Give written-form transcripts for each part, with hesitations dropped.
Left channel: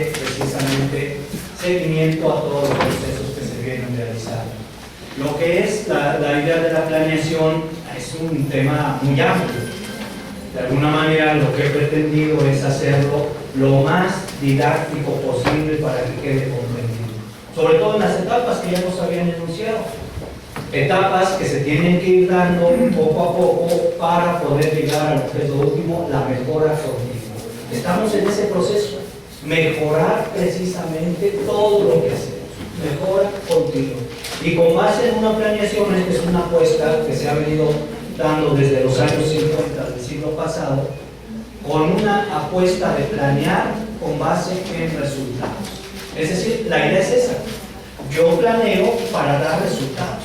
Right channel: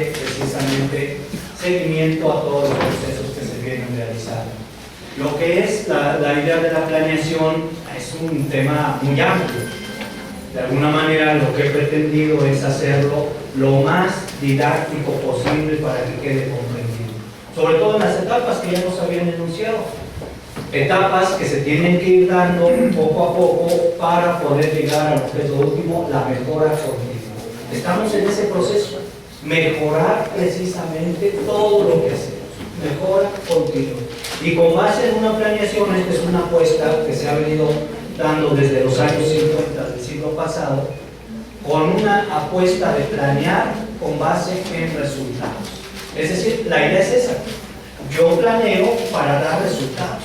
darle precisamente seguimiento a todos los procesos que se vienen realizando. Lo que es la idea de la planeación es un tema muy amplio. De alguna manera lo que he pretendido es hacerlo lo más didáctico posible para que quede comprendido. Sobre todo en las etapas que ya nos habían enunciado. Etapas que se tienen que ir dando poco a poco para poder llegar a lo que es lo último, la mejora continua. Estamos en ese proceso, mejorar precisamente todo lo que hacemos, mejora continua. Y con base en una planeación, esta es una apuesta que se ha venido dando desde los años 50 del siglo pasado, con una apuesta de planear con base en resultados. Es decir, la idea es esa. Yo planeo para dar resultados,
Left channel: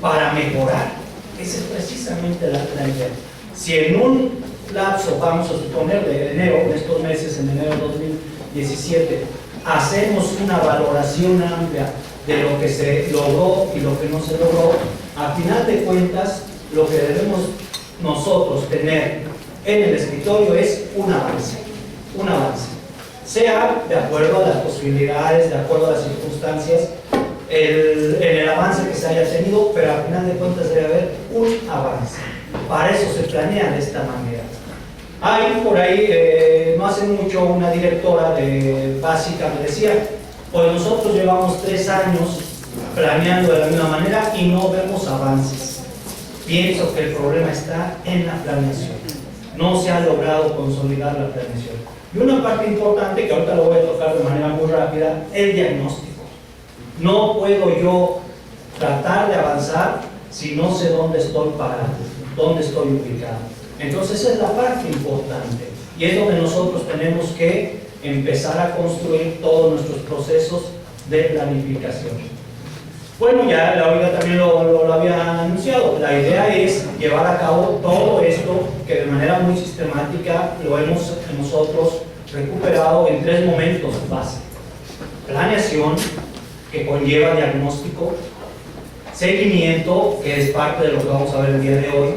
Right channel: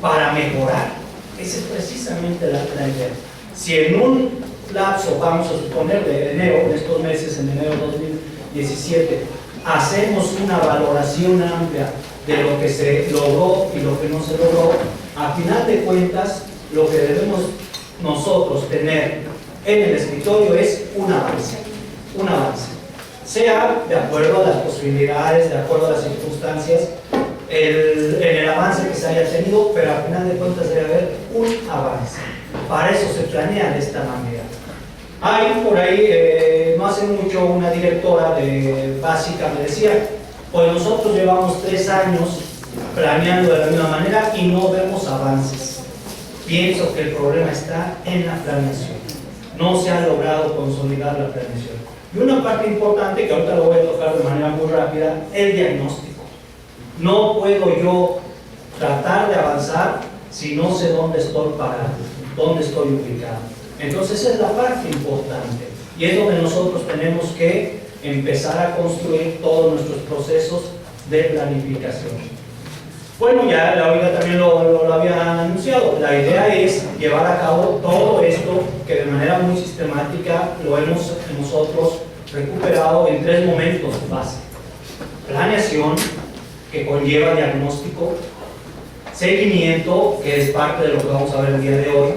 para mejorar. Esa es precisamente la idea. Si en un lapso, vamos a suponer de enero, en estos meses, en enero de 2017, hacemos una valoración amplia de lo que se logró y lo que no se logró, a final de cuentas, lo que debemos nosotros tener en el escritorio es un avance, sea de acuerdo a las posibilidades, de acuerdo a las circunstancias, en el avance que se haya tenido, pero a final de cuentas debe haber un avance. Para eso se planea de esta manera. Hay por ahí, no hace mucho, una directora de básica me decía, pues nosotros llevamos 3 años planeando de la misma manera y no vemos avances. Pienso que el problema está en la planeación. No se ha logrado consolidar la planeación. Y una parte importante, que ahorita lo voy a tocar de manera muy rápida, el diagnóstico. No puedo yo tratar de avanzar si no sé dónde estoy parado, dónde estoy ubicado. Entonces esa es la parte importante. Y es donde nosotros tenemos que empezar a construir todos nuestros procesos de planificación. Bueno, ya ahorita también lo había anunciado. La idea es llevar a cabo todo esto que de manera muy sistemática lo hemos nosotros recuperado en 3 momentos base. Planeación, que conlleva diagnóstico, seguimiento, que es parte de lo que vamos a ver el día de hoy,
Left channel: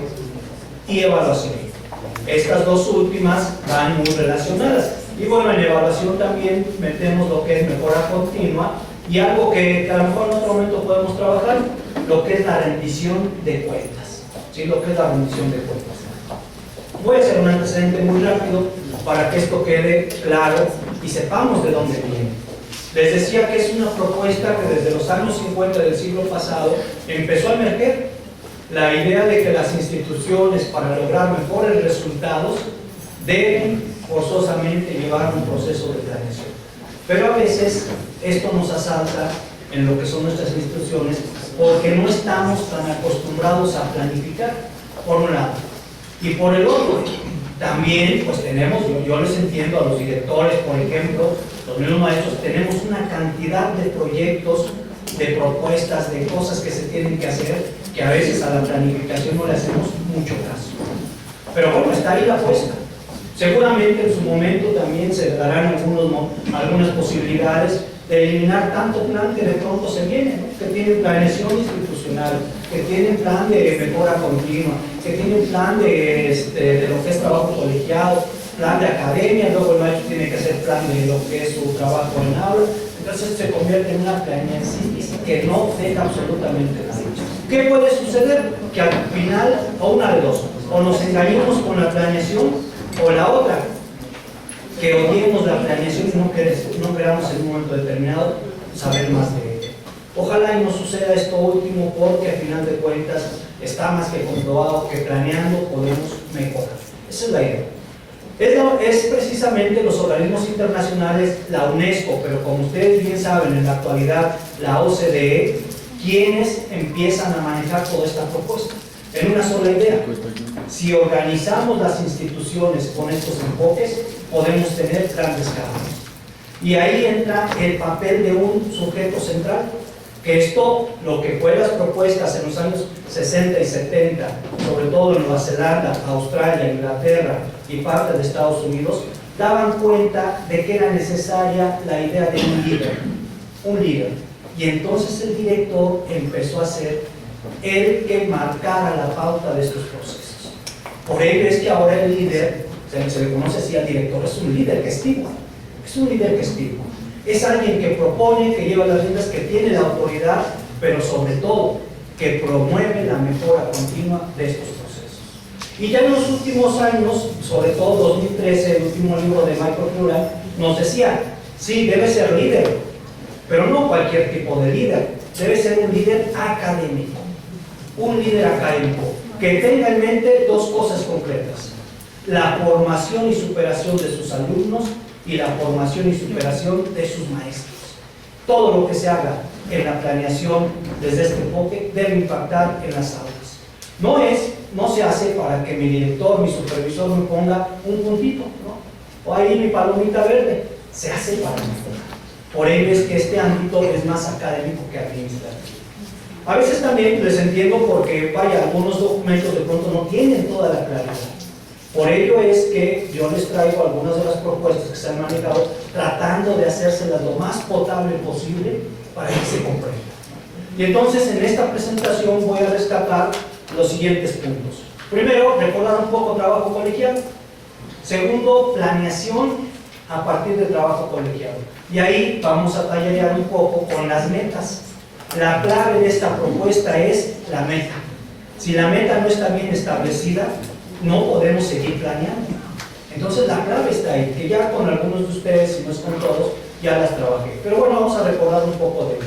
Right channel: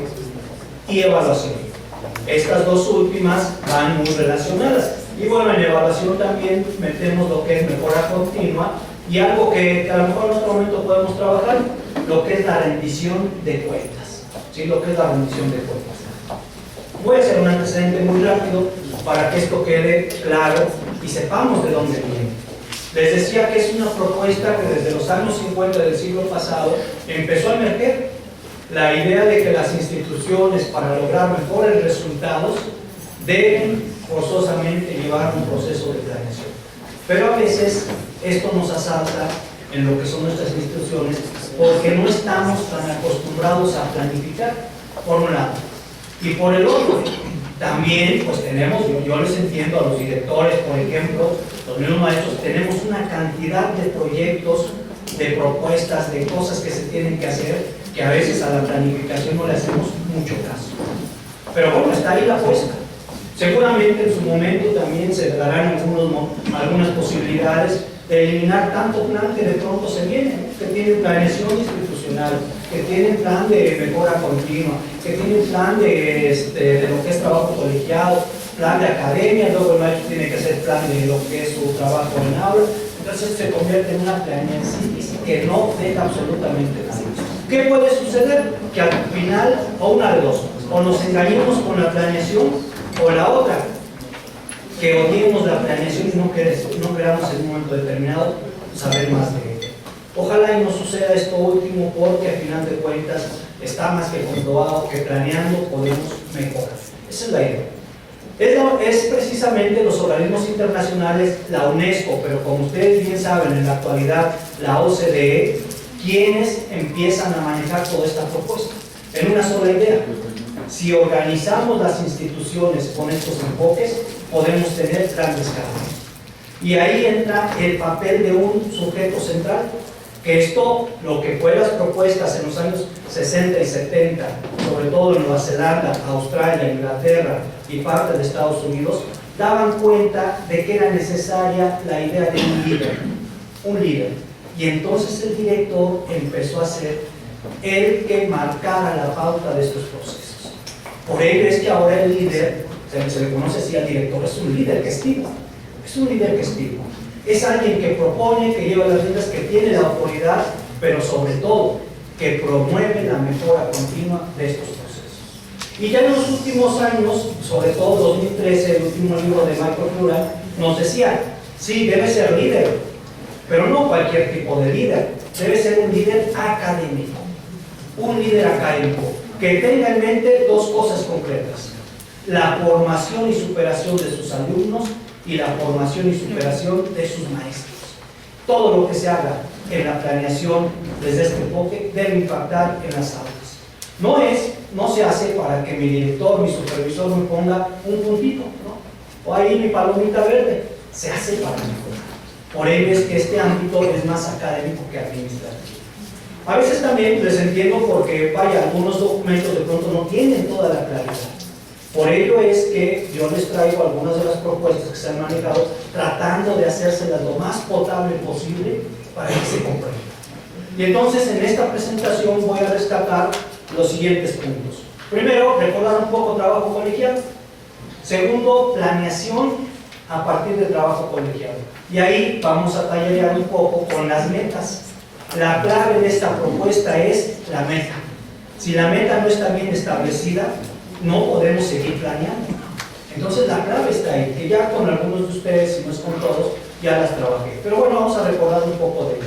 y evaluación. Estas dos últimas van muy relacionadas. Y bueno, en evaluación también metemos lo que es mejora continua y algo que a lo mejor en otro momento podemos trabajar, lo que es la rendición de cuentas. ¿Sí? Lo que es la rendición de cuentas. Voy a hacer un antecedente muy rápido para que esto quede claro y sepamos de dónde viene. Les decía que es una propuesta que desde los años 50 del siglo pasado empezó a emerger la idea de que las instituciones, para lograr mejores resultados, deben forzosamente llevar un proceso de planeación. Pero a veces esto nos asalta en lo que son nuestras instituciones porque no estamos tan acostumbrados a planificar, por un lado. Y por el otro, también pues tenemos, yo les entiendo a los directores, por ejemplo, los mismos maestros, tenemos una cantidad de proyectos, de propuestas, de cosas que se tienen que hacer, que a veces a la planificación no le hacemos mucho caso. Pero bueno, está ahí la apuesta. Seguramente en su momento también se darán algunas posibilidades de eliminar tanto plan que de pronto se viene, ¿no? Que tienen planeación institucional, que tienen plan de mejora continua, que tienen plan de lo que es trabajo colegiado, plan de academia, luego el maestro tiene que hacer plan de lo que es su trabajo en aula. Entonces se convierte en una planeación que no deja absolutamente nada. ¿Qué puede suceder? Que al final, o una de dos, o nos engañemos con la planeación, o la otra, que odiemos la planeación y no queramos en un momento determinado saber más de ella. Ojalá y no suceda esto último, porque al final de cuentas está más que comprobado que planeando podemos mejorar. Esa es la idea. Es precisamente los organismos internacionales, la UNESCO, pero como ustedes bien saben, en la actualidad la OCDE, quienes empiezan a manejar toda esta propuesta en una sola idea. Si organizamos las instituciones con estos enfoques, podemos tener grandes cambios. Y ahí entra el papel de un sujeto central, que esto, lo que fue las propuestas en los años 60 y 70, sobre todo en Nueva Zelanda, Australia, Inglaterra y parte de Estados Unidos, daban cuenta de que era necesaria la idea de un líder. Y entonces el director empezó a ser el que marcara la pauta de estos procesos. Por ello es que ahora el líder, se le conoce así al director, es un líder gestivo. Es un líder que estima. Es alguien que propone, que lleva las riendas, que tiene la autoridad, pero sobre todo, que promueve la mejora continua de estos procesos. Y ya en los últimos años, sobre todo 2013, el último libro de Microflora, nos decía, sí, debe ser líder, pero no cualquier tipo de líder, debe ser un líder académico. Un líder académico que tenga en mente dos cosas concretas: la formación y superación de sus alumnos y la formación y superación de sus maestros. Todo lo que se haga en la planeación desde este enfoque debe impactar en las aulas. No se hace para que mi director, mi supervisor me ponga un puntito, ¿no? O ahí mi palomita verde. Se hace para mejorar. Por ello es que este ámbito es más académico que administrativo. A veces también les entiendo porque, vaya, algunos documentos de pronto no tienen toda la claridad. Por ello es que yo les traigo algunas de las propuestas que se han manejado tratando de hacérselas lo más potable posible para que se comprenda. Y entonces en esta presentación voy a rescatar los siguientes puntos. Primero, recordar un poco trabajo colegial. Segundo, planeación a partir del trabajo colegial. Y ahí vamos a tallerear un poco con las metas. La clave de esta propuesta es la meta. Si la meta no está bien establecida, no podemos seguir planeando. Entonces la clave está ahí, que ya con algunos de ustedes, si no es con todos, ya las trabajé. Pero bueno, vamos a recordar un poco de ello.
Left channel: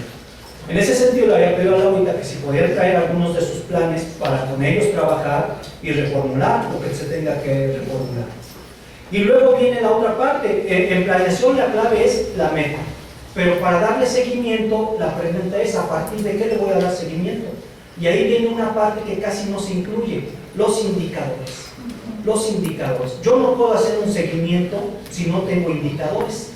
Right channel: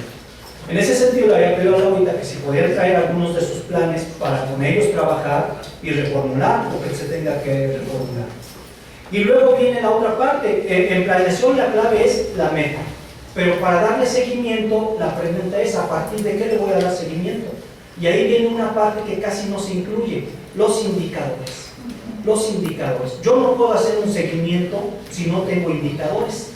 En ese sentido le había pedido a Laurita que si podían traer algunos de sus planes para con ellos trabajar y reformular lo que se tenga que reformular. Y luego viene la otra parte. En planeación la clave es la meta. Pero para darle seguimiento, la pregunta es: ¿a partir de qué le voy a dar seguimiento? Y ahí viene una parte que casi no se incluye: los indicadores. Los indicadores. Yo no puedo hacer un seguimiento si no tengo indicadores.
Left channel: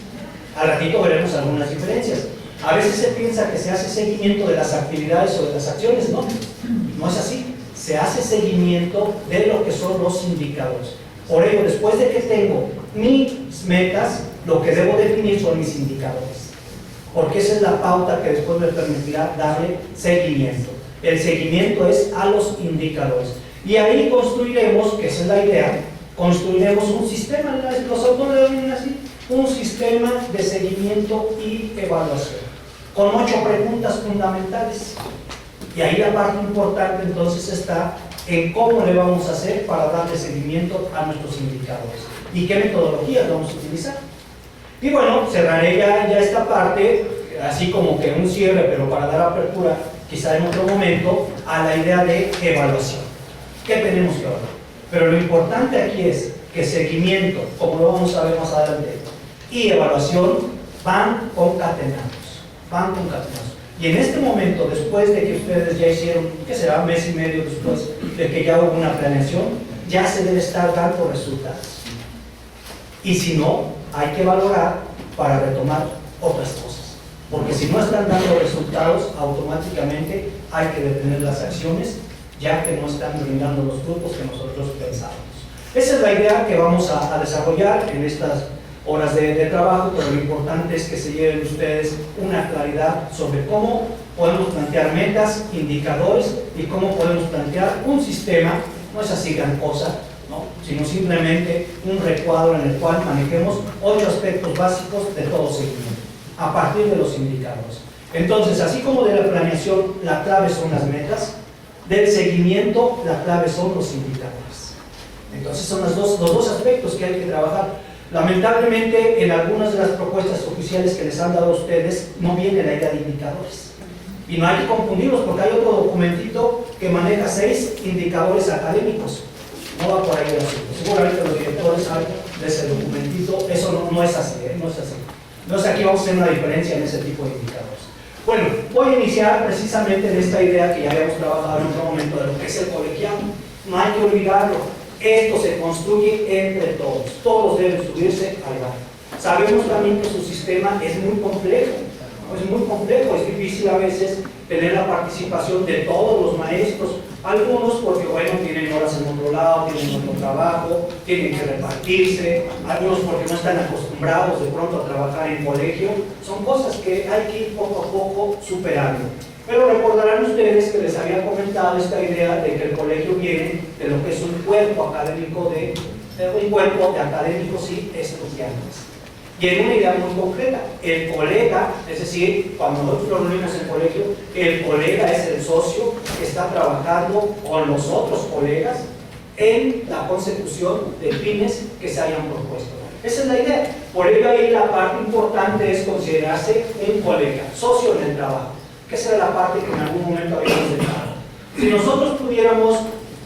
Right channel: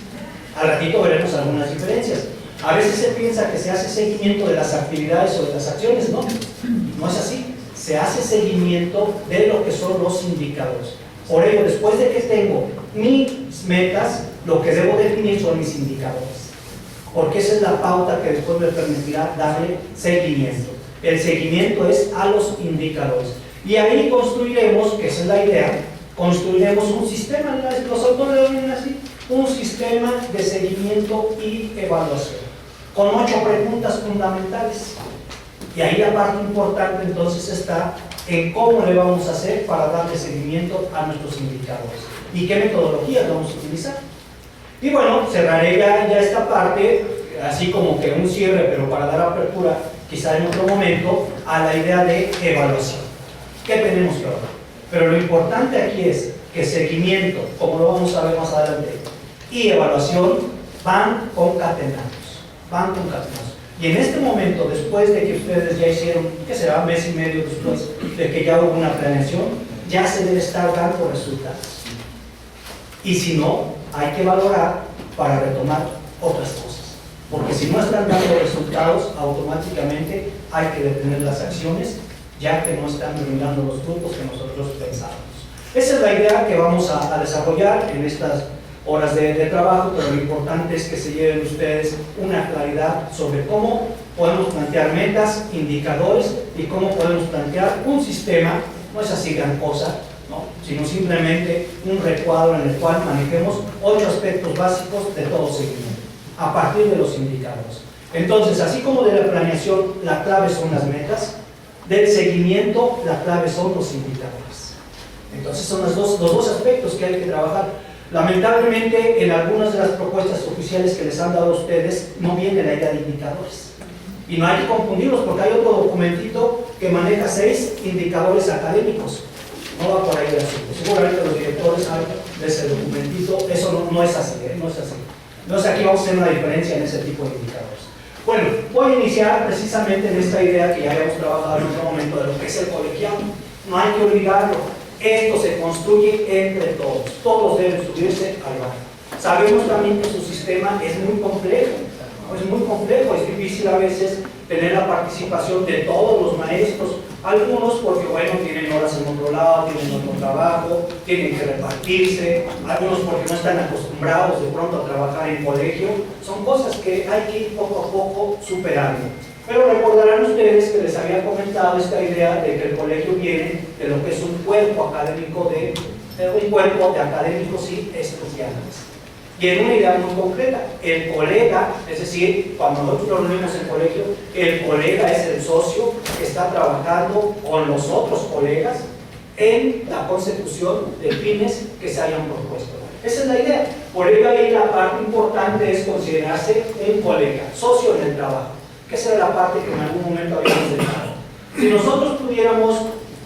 Al ratito veremos algunas diferencias. A veces se piensa que se hace seguimiento de las actividades o de las acciones. No, no es así. Se hace seguimiento de lo que son los indicadores. Por ello, después de que tengo mis metas, lo que debo definir son mis indicadores. Porque esa es la pauta que después me permitirá darle seguimiento. El seguimiento es a los indicadores. Y ahí construiremos, que esa es la idea, construiremos un sistema, los autores lo ven así, un sistema de seguimiento y evaluación, con 8 preguntas fundamentales. Y ahí la parte importante entonces está en cómo le vamos a hacer para darle seguimiento a nuestros indicadores y qué metodologías vamos a utilizar. Y bueno, cerraré ya esta parte, así como que un cierre, pero para dar apertura, quizá en otro momento, a la idea de evaluación. ¿Qué tenemos que evaluar? Pero lo importante aquí es que seguimiento, como lo vamos a ver más adelante, y evaluación van concatenados. Van concatenados. Y en este momento, después de que ustedes ya hicieron, ¿qué será? Un mes y medio después de que ya hubo una planeación, ya se debe estar dando resultados. Y si no, hay que valorar para retomar otras cosas. Porque si no están dando resultados, automáticamente hay que detener las acciones, ya que no están brindando los frutos que nosotros pensábamos. Esa es la idea que vamos a desarrollar en estas horas de trabajo, pero lo importante es que se lleven ustedes una claridad sobre cómo podemos plantear metas, indicadores y cómo podemos plantear un sistema. No es así gran cosa, ¿no? Sino simplemente un recuadro en el cual manejemos 8 aspectos básicos de todo seguimiento, a partir de los indicadores. Entonces, así como de la planeación, la clave son las metas, del seguimiento, la clave son los indicadores. Entonces, son los dos aspectos que hay que trabajar. Lamentablemente, en algunas de las propuestas oficiales que les han dado a ustedes, no viene la idea de indicadores. Y no hay que confundirlos, porque hay otro documentito que maneja 6 indicadores académicos. No va por ahí el asunto. Seguramente los directores saben de ese documentito. Eso no es así, no es así. Entonces aquí vamos a hacer una diferencia en ese tipo de indicadores. Bueno, voy a iniciar precisamente en esta idea que ya habíamos trabajado en otro momento de lo que es el colegiado. No hay que olvidarlo. Esto se construye entre todos. Todos deben subirse al barco. Sabemos también que su sistema es muy complejo. Es muy complejo, es difícil a veces tener la participación de todos los maestros. Algunos porque, bueno, tienen horas en otro lado, tienen otro trabajo, tienen que repartirse. Algunos porque no están acostumbrados de pronto a trabajar en colegio. Son cosas que hay que ir poco a poco superando. Pero recordarán ustedes que les había comentado esta idea de que el colegio viene de lo que es un cuerpo académico de académicos y estudiantes. Y en una idea muy concreta, el colega, es decir, cuando nosotros nos reunimos en el colegio, el colega es el socio que está trabajando con los otros colegas en la consecución de fines que se hayan propuesto. Esa es la idea. Por ello ahí la parte importante es considerarse un colega, socio en el trabajo, que esa era la parte que en algún momento habíamos dejado. Si nosotros pudiéramos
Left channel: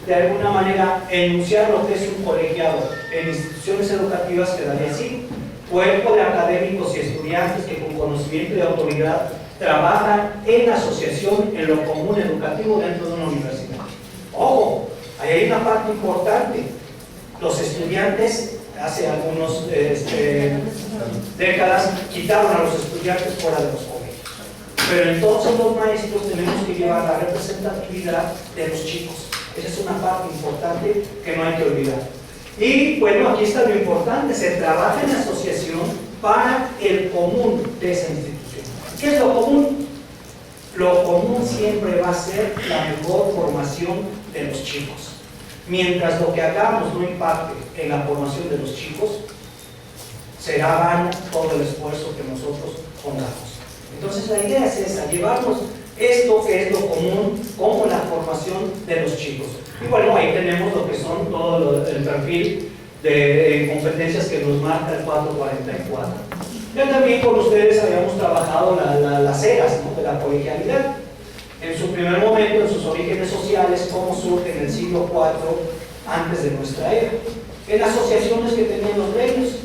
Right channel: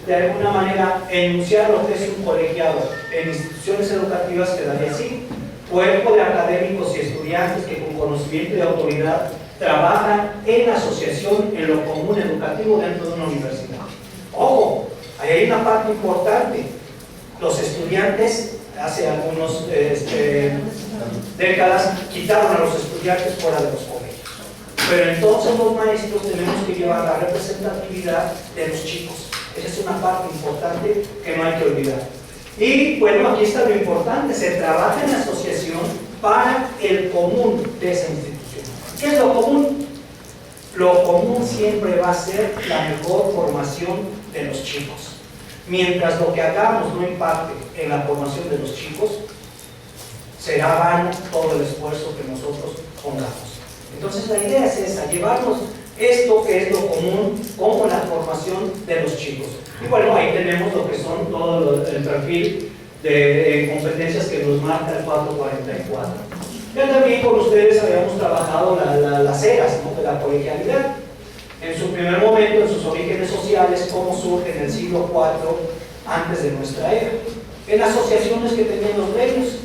de alguna manera enunciar lo que es un colegiado en instituciones educativas, quedaría así: cuerpo de académicos y estudiantes que con conocimiento y autoridad trabajan en asociación en lo común educativo dentro de una universidad. Ojo, ahí hay una parte importante. Los estudiantes hace algunas décadas quitaron a los estudiantes fuera de los colegios, pero entonces los maestros tenemos que llevar la representatividad de los chicos. Esa es una parte importante que no hay que olvidar. Y bueno, aquí está lo importante: se trabaja en asociación para el común de esa institución. ¿Qué es lo común? Lo común siempre va a ser la mejor formación de los chicos. Mientras lo que hagamos no impacte en la formación de los chicos, será vano todo el esfuerzo que nosotros pongamos. Entonces la idea es esa: llevarnos esto que es lo común como la formación de los chicos. Y bueno, ahí tenemos lo que son todo el perfil de competencias que nos marca el 444. Ya también con ustedes habíamos trabajado las eras, ¿no?, de la colegialidad. En su primer momento, en sus orígenes sociales, cómo surge en el siglo IV antes de nuestra era, en asociaciones que tenían los gremios.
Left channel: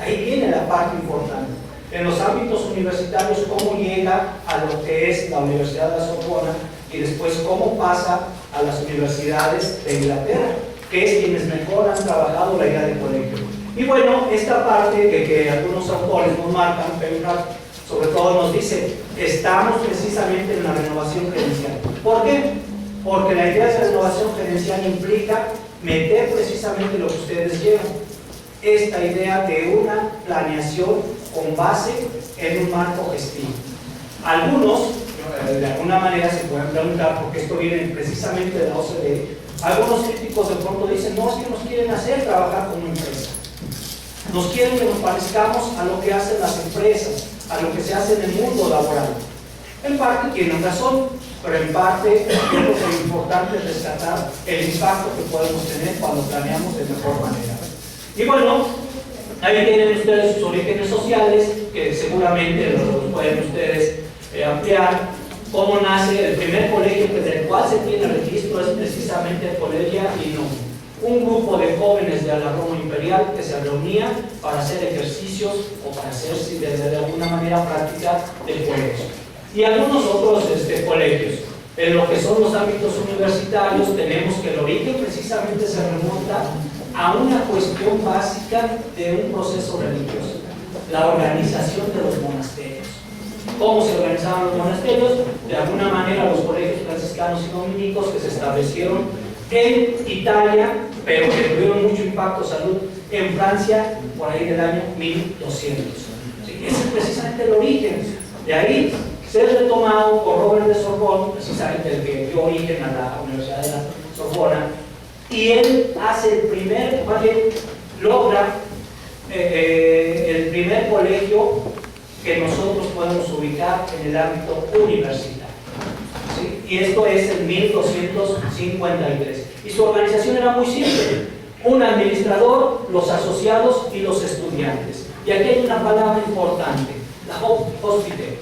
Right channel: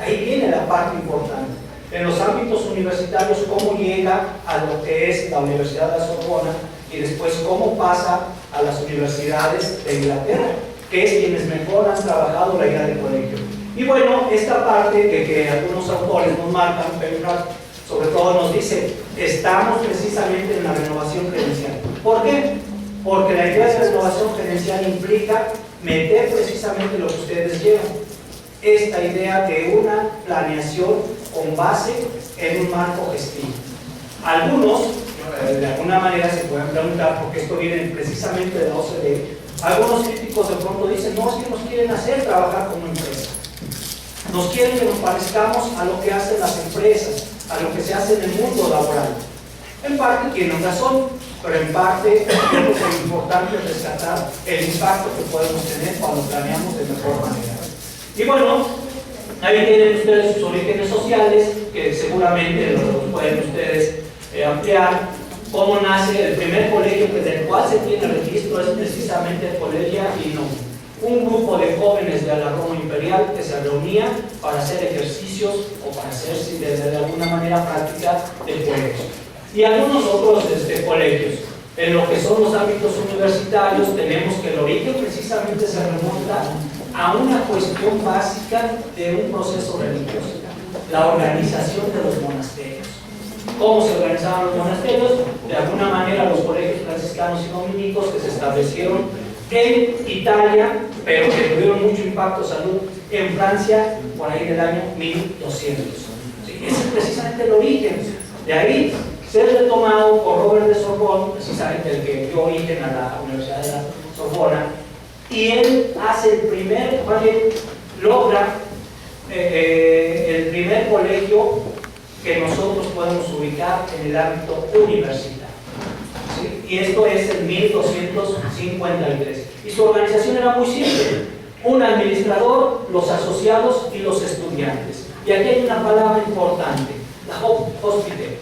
Ahí viene la parte importante. En los ámbitos universitarios, cómo llega a lo que es la Universidad de la Sorbona y después cómo pasa a las universidades de Inglaterra, que es quienes mejor han trabajado la idea de colegio. Y bueno, esta parte que algunos autores nos marcan, Penrad sobre todo nos dice: estamos precisamente en la renovación gerencial. ¿Por qué? Porque la idea de renovación gerencial implica meter precisamente lo que ustedes llevan, esta idea de una planeación con base en un marco gestivo. Algunos, de alguna manera, se pueden preguntar, porque esto viene precisamente de la OCDE, algunos críticos de pronto dicen: no, es que nos quieren hacer trabajar como empresa, nos quieren que nos parezcamos a lo que hacen las empresas, a lo que se hace en el mundo laboral. En parte tienen razón, pero en parte creo que es importante rescatar el impacto que podemos tener cuando planeamos de mejor manera. Y bueno, ahí tienen ustedes sus orígenes sociales, que seguramente los pueden ustedes ampliar. Cómo nace el primer colegio del cual se tiene registro es precisamente el Colegio Inum, un grupo de jóvenes de la Roma Imperial que se reunían para hacer ejercicios o para hacer de alguna manera práctica del colegio. Y algunos otros colegios. En lo que son los ámbitos universitarios, tenemos que el origen precisamente se remonta a una cuestión básica de un proceso religioso: la organización de los monasterios. ¿Cómo se organizaban los monasterios? De alguna manera los colegios franciscanos y dominicos que se establecieron en Italia, pero que tuvieron mucho impacto salud en Francia por ahí del año 1200. ¿Sí? Ese es precisamente el origen. De ahí se ha retomado por Robert de Sorbonne, precisamente el que dio origen a la Universidad de la Sorbona, y él hace el primer, logra el primer colegio que nosotros podemos ubicar en el ámbito universitario. ¿Sí? Y esto es en 1253. Y su organización era muy simple: un administrador, los asociados y los estudiantes. Y aquí hay una palabra importante: la hospite,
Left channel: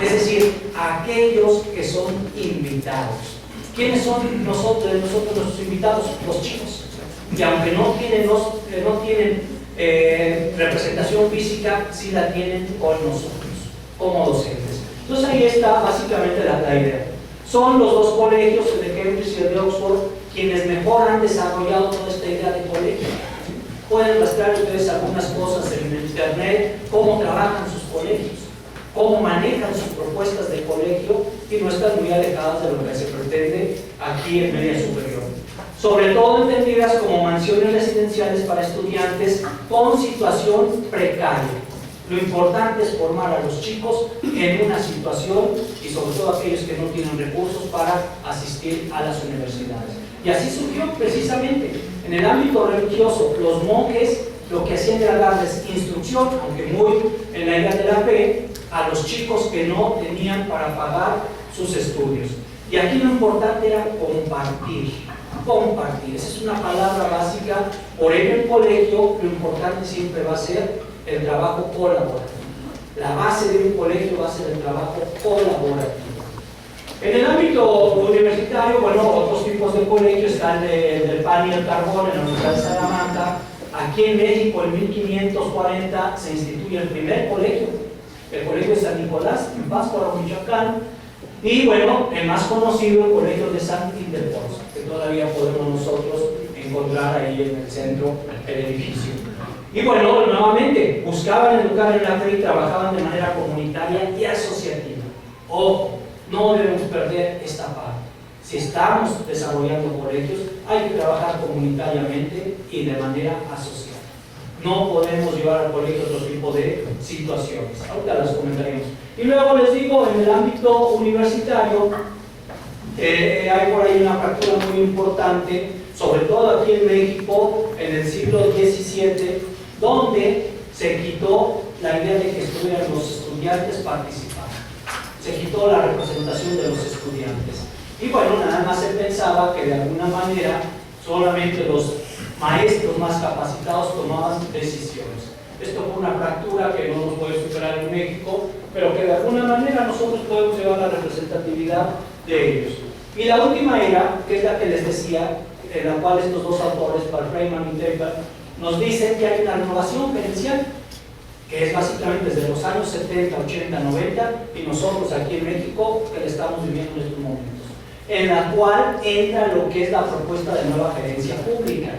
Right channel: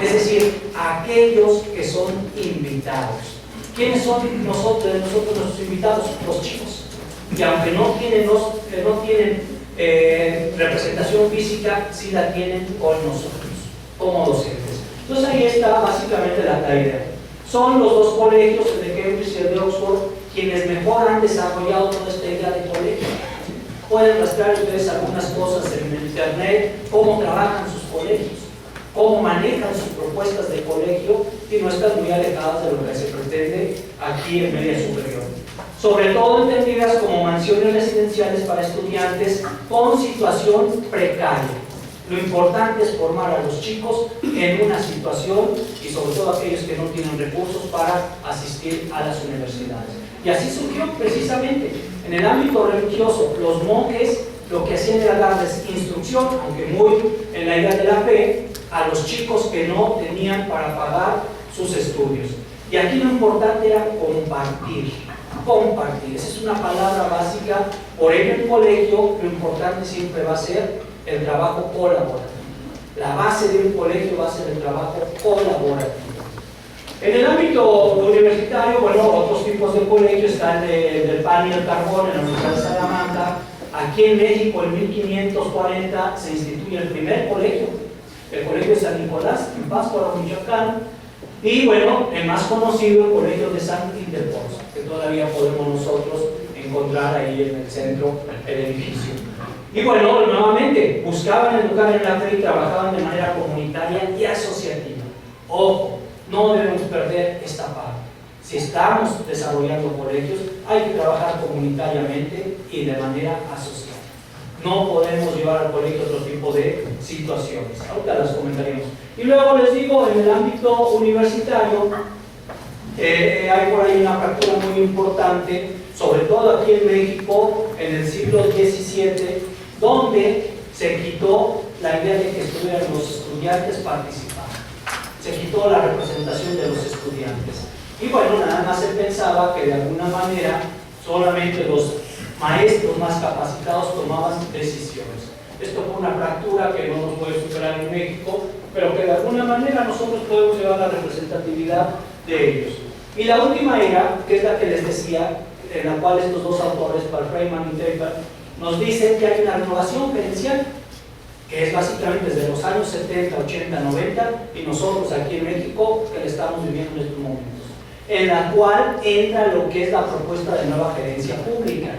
es decir, aquellos que son invitados. ¿Quiénes son nosotros nuestros invitados? Los chicos. Y aunque no tienen representación física, sí la tienen con nosotros, como docentes. Entonces ahí está básicamente la idea. Son los dos colegios, el de Cambridge y el de Oxford, quienes mejor han desarrollado toda esta idea de colegio. Pueden rastrear ustedes algunas cosas en el internet, cómo trabajan sus colegios, cómo manejan sus propuestas de colegio, y no están muy alejadas de lo que se pretende aquí en media superior. Sobre todo entendidas como mansiones residenciales para estudiantes con situación precaria. Lo importante es formar a los chicos en una situación, y sobre todo aquellos que no tienen recursos para asistir a las universidades. Y así surgió precisamente en el ámbito religioso. Los monjes lo que hacían era darles instrucción, aunque muy en la idea de la fe, a los chicos que no tenían para pagar sus estudios. Y aquí lo importante era compartir. Compartir, esa es una palabra básica. Por ello en el colegio lo importante siempre va a ser el trabajo colaborativo. La base de un colegio va a ser el trabajo colaborativo. En el ámbito universitario, bueno, otros tipos de colegios están del pan y el carbón en la Universidad de Salamanca. Aquí en México, en 1540, se instituye el primer colegio, el Colegio de San Nicolás, en Pátzcuaro, Michoacán. Y bueno, el más conocido, el Colegio de San Ildefonso, que todavía podemos nosotros encontrar ahí en el centro el edificio. Y bueno, nuevamente, buscaban educar en la fe y trabajaban de manera comunitaria y asociativa. Ojo, no debemos perder esta parte. Si estamos desarrollando colegios, hay que trabajar comunitariamente y de manera asociada. No podemos llevar al colegio otro tipo de situaciones. Ahorita las comentaremos. Y luego les digo, en el ámbito universitario, hay por ahí una fractura muy importante, sobre todo aquí en México, en el siglo XVII, donde se quitó la idea de que estuvieran los estudiantes participando. Se quitó la representación de los estudiantes. Y bueno, nada más se pensaba que de alguna manera solamente los maestros más capacitados tomaban decisiones. Esto fue una fractura que no nos puede superar en México, pero que de alguna manera nosotros podemos llevar la representatividad de ellos. Y la última era, que es la que les decía, en la cual estos dos autores, Paul Freiman y Tepper, nos dicen que hay una renovación gerencial, que es básicamente desde los años 70, 80, 90, y nosotros aquí en México, que le estamos viviendo en estos momentos, en la cual entra lo que es la propuesta de nueva gerencia pública.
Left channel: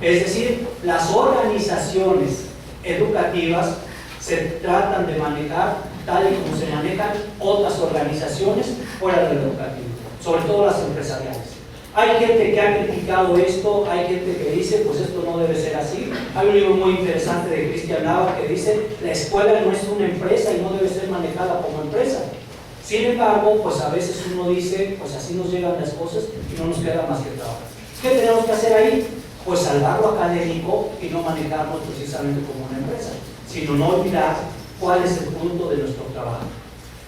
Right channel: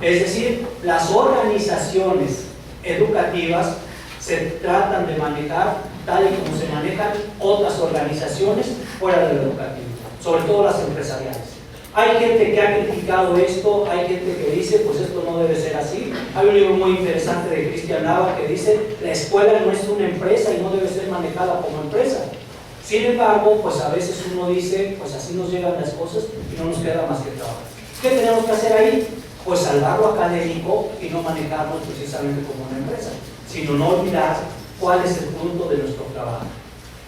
Es decir, las organizaciones educativas se tratan de manejar tal y como se manejan otras organizaciones fuera del educativo, sobre todo las empresariales. Hay gente que ha criticado esto, hay gente que dice, pues esto no debe ser así. Hay un libro muy interesante de Cristian Nava que dice, la escuela no es una empresa y no debe ser manejada como empresa. Sin embargo, pues a veces uno dice, pues así nos llegan las cosas y no nos queda más que trabajar. ¿Qué tenemos que hacer ahí? Pues salvar lo académico y no manejarnos precisamente como una empresa, sino no olvidar cuál es el punto de nuestro trabajo.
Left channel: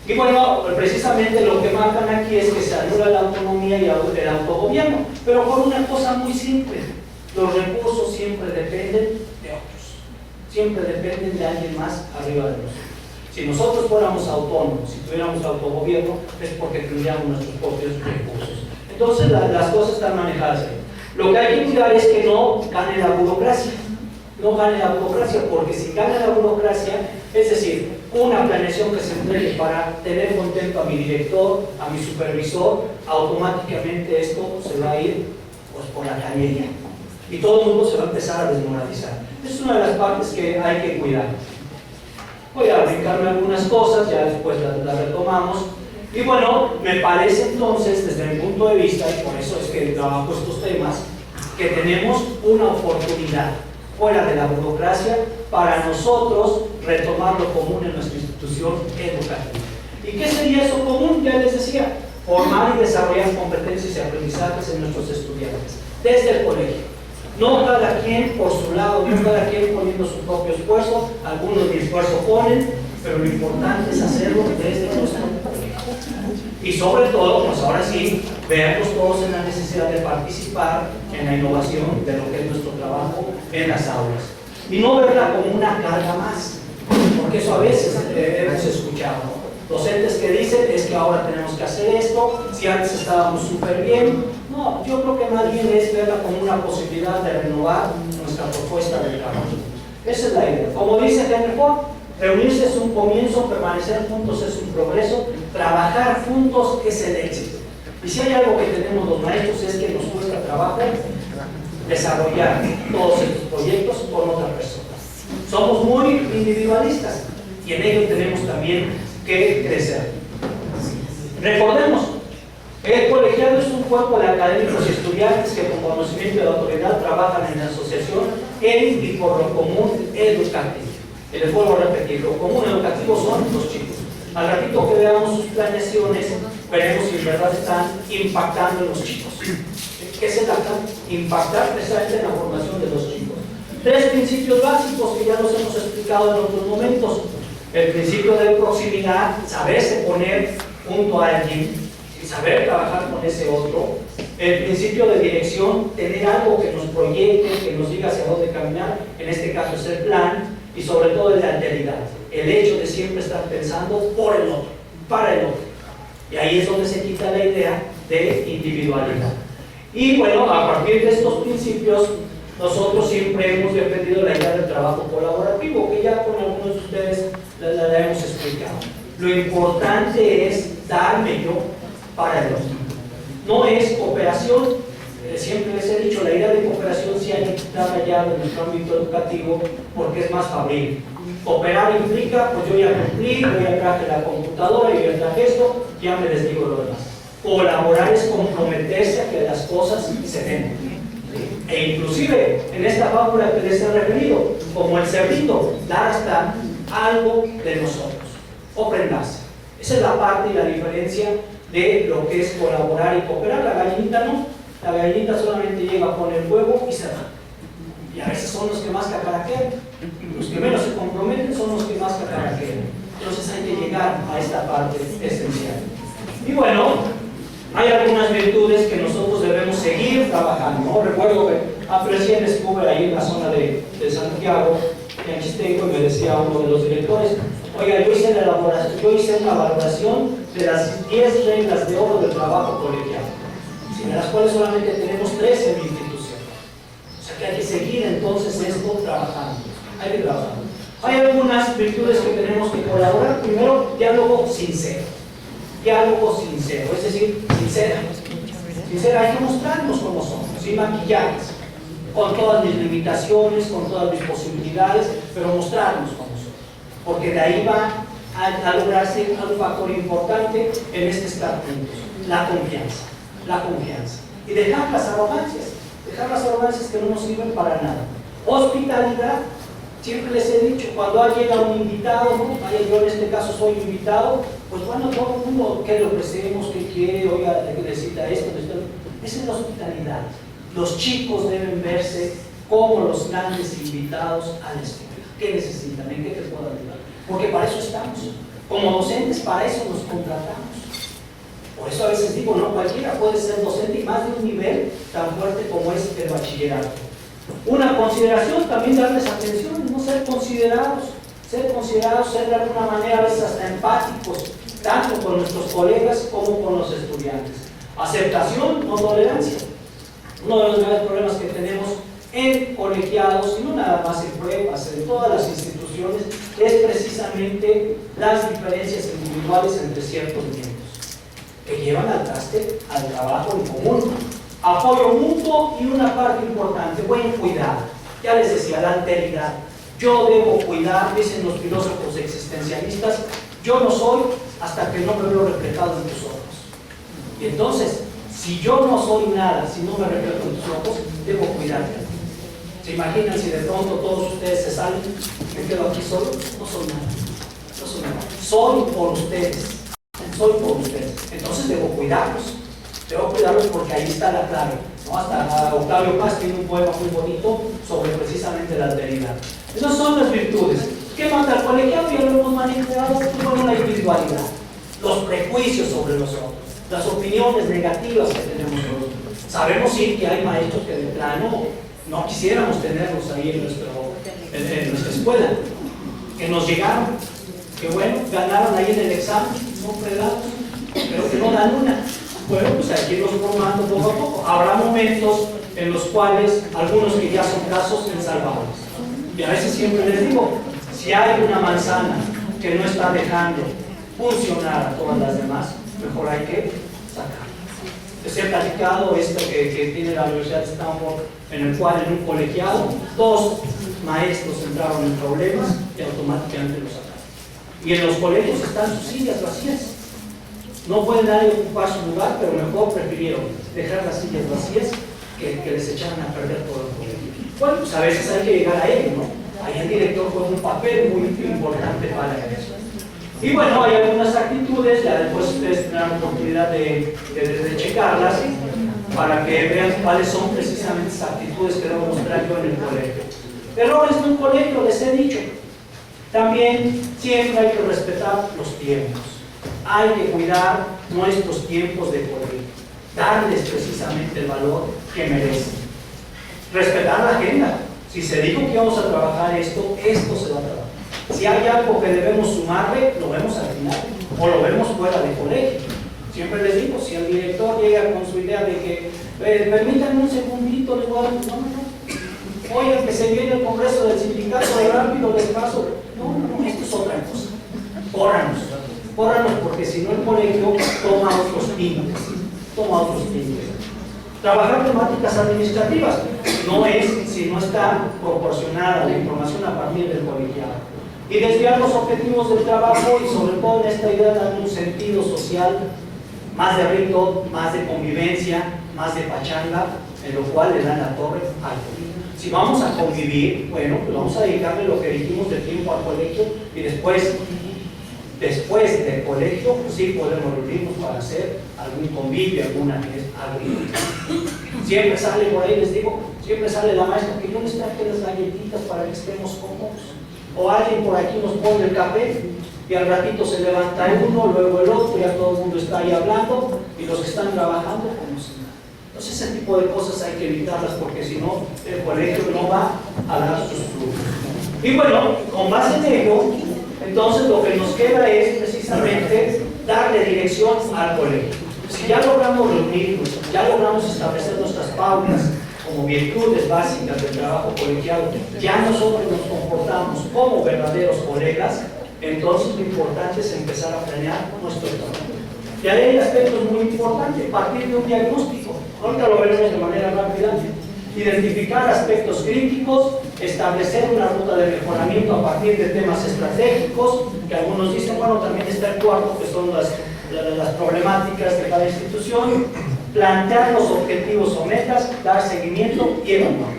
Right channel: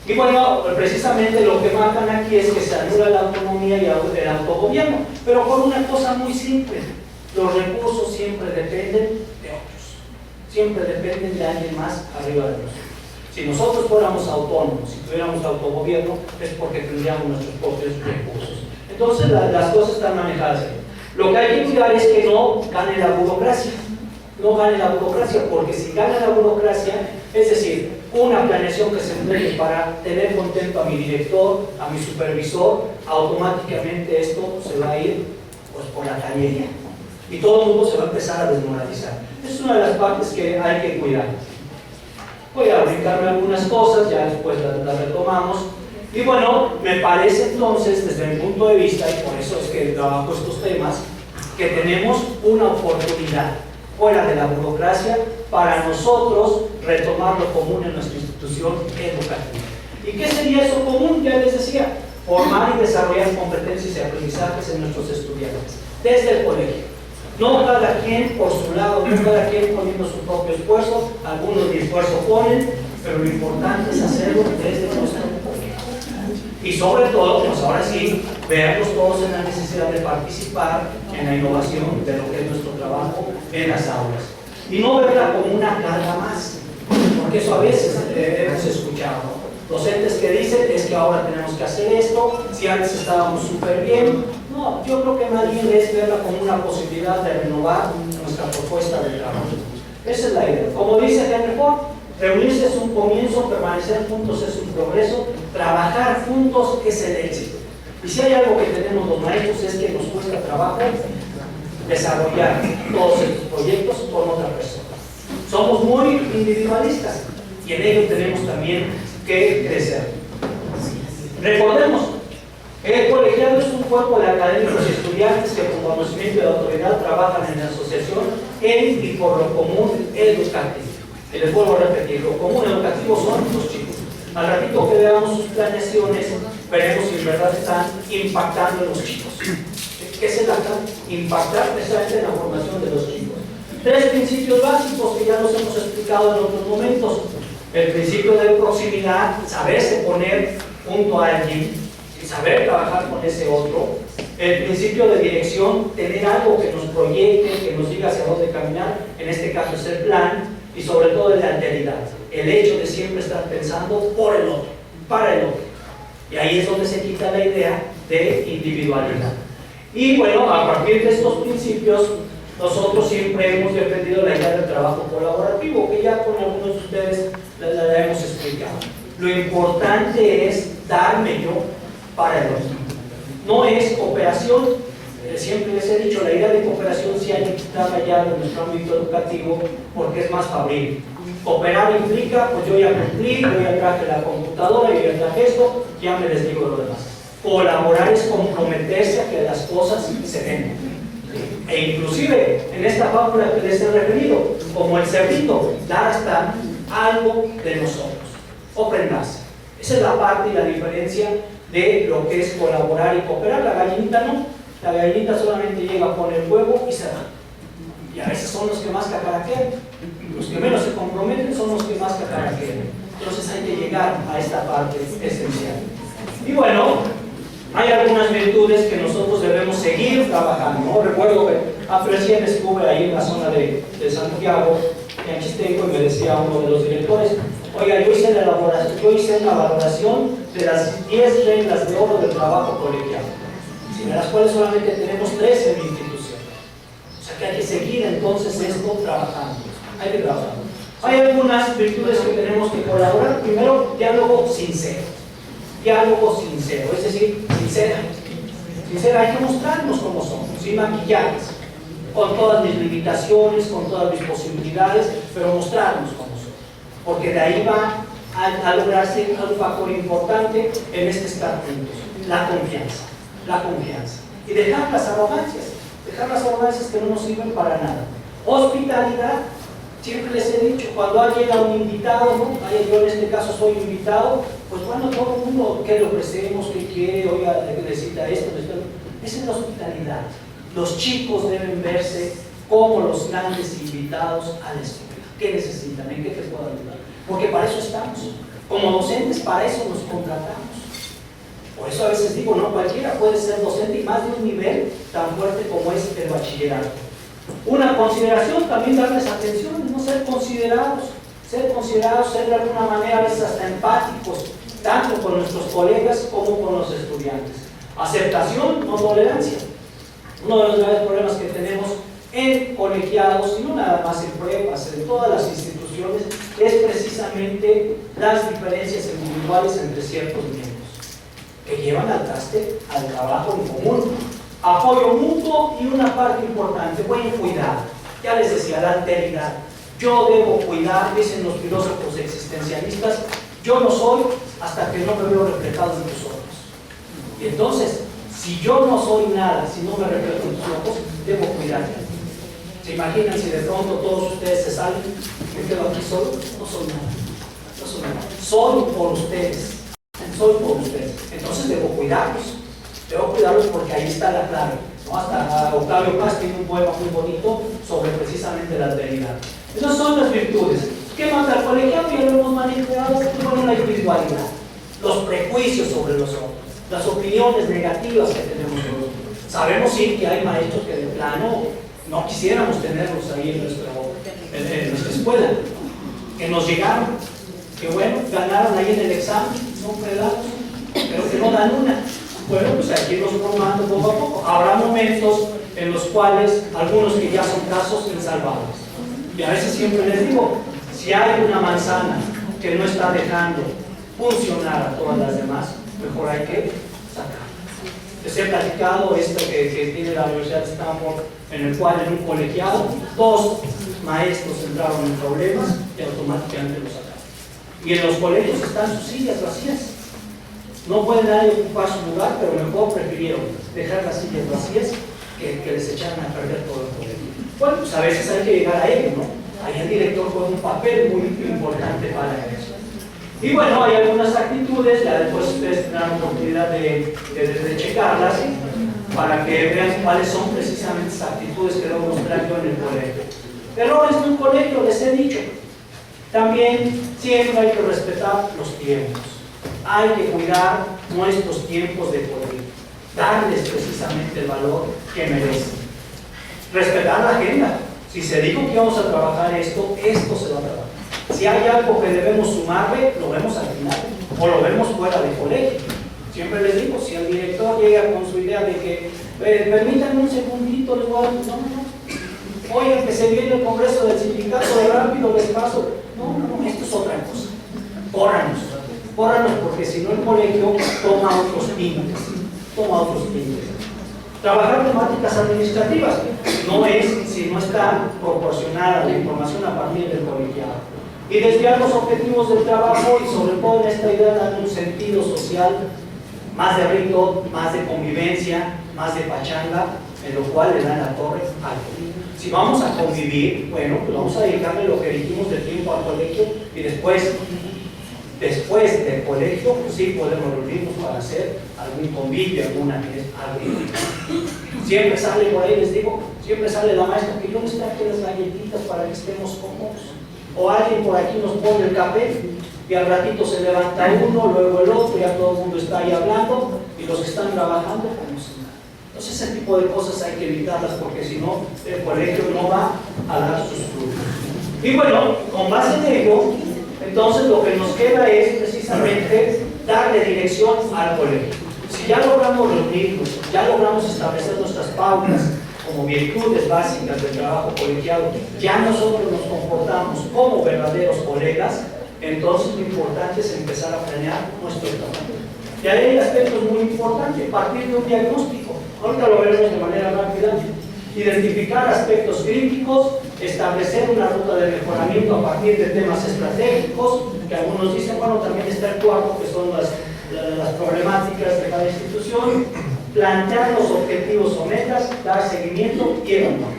Y bueno, precisamente lo que marcan aquí es que se anula la autonomía y el autogobierno, pero por una cosa muy simple: los recursos siempre dependen de otros, siempre dependen de alguien más arriba de nosotros. Si nosotros fuéramos autónomos, si tuviéramos autogobierno, es porque tendríamos nuestros propios recursos. Entonces las cosas están manejadas ahí. Lo que hay que cuidar es que no gane la burocracia. No gane la burocracia, porque si gana la burocracia, es decir, una planeación que se entregue para tener contento a mi director, a mi supervisor, automáticamente esto se va a ir pues, por la cañería. Y todo el mundo se va a empezar a desmoralizar. Es una de las partes que hay que cuidar. Voy a brincarme algunas cosas, ya después las retomamos. Y bueno, me parece entonces, desde mi punto de vista, y por eso es que trabajo estos temas, que tenemos una oportunidad fuera de la burocracia para nosotros retomar lo común en nuestra institución educativa. ¿Y qué sería eso común? Ya les decía, formar y desarrollar competencias y aprendizajes en nuestros estudiantes, desde el colegio. No cada quien por su lado, no cada quien poniendo su propio esfuerzo, algunos ni esfuerzo ponen, pero lo importante es hacerlo desde nuestro colegio. Y sobre todo, pues ahora sí, vernos todos en la necesidad de participar en la innovación de lo que es nuestro trabajo en las aulas. Y no verla como una carga más, porque eso a veces hemos escuchado, ¿no? Docentes que dicen, es que ahora tenemos que hacer esto, si antes estábamos súper bien. No, yo creo que más bien es verla como una posibilidad de renovar nuestra propuesta de trabajo. Esa es la idea. Como dice Henry Ford, reunirse es un comienzo, permanecer juntos es un progreso, trabajar juntos es el éxito. Y si hay algo que tenemos los maestros es que nos cuesta trabajo desarrollar todos estos proyectos con otra persona. Somos muy individualistas y en ello tenemos también que crecer. Recordemos, el colegiado es un cuerpo de académicos y estudiantes que con conocimiento y autoridad trabajan en la asociación en y por lo común educativo. Y les vuelvo a repetir, lo común educativo son los chicos. Al ratito que veamos sus planeaciones, veremos si en verdad están impactando en los chicos. ¿Qué es el acá? Impactar precisamente en la formación de los chicos. Tres principios básicos que ya los hemos explicado en otros momentos. El principio de proximidad, saberse poner junto a alguien, saber trabajar con ese otro. El principio de dirección, tener algo que nos proyecte, que nos diga hacia dónde caminar, en este caso es el plan, y sobre todo el de alteridad, el hecho de siempre estar pensando por el otro, para el otro. Y ahí es donde se quita la idea de individualidad. Y bueno, a partir de estos principios, nosotros siempre hemos defendido la idea del trabajo colaborativo, que ya con algunos de ustedes la hemos explicado. Lo importante es darme yo para el otro. No es cooperación, siempre les he dicho, la idea de cooperación sí hay que quitarla ya de nuestro ámbito educativo porque es más fabril. Cooperar implica, pues yo ya cumplí, yo ya traje la computadora, yo ya traje esto, ya me desdigo lo demás. Colaborar es comprometerse a que las cosas se den. E inclusive en esta fábula que les he referido, como el cerdito, dar hasta algo de nosotros, ofrendarse. Esa es la parte y la diferencia de lo que es colaborar y cooperar. La gallinita no, la gallinita solamente llega, pone el huevo y se va. Y a veces son los que más cacaraquean, los que menos se comprometen son los que más cacaraquean. Entonces hay que llegar a esta parte esencial. Y bueno, hay algunas virtudes que nosotros debemos seguir trabajando, ¿no? Recuerdo que recién estuve ahí en la zona de Santiago, en Chistenco, y me decía uno de los directores: oiga, yo hice una valoración de las 10 reglas de oro del trabajo colegial, de las cuales solamente tenemos 13 en mi institución. O sea que hay que seguir entonces esto trabajando, hay que trabajar. Hay algunas virtudes que tenemos que colaborar. Primero, diálogo sincero. Diálogo sincero, es decir, sincera, hay que mostrarnos como somos, sin maquillajes, con todas mis limitaciones, con todas mis posibilidades, pero mostrarnos como somos, porque de ahí va a lograrse un factor importante en este estar juntos, la confianza, y dejar las arrogancias que no nos sirven para nada. Hospitalidad. Siempre les he dicho, cuando llega un invitado, ¿no? Yo en este caso soy invitado, pues bueno, todo el mundo que le ofrecemos, que quiere, oiga, necesita esto, esa es la hospitalidad. Los chicos deben verse como los grandes invitados a la escuela. ¿Qué necesitan? ¿En qué te puedo ayudar? Porque para eso estamos. Como docentes, para eso nos contratamos. Por eso a veces digo, no cualquiera puede ser docente, y más de un nivel tan fuerte como es el bachillerato. Una consideración, también darles atención, no ser considerados, ser de alguna manera a veces hasta empáticos, tanto con nuestros colegas como con los estudiantes. Aceptación, no tolerancia. Uno de los graves problemas que tenemos en colegiados, y no nada más en pruebas, en todas las instituciones, es precisamente las diferencias individuales entre ciertos miembros, que llevan al traste al trabajo en común. Apoyo mutuo y una parte importante, buen cuidado. Ya les decía, la alteridad. Yo debo cuidar, dicen los filósofos existencialistas, yo no soy hasta que no me veo reflejado en tus ojos. Y entonces, si yo no soy nada, si no me reflejo en tus ojos, debo cuidarte. ¿Se imaginan si de pronto todos ustedes se salen? ¿Me quedo aquí solo? No soy nada. Soy por ustedes. Entonces debo cuidarlos. Porque ahí está la clave, ¿no? Hasta Octavio Paz tiene un poema muy bonito sobre precisamente la alteridad. Esas son las virtudes. ¿Qué mata al colegiado? Ya lo hemos manejado con la individualidad, los prejuicios sobre los otros, las opiniones negativas que tenemos nosotros. Sabemos sí que hay maestros que de plano no quisiéramos tenerlos ahí en nuestra escuela, que nos llegaron, que bueno, ganaron ahí en el examen, son fregados, pero que no dan una. Bueno, pues aquí los formando poco a poco. Habrá momentos en los cuales algunos que ya son casos insalvables. Y a veces siempre les digo, si hay una manzana que no está dejando funcionar a todas las demás, mejor hay que sacarla. Les he platicado esto que tiene la Universidad de Stanford, en el cual en un colegiado 2 maestros entraron en problemas y automáticamente los sacaron. Y en los colegios están sus sillas vacías. No pueden nadie ocupar su lugar, pero mejor prefirieron dejar las sillas vacías que les echaran a perder todo el colegio. Bueno, pues a veces hay que llegar a ello, ¿no? Ahí el director juega un papel muy importante para eso. Y bueno, hay algunas actitudes, ya después ustedes tendrán la oportunidad de checarlas para que vean cuáles son precisamente esas actitudes que debo mostrar yo en el colegio. Errores de un colegio, les he dicho. También siempre hay que respetar los tiempos. Hay que cuidar nuestros tiempos de colegio. Darles precisamente el valor que merecen. Respetar la agenda. Si se dijo que vamos a trabajar esto, esto se va a trabajar. Si hay algo que debemos sumarle, lo vemos al final. O lo vemos fuera de colegio. Siempre les digo, si el director llega con su idea de que permítanme un segundito, les voy a decir, no. Oye, que se viene el congreso del sindicato de rápido, les paso. No, esto es otra cosa. Córranos, porque si no el colegio toma otros tintes. Trabajar temáticas administrativas no es si no está proporcionada la información a partir del colegiado. Y desviar los objetivos del trabajo y sobre todo en esta idea dar un sentido social, más de rito, más de convivencia, más de pachanga, en lo cual le dan la torre al colegio. Si vamos a convivir, bueno, pues vamos a dedicarle lo que dijimos de tiempo al colegio y después del colegio, pues sí podemos reunirnos para hacer algún convivio, alguna que es algo. Siempre sale por ahí, les digo, siempre sale la maestra que yo les traje las galletitas para que estemos cómodos. O alguien por aquí nos pone el café y al ratito se levanta uno, luego el otro, ya todo el mundo está ahí hablando y los que están trabajando como si nada. Entonces ese tipo de cosas hay que evitarlas porque si no el colegio no va a dar sus frutos. Y bueno, con base en ello, entonces lo que nos queda es precisamente darle dirección al colegio. Si ya logramos reunirnos, ya logramos establecer nuestras pautas como virtudes básicas del trabajo colegiado, ya nosotros nos comportamos como verdaderos colegas, entonces lo importante es empezar a planear nuestro trabajo. Y ahí hay aspectos muy importantes, partir de un diagnóstico. Ahorita lo veremos de manera rápida. Identificar aspectos críticos, establecer una ruta de mejoramiento a partir de temas estratégicos, que algunos dicen, bueno, también está el cuarto, que son las problemáticas de cada institución, plantear los objetivos o metas, dar seguimiento y evaluar.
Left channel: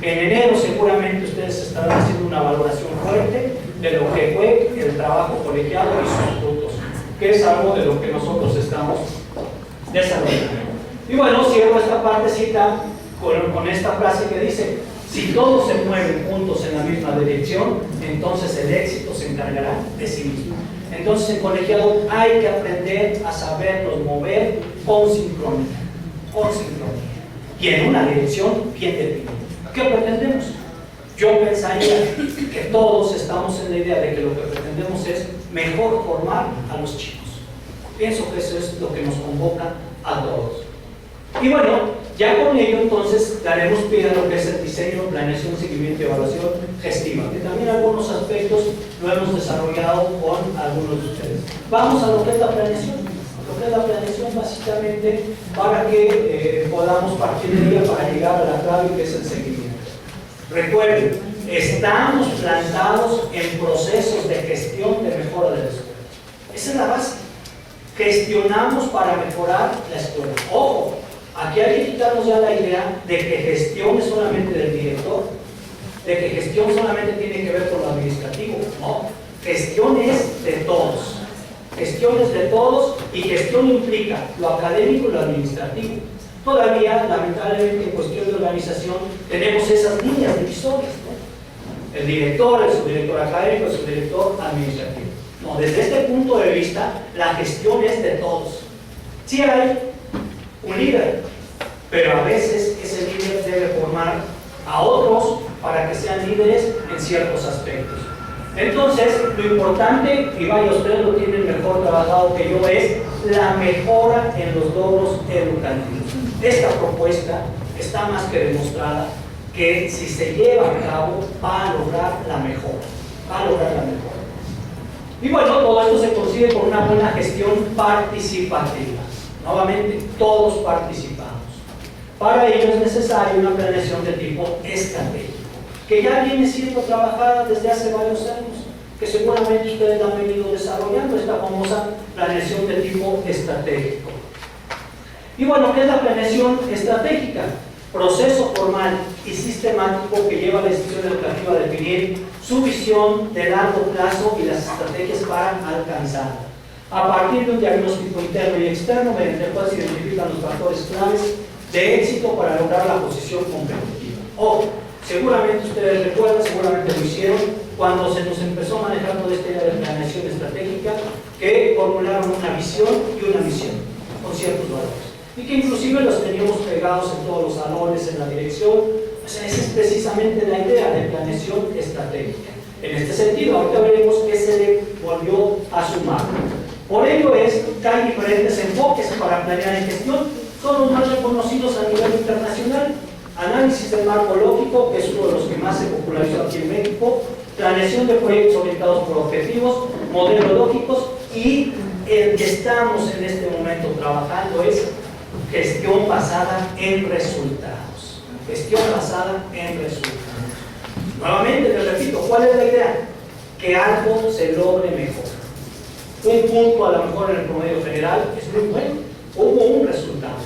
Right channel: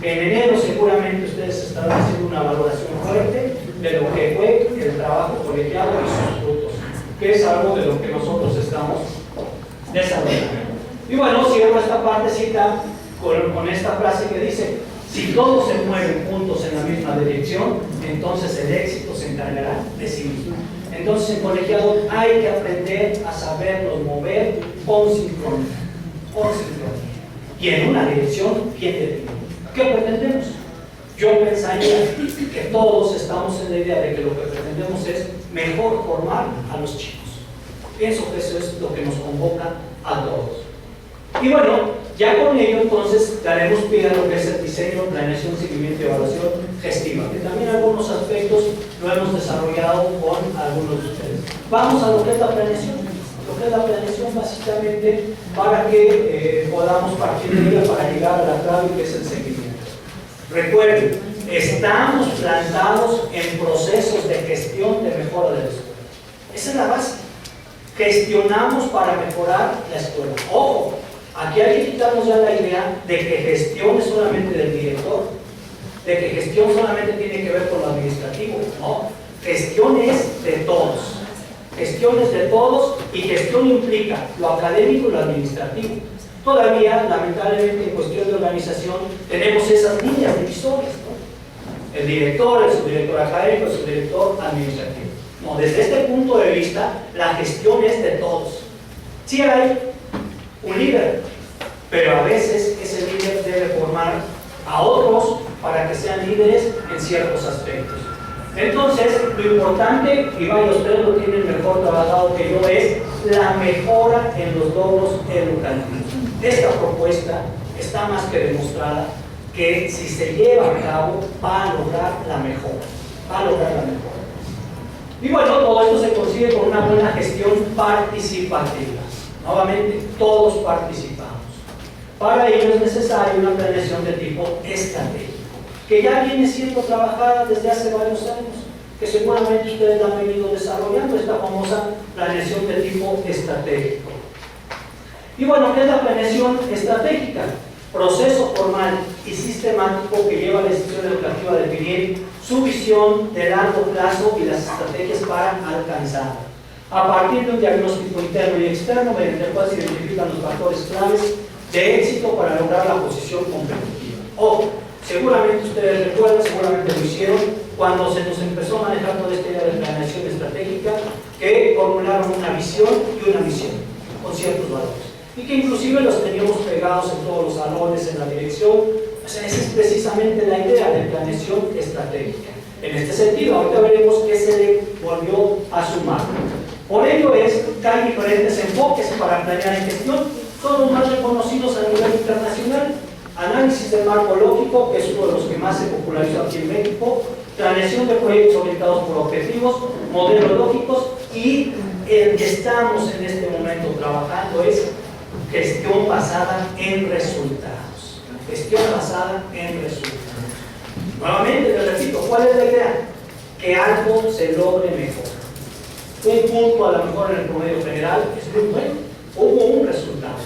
En enero seguramente ustedes estarán haciendo una valoración fuerte de lo que fue el trabajo colegiado y sus frutos, que es algo de lo que nosotros estamos desarrollando. Y bueno, cierro esta partecita con esta frase que dice: si todos se mueven juntos en la misma dirección, entonces el éxito se encargará de sí mismo. Entonces en colegiado hay que aprender a saberlos mover con sincronía, y en una dirección bien definida. ¿Qué pretendemos? Yo pensaría que todos estamos en la idea de que lo que pretendemos es mejor formar a los chicos. Pienso que eso es lo que nos convoca a todos. Y bueno, ya con ello entonces daremos pie a lo que es el diseño, planeación, seguimiento y evaluación gestiva, que también algunos aspectos lo hemos desarrollado con algunos de ustedes. Vamos a lo que es la planeación. Lo que es la planeación básicamente para que podamos partir de ella para llegar a la clave que es el seguimiento. Recuerden, estamos plantados en procesos de gestión de mejora de la escuela. Esa es la base. Gestionamos para mejorar la escuela. Ojo, aquí hay que quitarnos ya la idea de que gestión es solamente del director, de que gestión solamente tiene que ver con lo administrativo. No, gestión es de todos. Gestión es de todos y gestión implica lo académico y lo administrativo. Todavía, lamentablemente, en cuestión de organización, tenemos esas líneas divisorias, ¿no? El director, el subdirector académico, el subdirector administrativo. No, desde este punto de vista, la gestión es de todos. Sí hay un líder, pero a veces ese líder debe formar a otros para que sean líderes en ciertos aspectos. Entonces, lo importante, y vaya, ustedes lo tienen mejor trabajado que yo, es la mejora en los logros educativos. Esta propuesta está más que demostrada que si se lleva a cabo va a lograr la mejora. Y bueno, todo esto se consigue con una buena gestión participativa. Nuevamente, todos participamos. Para ello es necesaria una planeación de tipo estratégico, que ya viene siendo trabajada desde hace varios años, que seguramente ustedes la han venido desarrollando, esta famosa planeación de tipo estratégico. Y bueno, ¿qué es la planeación estratégica? Proceso formal y sistemático que lleva a la institución educativa a definir su visión de largo plazo y las estrategias para alcanzarla, a partir de un diagnóstico interno y externo mediante el cual se identifican los factores claves de éxito para lograr la posición competitiva. Ojo, Seguramente ustedes recuerdan, seguramente lo hicieron, cuando se nos empezó a manejar toda esta idea de planeación estratégica, que formularon una visión y una misión, con ciertos valores. Y que inclusive los teníamos pegados en todos los salones, en la dirección. O sea, esa es precisamente la idea de planeación estratégica. En este sentido, ahorita veremos qué se le volvió a sumar. Por ello es que hay diferentes enfoques para planear en gestión, son los más reconocidos a nivel internacional. Análisis del marco lógico, que es uno de los que más se popularizó aquí en México, planeación de proyectos orientados por objetivos, modelos lógicos, y el que estamos en este momento trabajando es gestión basada en resultados. Gestión basada en resultados. Nuevamente, les repito, ¿cuál es la idea? Que algo se logre mejor. Un punto a lo mejor en el promedio general es muy bueno, hubo un resultado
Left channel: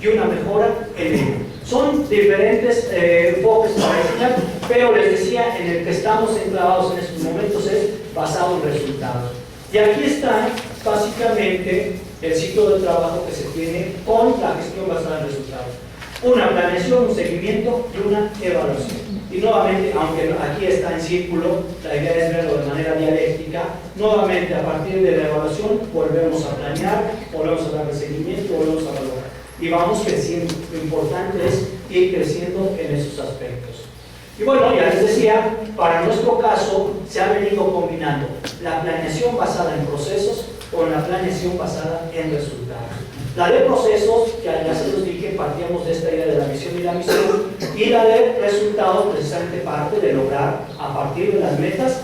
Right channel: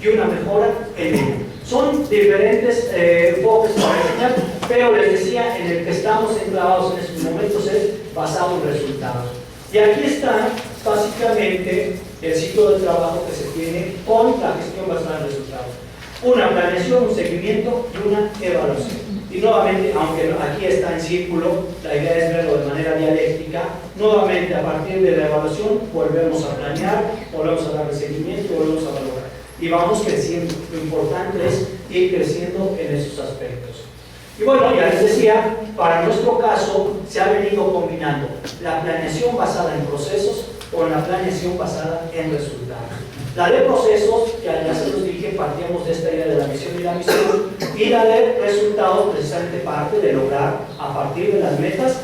y una mejora en ello. Son diferentes enfoques para enseñar, pero les decía, en el que estamos enclavados en estos momentos es basado en resultados. Y aquí está básicamente el ciclo de trabajo que se tiene con la gestión basada en resultados. Una planeación, un seguimiento y una evaluación. Y nuevamente, aunque aquí está en círculo, la idea es verlo de manera dialéctica. Nuevamente, a partir de la evaluación, volvemos a planear, volvemos a darle seguimiento, volvemos a valorar. Y vamos creciendo. Lo importante es ir creciendo en esos aspectos. Y bueno, ya les decía, para nuestro caso se ha venido combinando la planeación basada en procesos con la planeación basada en resultados. La de procesos, ya se los dije, partíamos de esta idea de la misión y la misión, y la de resultados precisamente parte de lograr a partir de las metas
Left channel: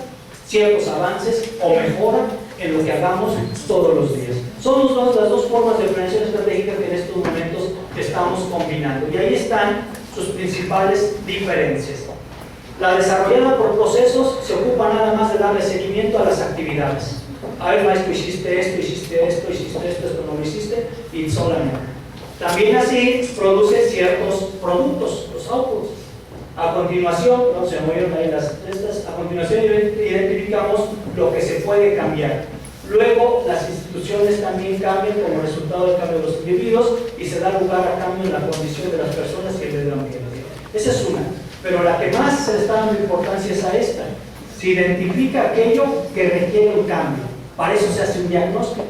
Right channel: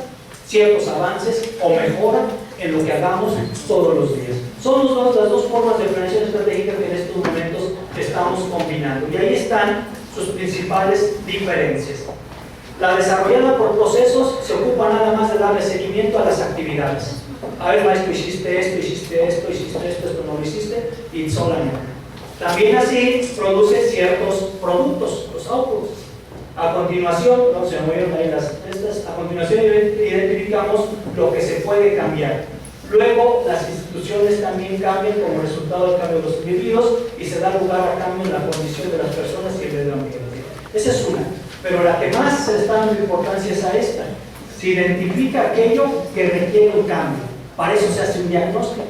ciertos avances o mejora en lo que hagamos todos los días. Son las dos formas de planeación estratégica que en estos momentos estamos combinando, y ahí están sus principales diferencias. La desarrollada por procesos se ocupa nada más de darle seguimiento a las actividades. A ver, maestro, hiciste esto, esto no lo hiciste, y solamente. También así produce ciertos productos, los outputs. A continuación, no se movieron ahí las estas, a continuación identificamos lo que se puede cambiar. Luego, las instituciones también cambian como resultado del cambio de los individuos y se da lugar a cambio en la condición de las personas y el medio ambiente. Esa es una, pero la que más se le está dando importancia es a esta. Se identifica aquello que requiere un cambio. Para eso se hace un diagnóstico.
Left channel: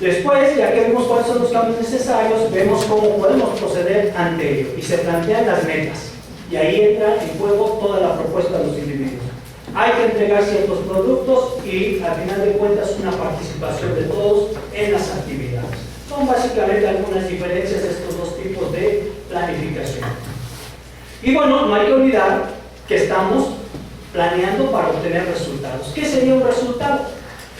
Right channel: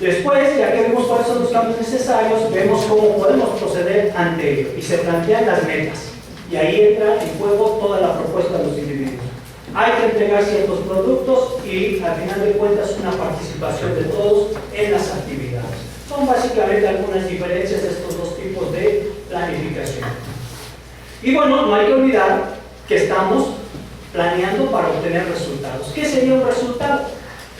Después, ya que vemos cuáles son los cambios necesarios, vemos cómo podemos proceder ante ello y se plantean las metas. Y ahí entra en juego toda la propuesta de los individuos. Hay que entregar ciertos productos y, al final de cuentas, una participación de todos en las actividades. Son básicamente algunas diferencias de estos dos tipos de planificación. Y bueno, no hay que olvidar que estamos planeando para obtener resultados. ¿Qué sería un resultado?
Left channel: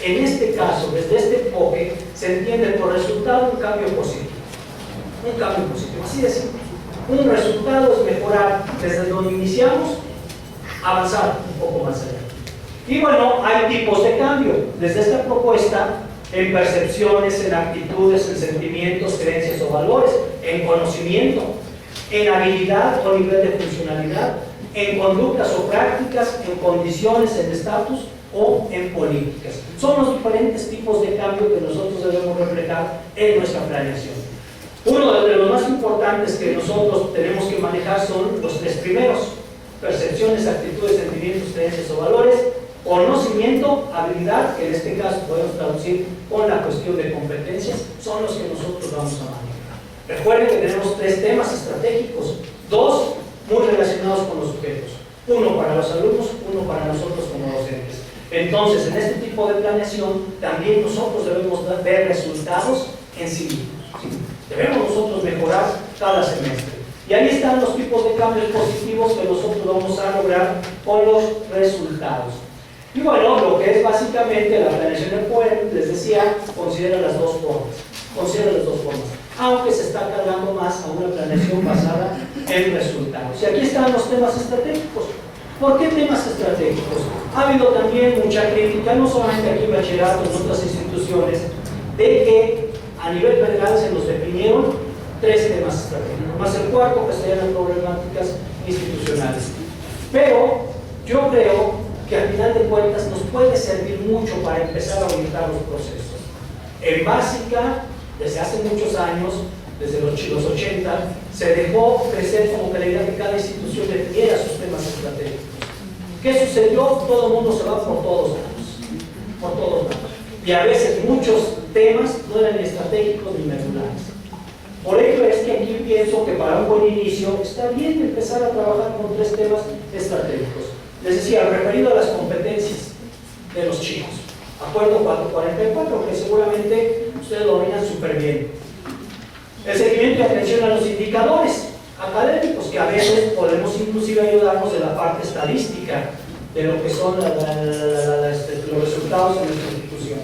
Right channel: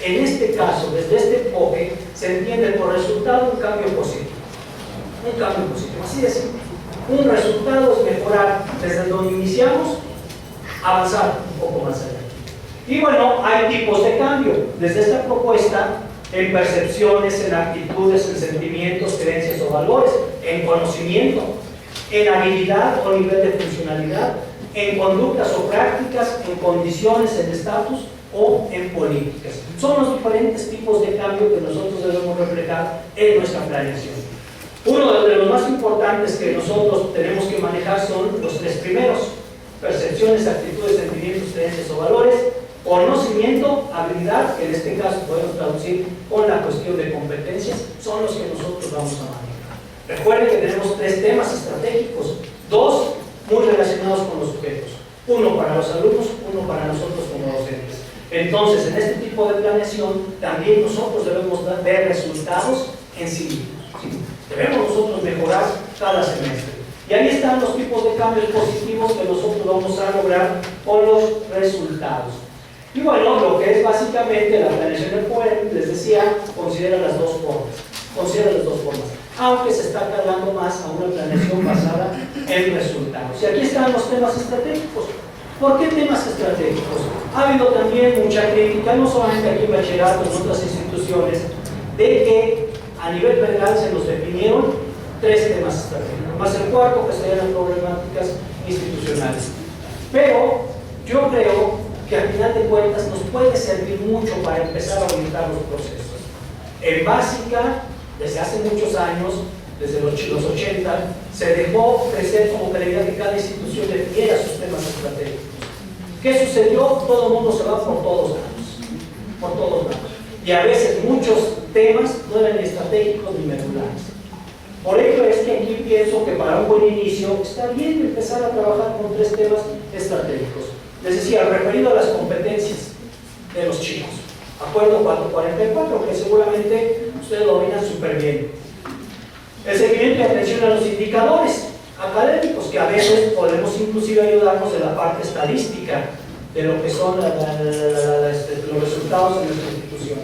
En este caso, desde este enfoque, se entiende por resultado un cambio positivo. Un cambio positivo, así de simple. Un resultado es mejorar desde donde iniciamos, avanzar un poco más allá. Y bueno, hay tipos de cambio. Desde esta propuesta, en percepciones, en actitudes, en sentimientos, creencias o valores, en conocimiento, en habilidad o nivel de funcionalidad, en conductas o prácticas, en condiciones, en estatus o en políticas. Son los diferentes tipos de cambio que nosotros debemos reflejar en nuestra planeación. Uno de los más importantes que nosotros tenemos que manejar son los tres primeros: percepciones, actitudes, sentimientos, creencias o valores, conocimiento, habilidad, que en este caso podemos traducir con la cuestión de competencias, son los que nosotros vamos a manejar. Recuerden que tenemos tres temas estratégicos, dos muy relacionados con los sujetos, uno para los alumnos, uno para nosotros como docentes. Entonces, en este tipo de planeación, también nosotros debemos ver resultados en sí mismos. ¿Sí? Debemos nosotros mejorar cada semestre. Y ahí están los tipos de cambios positivos que nosotros vamos a lograr con los resultados. Y bueno, lo que es básicamente la planeación del POEM, les decía, considera las dos formas. Aunque se está cargando más a una planeación basada en resultados. Y aquí están los temas estratégicos. ¿Por qué temas estratégicos? Ha habido también mucha crítica, no solamente aquí en bachillerato, en otras instituciones, de que a nivel federal se nos definieron tres temas estratégicos, más el cuarto, que serían las problemáticas institucionales. Pero yo creo que al final de cuentas nos puede servir mucho para empezar a orientar los procesos. En básica, desde hace muchos años, desde los 80, se dejó crecer como que la idea que cada institución definiera sus temas estratégicos. ¿Qué sucedió? Todo el mundo se va por todos lados. Por todos lados. Y a veces muchos temas no eran estratégicos ni medulares. Por ello es que aquí pienso que para un buen inicio está bien empezar a trabajar con 3 temas estratégicos. Les decía, referido a las competencias de los chicos. Acuerdo 444, que seguramente ustedes lo dominan súper bien. El seguimiento y atención a los indicadores académicos, que a veces podemos inclusive ayudarnos de la parte estadística de lo que son los resultados en nuestra institución.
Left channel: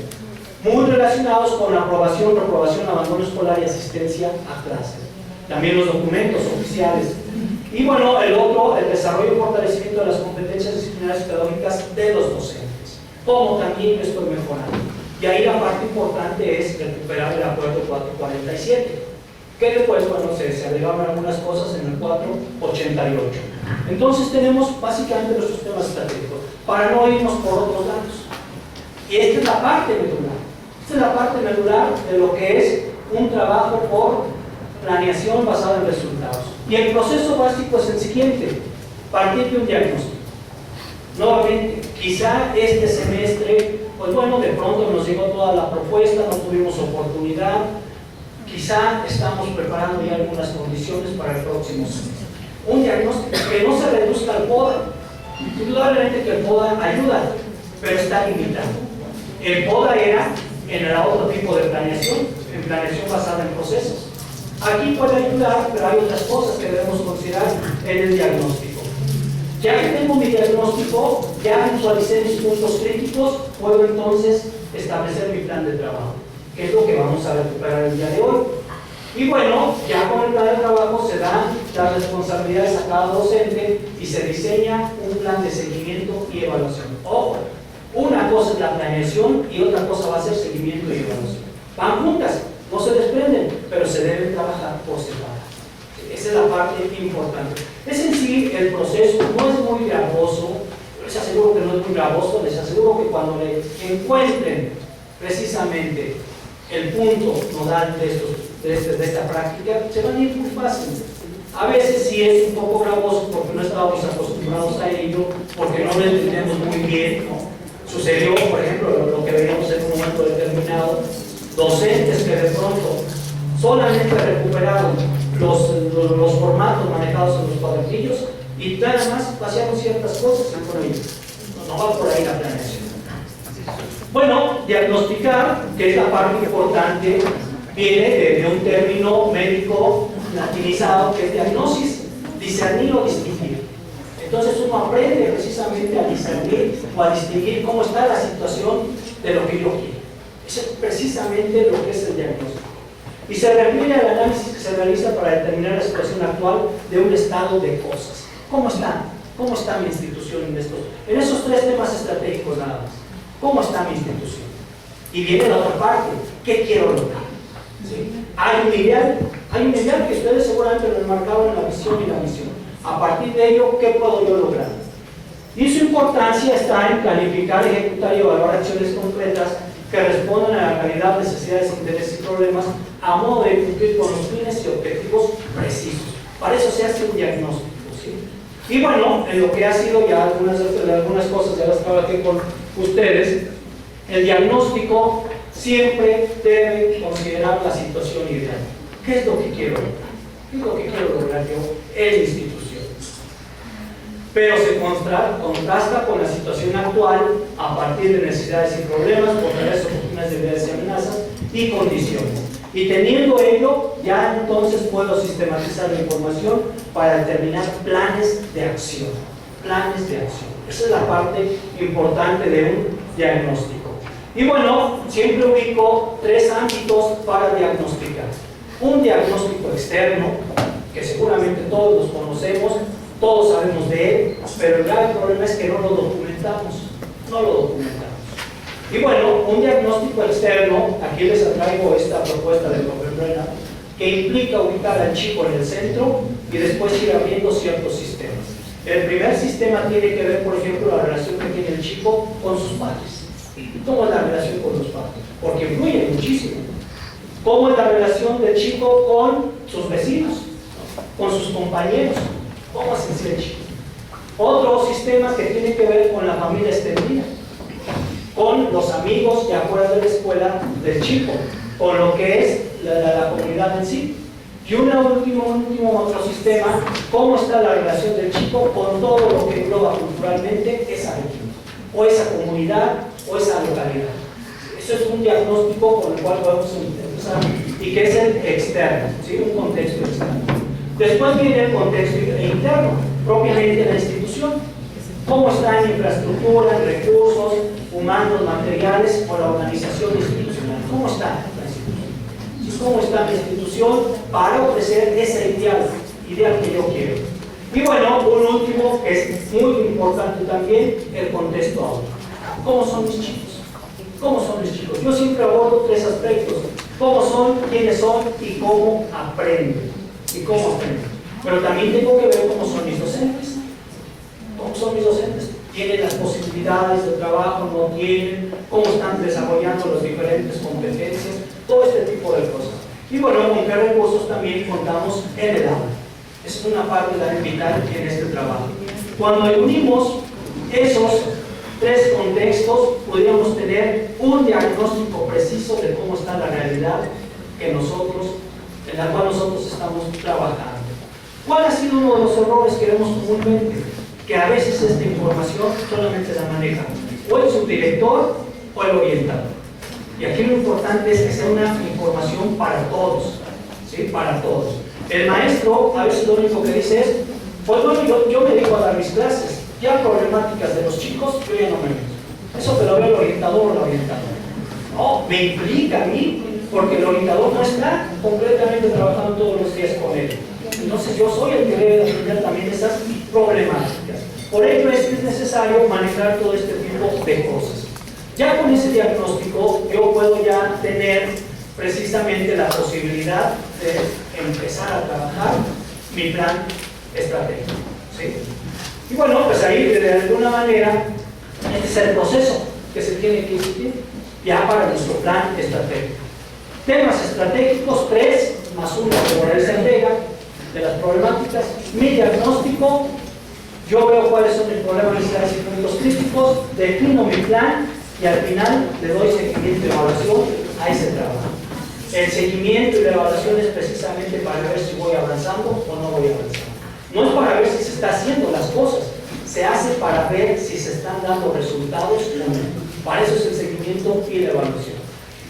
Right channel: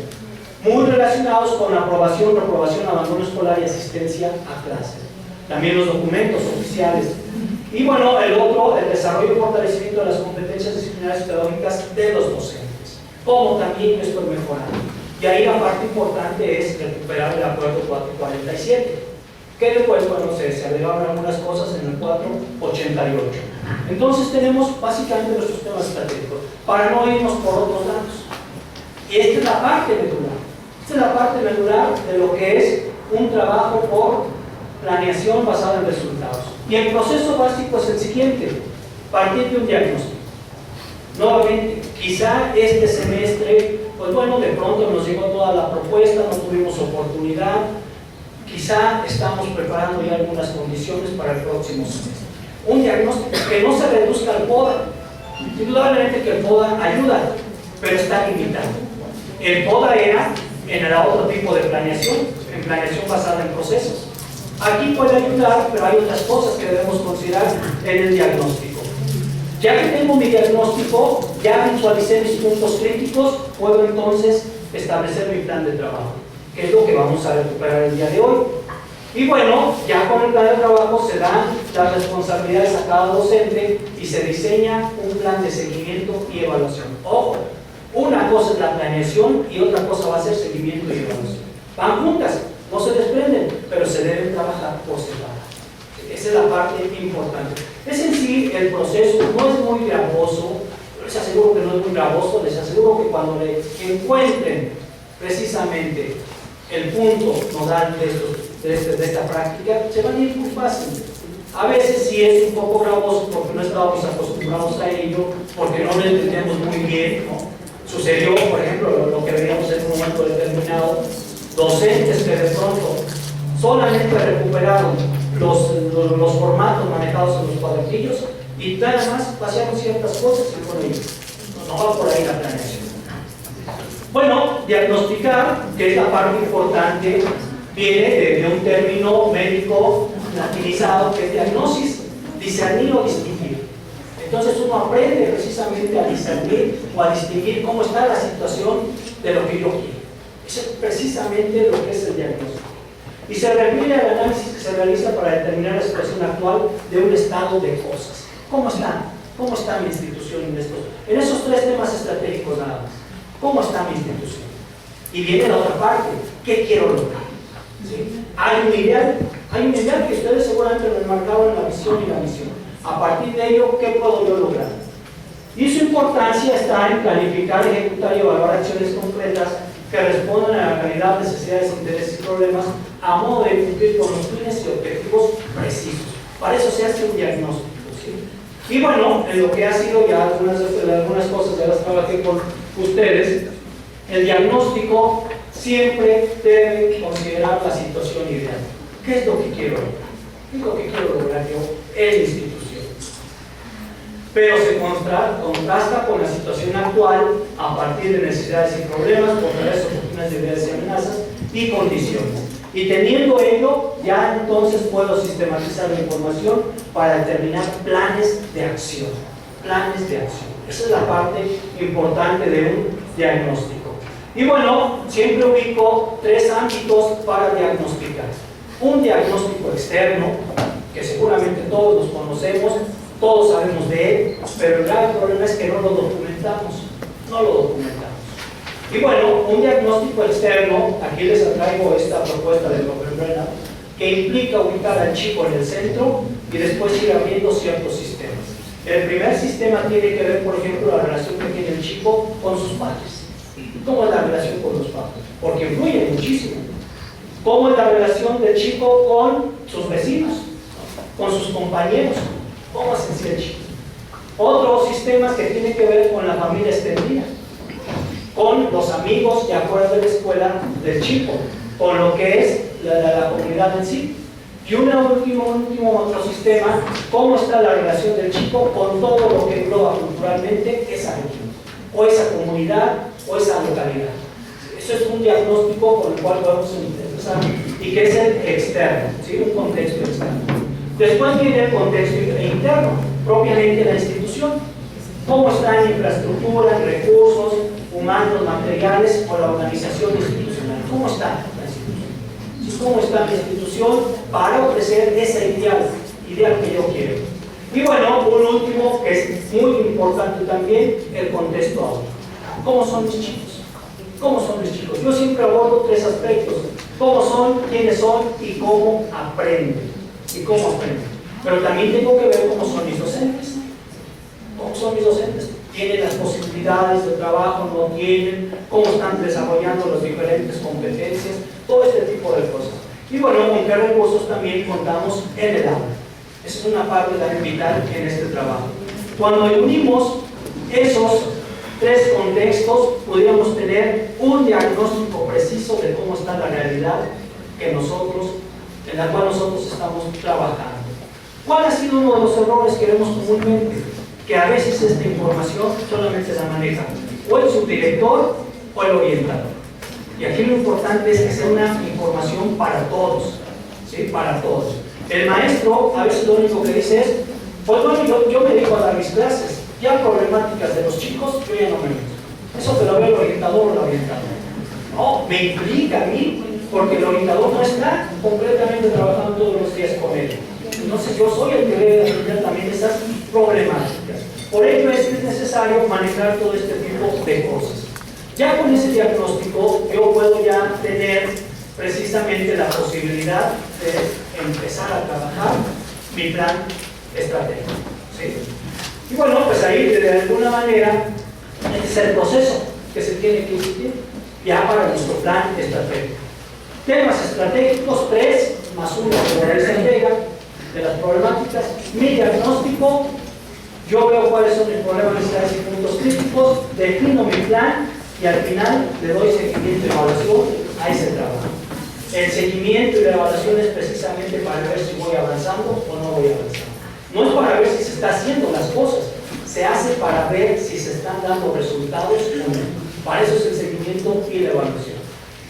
Muy relacionados con la aprobación, reprobación, abandono escolar y asistencia a clases. También los documentos oficiales. Y bueno, el otro, el desarrollo y fortalecimiento de las competencias disciplinarias y pedagógicas de los docentes. Como también estoy mejorando. Y ahí la parte importante es recuperar el acuerdo 447. Que después, bueno, se agregaron algunas cosas en el 488. Entonces tenemos básicamente nuestros temas estratégicos, para no irnos por otros lados. Y esta es la parte medular. Esta es la parte medular de lo que es un trabajo por planeación basada en resultados. Y el proceso básico es el siguiente: partir de un diagnóstico. Nuevamente, quizá este semestre, pues bueno, de pronto nos llegó toda la propuesta, no tuvimos oportunidad. Quizá estamos preparando ya algunas condiciones para el próximo semestre. Un diagnóstico que no se reduzca al PODA. Indudablemente que el PODA ayuda, pero está limitado. El PODA era en el otro tipo de planeación, en planeación basada en procesos. Aquí puede ayudar, pero hay otras cosas que debemos considerar en el diagnóstico. Ya que tengo mi diagnóstico, ya visualicé mis puntos críticos, puedo entonces establecer mi plan de trabajo, que es lo que vamos a recuperar el día de hoy. Y bueno, ya con el plan de trabajo se dan las responsabilidades a cada docente y se diseña un plan de seguimiento y evaluación. Ojo, una cosa es la planeación y otra cosa va a ser seguimiento y evaluación. Van juntas, no se desprenden, pero se deben trabajar por separado. Esa es la parte importante. Es en sí, el proceso no es muy gravoso, les aseguro que no es muy gravoso, les aseguro que cuando le encuentren precisamente el punto nodal de esta práctica, se van a ir muy fácil. A veces sí es un poco gravoso porque no estábamos acostumbrados a ello, porque no lo entendemos muy bien, ¿no? Sucedió, por ejemplo, lo que veíamos en un momento determinado, docentes que de pronto solamente recuperaron los formatos manejados en los cuadernillos y nada más pasearon ciertas cosas y por ahí. No va por ahí la planeación. Bueno, diagnosticar, que es la parte importante, viene de un término médico latinizado que es diagnosis, discernir o distinguir. Entonces uno aprende precisamente a discernir o a distinguir cómo está la situación de lo que yo quiero. Eso es precisamente lo que es el diagnóstico. Y se refiere al análisis que se realiza para determinar la situación actual de un estado de cosas. ¿Cómo está? ¿Cómo está mi institución en esos 3 temas estratégicos nada más? ¿Cómo está mi institución? Y viene la otra parte, ¿qué quiero lograr? ¿Sí? Hay un ideal que ustedes seguramente lo enmarcaron en la visión y la misión. A partir de ello, ¿qué puedo yo lograr? Y su importancia está en planificar, ejecutar y evaluar acciones concretas que respondan a la calidad, necesidades, intereses y problemas a modo de cumplir con los fines y objetivos precisos. Para eso se hace un diagnóstico, ¿sí? Y bueno, en lo que ha sido ya algunas cosas, ya las trabajé con ustedes, el diagnóstico siempre debe considerar la situación ideal. ¿Qué es lo que quiero lograr? ¿Qué es lo que quiero lograr yo en la institución? Pero se contrasta con la situación actual a partir de necesidades y problemas, fortalezas, oportunidades, debilidades y amenazas y condiciones. Y teniendo ello, ya entonces puedo sistematizar la información para determinar planes de acción. Planes de acción. Esa es la parte importante de un diagnóstico. Y bueno, siempre ubico 3 ámbitos para diagnosticar. Un diagnóstico externo, que seguramente todos los conocemos, todos sabemos de él, pero el grave problema es que no lo documentamos. No lo documentamos. Y bueno, un diagnóstico externo, aquí les traigo esta propuesta del profesor Brennan, que implica ubicar al chico en el centro y después ir abriendo ciertos sistemas. El primer sistema tiene que ver, por ejemplo, la relación que tiene el chico con sus padres. ¿Cómo es la relación con los padres? Porque influye muchísimo. ¿Cómo es la relación del chico con sus vecinos, con sus compañeros? ¿Cómo es en sí el chico? Otros sistemas que tienen que ver con la familia extendida, con los amigos de afuera de la escuela del chico, con lo que es la comunidad en sí. Y un último otro sistema, cómo está la relación del chico con todo lo que engloba culturalmente esa región, o esa comunidad, o esa localidad. Eso es un diagnóstico con el cual podemos empezar, y que es el externo, ¿sí? Un contexto externo. Después viene el contexto interno, propiamente la institución. ¿Cómo está en infraestructura, en recursos humanos, materiales, o la organización institucional? ¿Cómo está la institución? ¿Cómo está la institución para ofrecer ese ideal que yo quiero? Y bueno, un último que es muy importante también, el contexto auto. ¿Cómo son mis chicos? ¿Cómo son mis chicos? Yo siempre abordo tres aspectos: cómo son, quiénes son y cómo aprenden. Pero también tengo que ver cómo son mis docentes. ¿Cómo son mis docentes? ¿Tienen las posibilidades de trabajo? ¿No tienen? ¿Cómo están desarrollando las diferentes competencias? Todo este tipo de cosas. Y bueno, con qué recursos también contamos en el aula. Es una parte también vital en este trabajo. Cuando unimos esos tres contextos, podríamos tener un diagnóstico preciso de cómo está la realidad en la cual nosotros estamos trabajando. ¿Cuál ha sido uno de los errores que vemos comúnmente? Que a veces esta información solamente la maneja o el subdirector o el orientador. Y aquí lo importante es que sea una información para todos, ¿sí? Para todos. El maestro a veces lo único que dice es: pues bueno, yo me dedico a dar mis clases, ya problemáticas de los chicos, yo ya no me meto. Eso te lo ve el orientador o la orientadora. No, me implica a mí, porque el orientador no está completamente trabajando todos los días con él. Entonces yo soy el que debe atender también esas problemáticas. Por ello es necesario manejar todo este tipo de cosas. Ya con ese diagnóstico yo puedo ya tener precisamente la posibilidad de empezar a trabajar mi plan estratégico, ¿sí? Y bueno, pues ahí de alguna manera este es el proceso que se tiene que seguir ya para nuestro plan estratégico. Temas estratégicos 3 más 1 como se entrega de las problemáticas. Mi diagnóstico, yo veo cuáles son mis problemas, necesidades y puntos críticos, defino mi plan y al final le doy seguimiento y evaluación a ese trabajo. El seguimiento y la evaluación es precisamente para ver si voy avanzando o no voy avanzando. No es para ver si se está haciendo las cosas, se hace para ver si se están dando resultados o no. Para eso es el seguimiento y la evaluación.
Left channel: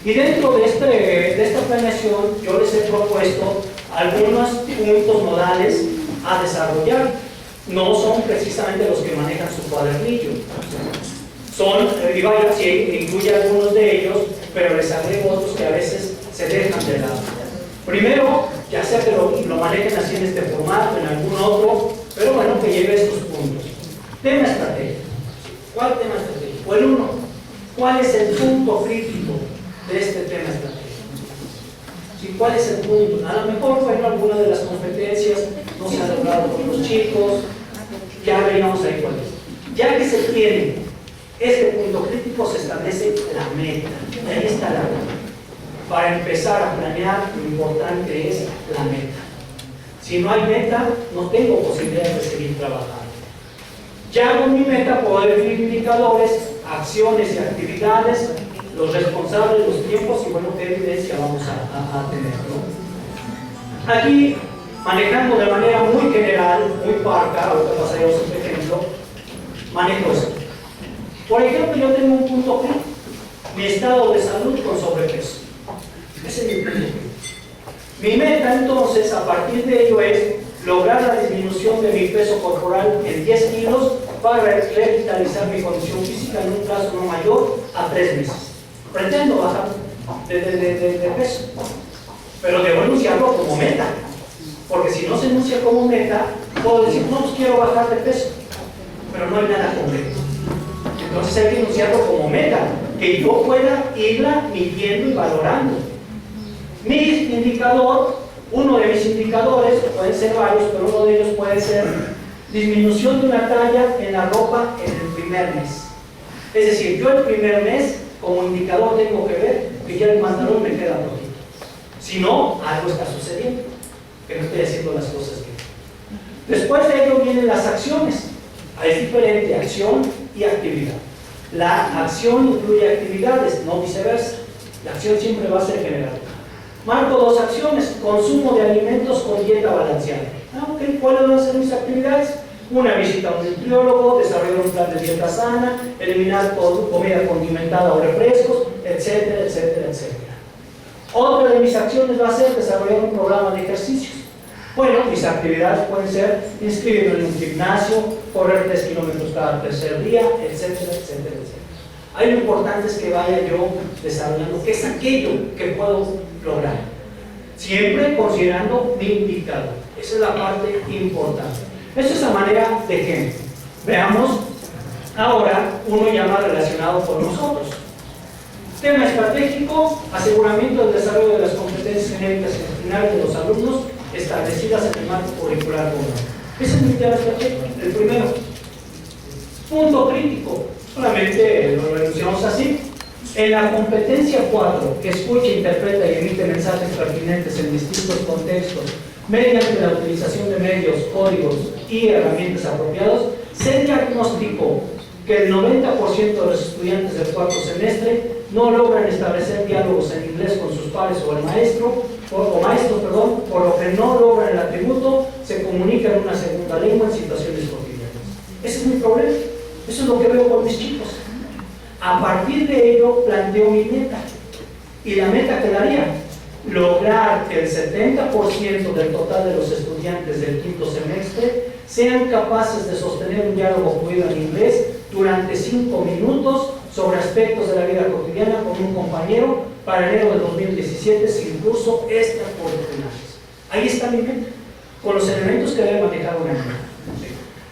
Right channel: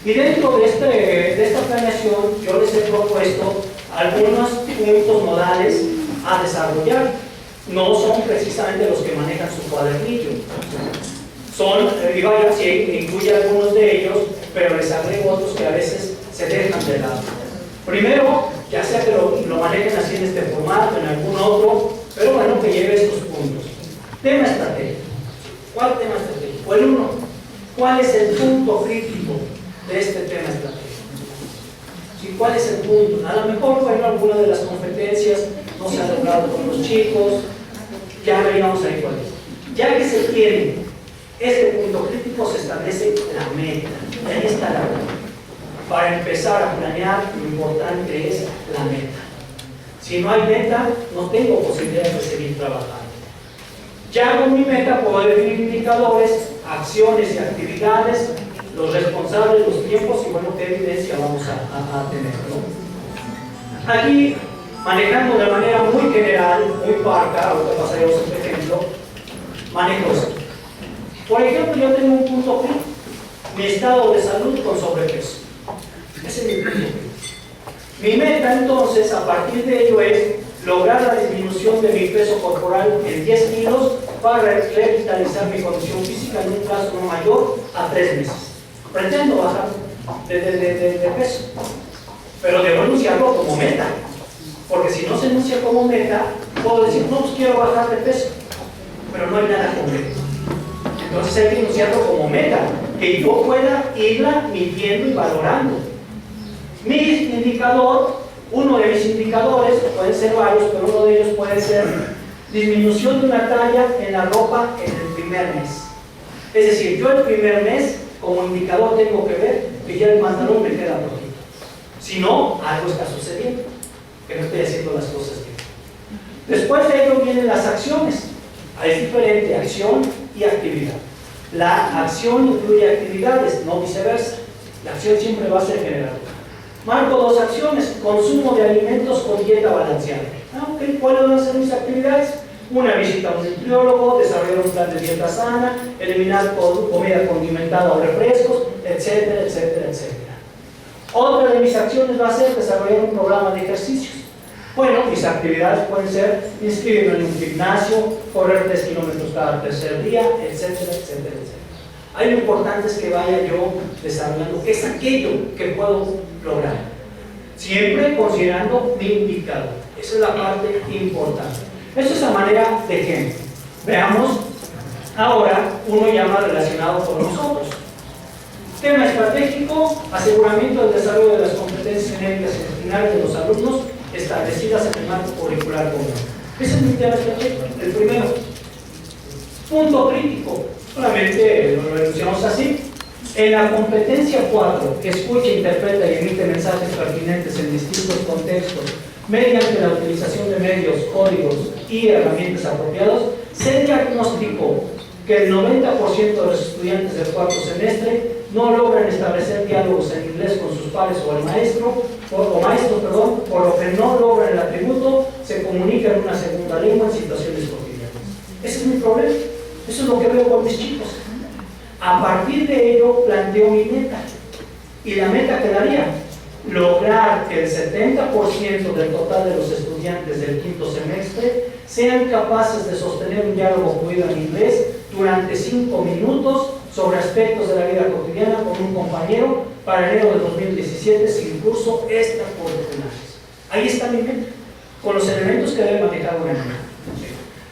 Y dentro de esta planeación yo les he propuesto algunos puntos modales a desarrollar. No son precisamente los que manejan su cuadernillo. Son, y vaya, sí, incluye algunos de ellos, pero les agrego otros que a veces se dejan de lado. Primero, ya sea que lo manejen así en este formato, en algún otro, pero bueno, que lleve estos puntos. Tema estratégico. ¿Cuál tema estratégico? El 1. ¿Cuál es el punto crítico de este tema estratégico? ¿Sí? ¿Cuál es el punto? A lo mejor, bueno, alguna de las competencias no se ha logrado con los chicos, ya veríamos ahí cuál es. Ya que se tiene este punto crítico, se establece la meta. Y ahí está la meta. Para empezar a planear, lo importante es la meta. Si no hay meta, no tengo posibilidad de seguir trabajando. Ya con mi meta puedo definir indicadores, acciones y actividades, los responsables, los tiempos y bueno, qué evidencia vamos a tener, ¿no? Aquí, manejando de manera muy general, muy parca, ahorita pasaremos un ejemplo, manejo esto. Por ejemplo, yo tengo un punto crítico, mi estado de salud con sobrepeso. Ese es mi punto crítico. Mi meta entonces, a partir de ello, es lograr la disminución de mi peso corporal en 10 kilos para revitalizar mi condición física en un plazo no mayor a 3 meses. Pretendo bajar de peso, pero debo enunciarlo como meta, porque si no se enuncia como meta, puedo decir, no, pues quiero bajar de peso, pero no hay nada concreto. Entonces hay que enunciarlo como meta, que yo pueda irla midiendo y valorando. Mi indicador, uno de mis indicadores, pueden ser varios, pero uno de ellos puede ser disminución de una talla en la ropa en el primer mes. Es decir, yo el primer mes, como indicador, tengo que ver que ya el pantalón me queda poquito. Si no, algo está sucediendo, que no estoy haciendo las cosas bien. Después de ello vienen las acciones. Es diferente acción y actividad. La acción incluye actividades, no viceversa. La acción siempre va a ser general. Marco dos acciones: consumo de alimentos con dieta balanceada. Okay. ¿Cuáles van a ser mis actividades? Una visita a un nutriólogo, desarrollar un plan de dieta sana, eliminar comida condimentada o refrescos, etcétera, etcétera, etcétera. Otra de mis acciones va a ser desarrollar un programa de ejercicios. Bueno, mis actividades pueden ser inscribirme en un gimnasio, correr 3 kilómetros cada tercer día, etcétera, etcétera, etcétera. Ahí lo importante es que vaya yo desarrollando qué es aquello que puedo lograr, siempre considerando mi indicador. Esa es la parte importante. Esto es a manera de ejemplo. Veamos ahora uno ya más relacionado con nosotros. Tema estratégico: aseguramiento del desarrollo de las competencias genéricas y gestionales de los alumnos establecidas en el marco curricular común. Ese es mi tema estratégico, el primero. Punto crítico, solamente lo enunciamos así. En la competencia 4, que escucha, interpreta y emite mensajes pertinentes en distintos contextos mediante la utilización de medios, códigos y herramientas apropiados, se diagnosticó que el 90% de los estudiantes del cuarto semestre no logran establecer diálogos en inglés con sus pares o el maestro, por lo que no logran el atributo, se comunican en una segunda lengua en situaciones cotidianas. Ese es mi problema, eso es lo que veo con mis chicos. A partir de ello planteo mi meta, y la meta quedaría lograr que el 70% del total de los estudiantes del quinto semestre sean capaces de sostener un diálogo fluido en inglés durante 5 minutos sobre aspectos de la vida cotidiana con un compañero para enero de 2017 sin curso extracurriculares. Ahí está mi meta, con los elementos que debe manejar una meta.